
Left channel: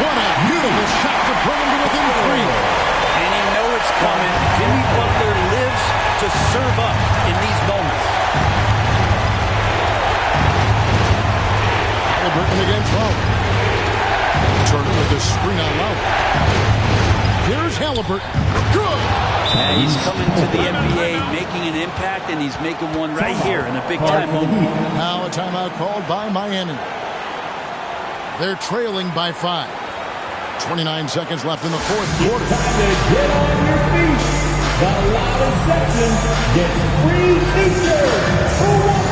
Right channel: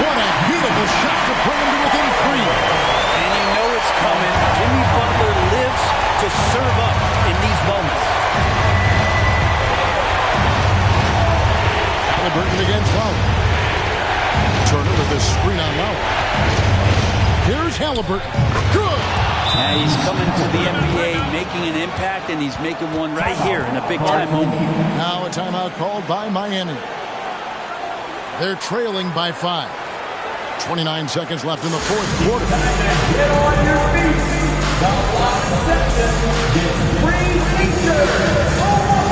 What a beautiful shot to bring him to within 3. And you know it's coming. Jimmy Butler lives to serve up in these moments. Haliburton against Lowry. Turner with the screen on Lowry. Here's Haliburton. Good! Yeah, he's coming to the NBA, making an impact, and he's making one right here in a big-time moment. Now a timeout called by Miami. They're trailing by 5. 29 seconds left in the fourth quarter. Time to get on your feet. The loudest section gets free t-shirts for one.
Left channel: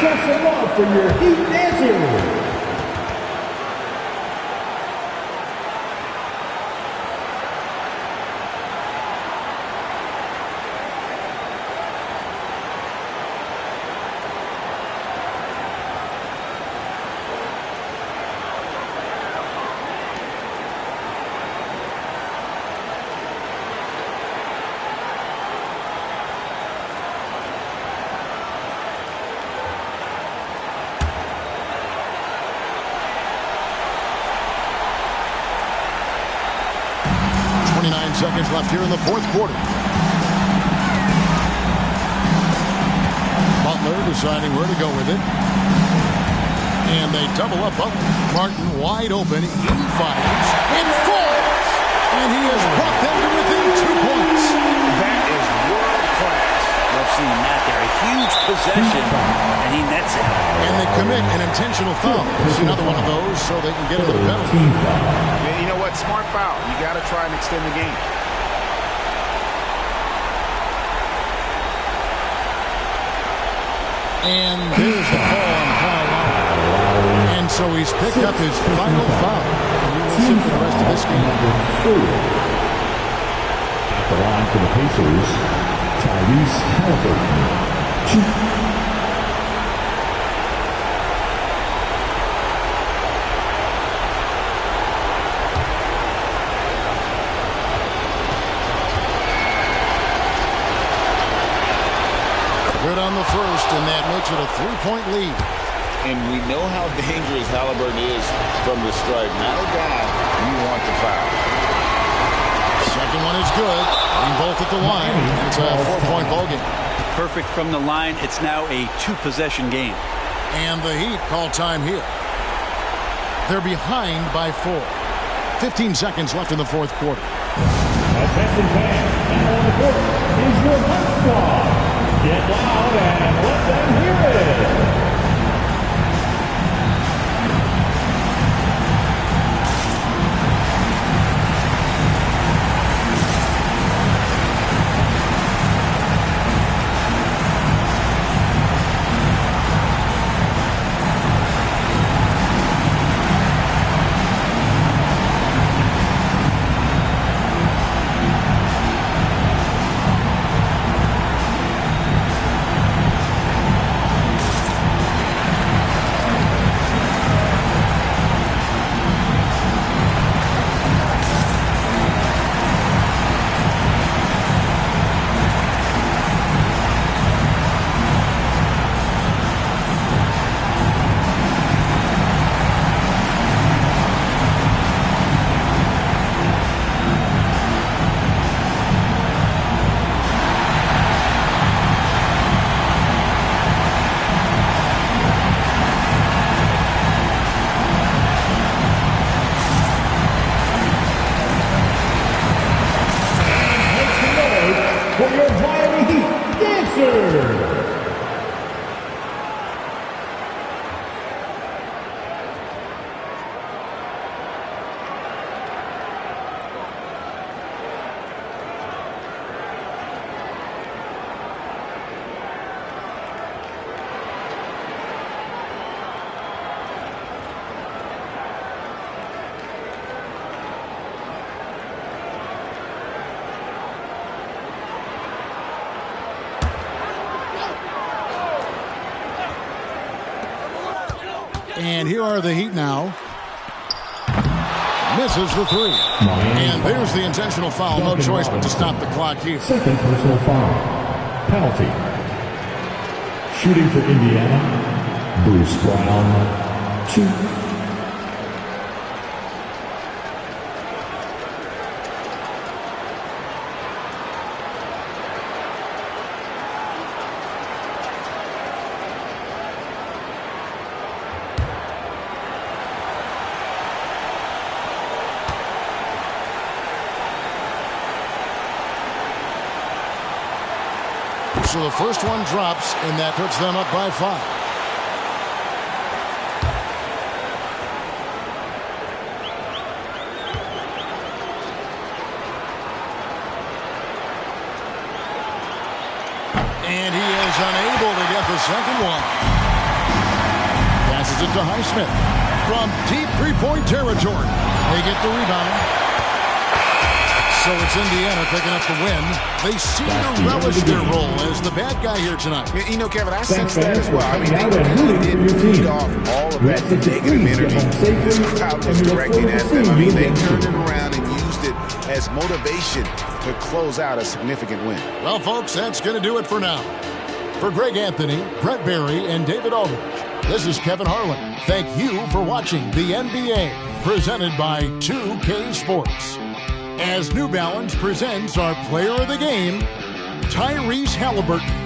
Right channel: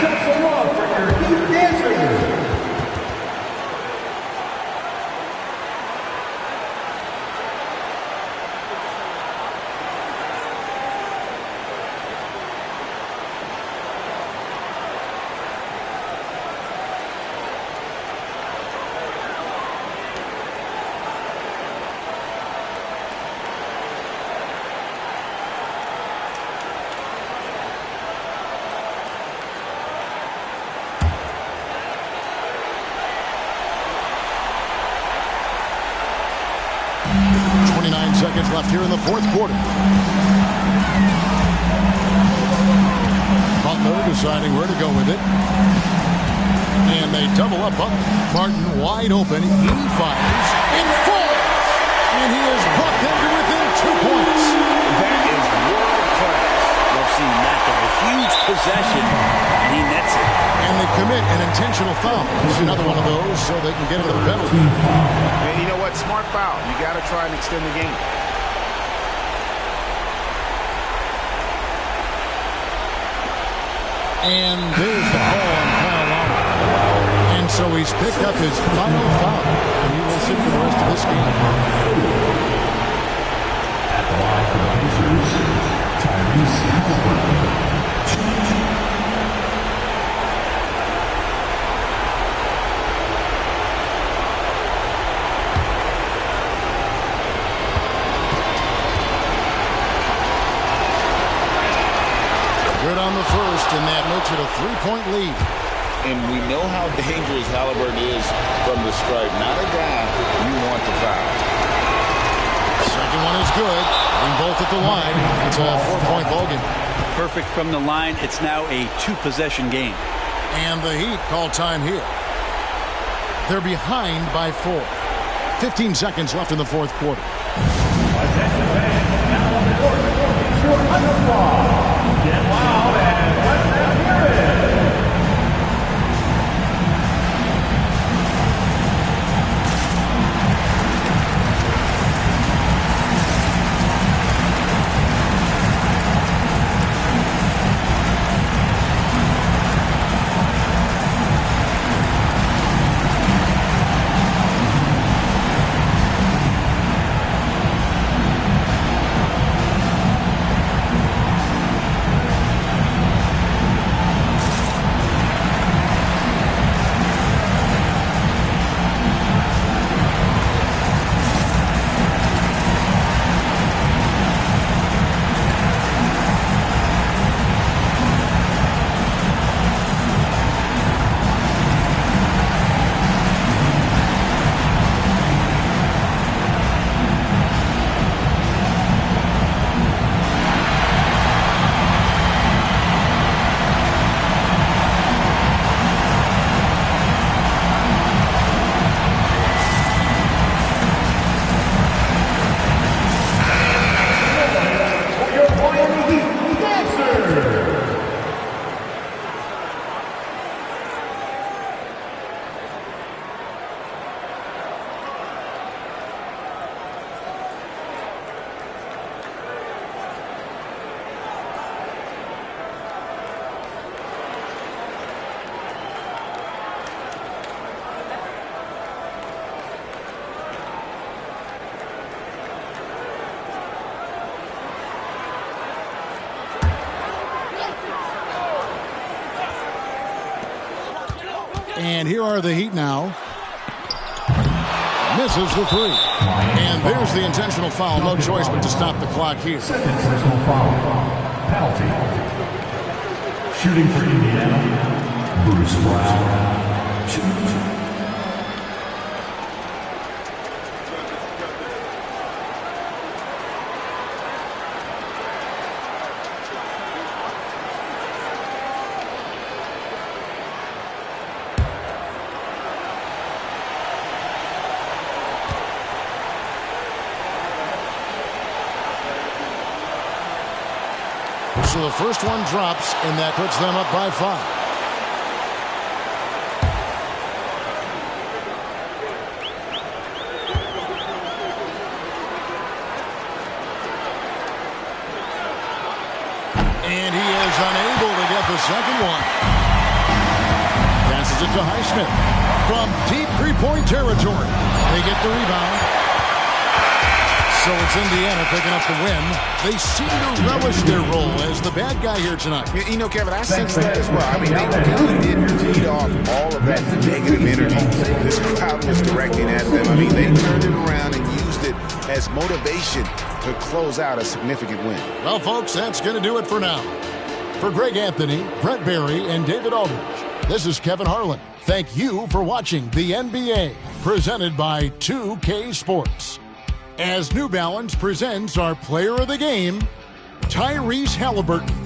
Show some love for your Heat dancers. Seconds left here in the fourth quarter. Butler deciding where to go with it. And they double up Butler. Martin wide open. He fires. It falls. And he has brought them to within 2 points. That is world class. Love seeing that there. A huge possession, and he nets it. And they commit an intentional foul. This is another one of those so they can get into the penalty. And you know what? Smart foul. You got to try and extend the game. And there's the call on Kyle Lowry. And so he's picked up his final foul. And he will sit for the rest of this game. At the line for the Pacers, Tyrese Haliburton. Good on the first, and that makes it a 3-point lead. And we know how dangerous Haliburton is from the stripe. Not a guy you want to foul. Second one is good. Bring both at the line, and it's a 4-point ball game. Perfect from the line. It's now a 2-possession game. And the Heat call time here. They're behind by 4. 15 seconds left in the fourth quarter. Attention fans, now on the court is your ice star. Get loud and let them hear it. And here are the Heat now. Misses the three. And there's the intentional foul. No choice but to stop the clock here. Second personal foul. Penalty. Shooting for Indiana, Bruce Brown, 2. So the first one drops, and that puts them up by 5. And he is unable to get the second one. Passes it to Highsmith. From deep three-point territory. They get the rebound. So it's Indiana picking up the win. They seem to relish their role as the bad guy here tonight. You know, Kevin, I sense that as well. I mean, they really did feed off all of that negative energy this crowd was directing at them. I mean, they turned it around and used it as motivation to close out a significant win. Well, folks, that's going to do it for now. For Greg Anthony, Brett Barry, and David Aldridge, this is Kevin Harlan. Thank you for watching the NBA, presented by 2K Sports. As New Balance presents our player of the game, Tyrese Haliburton.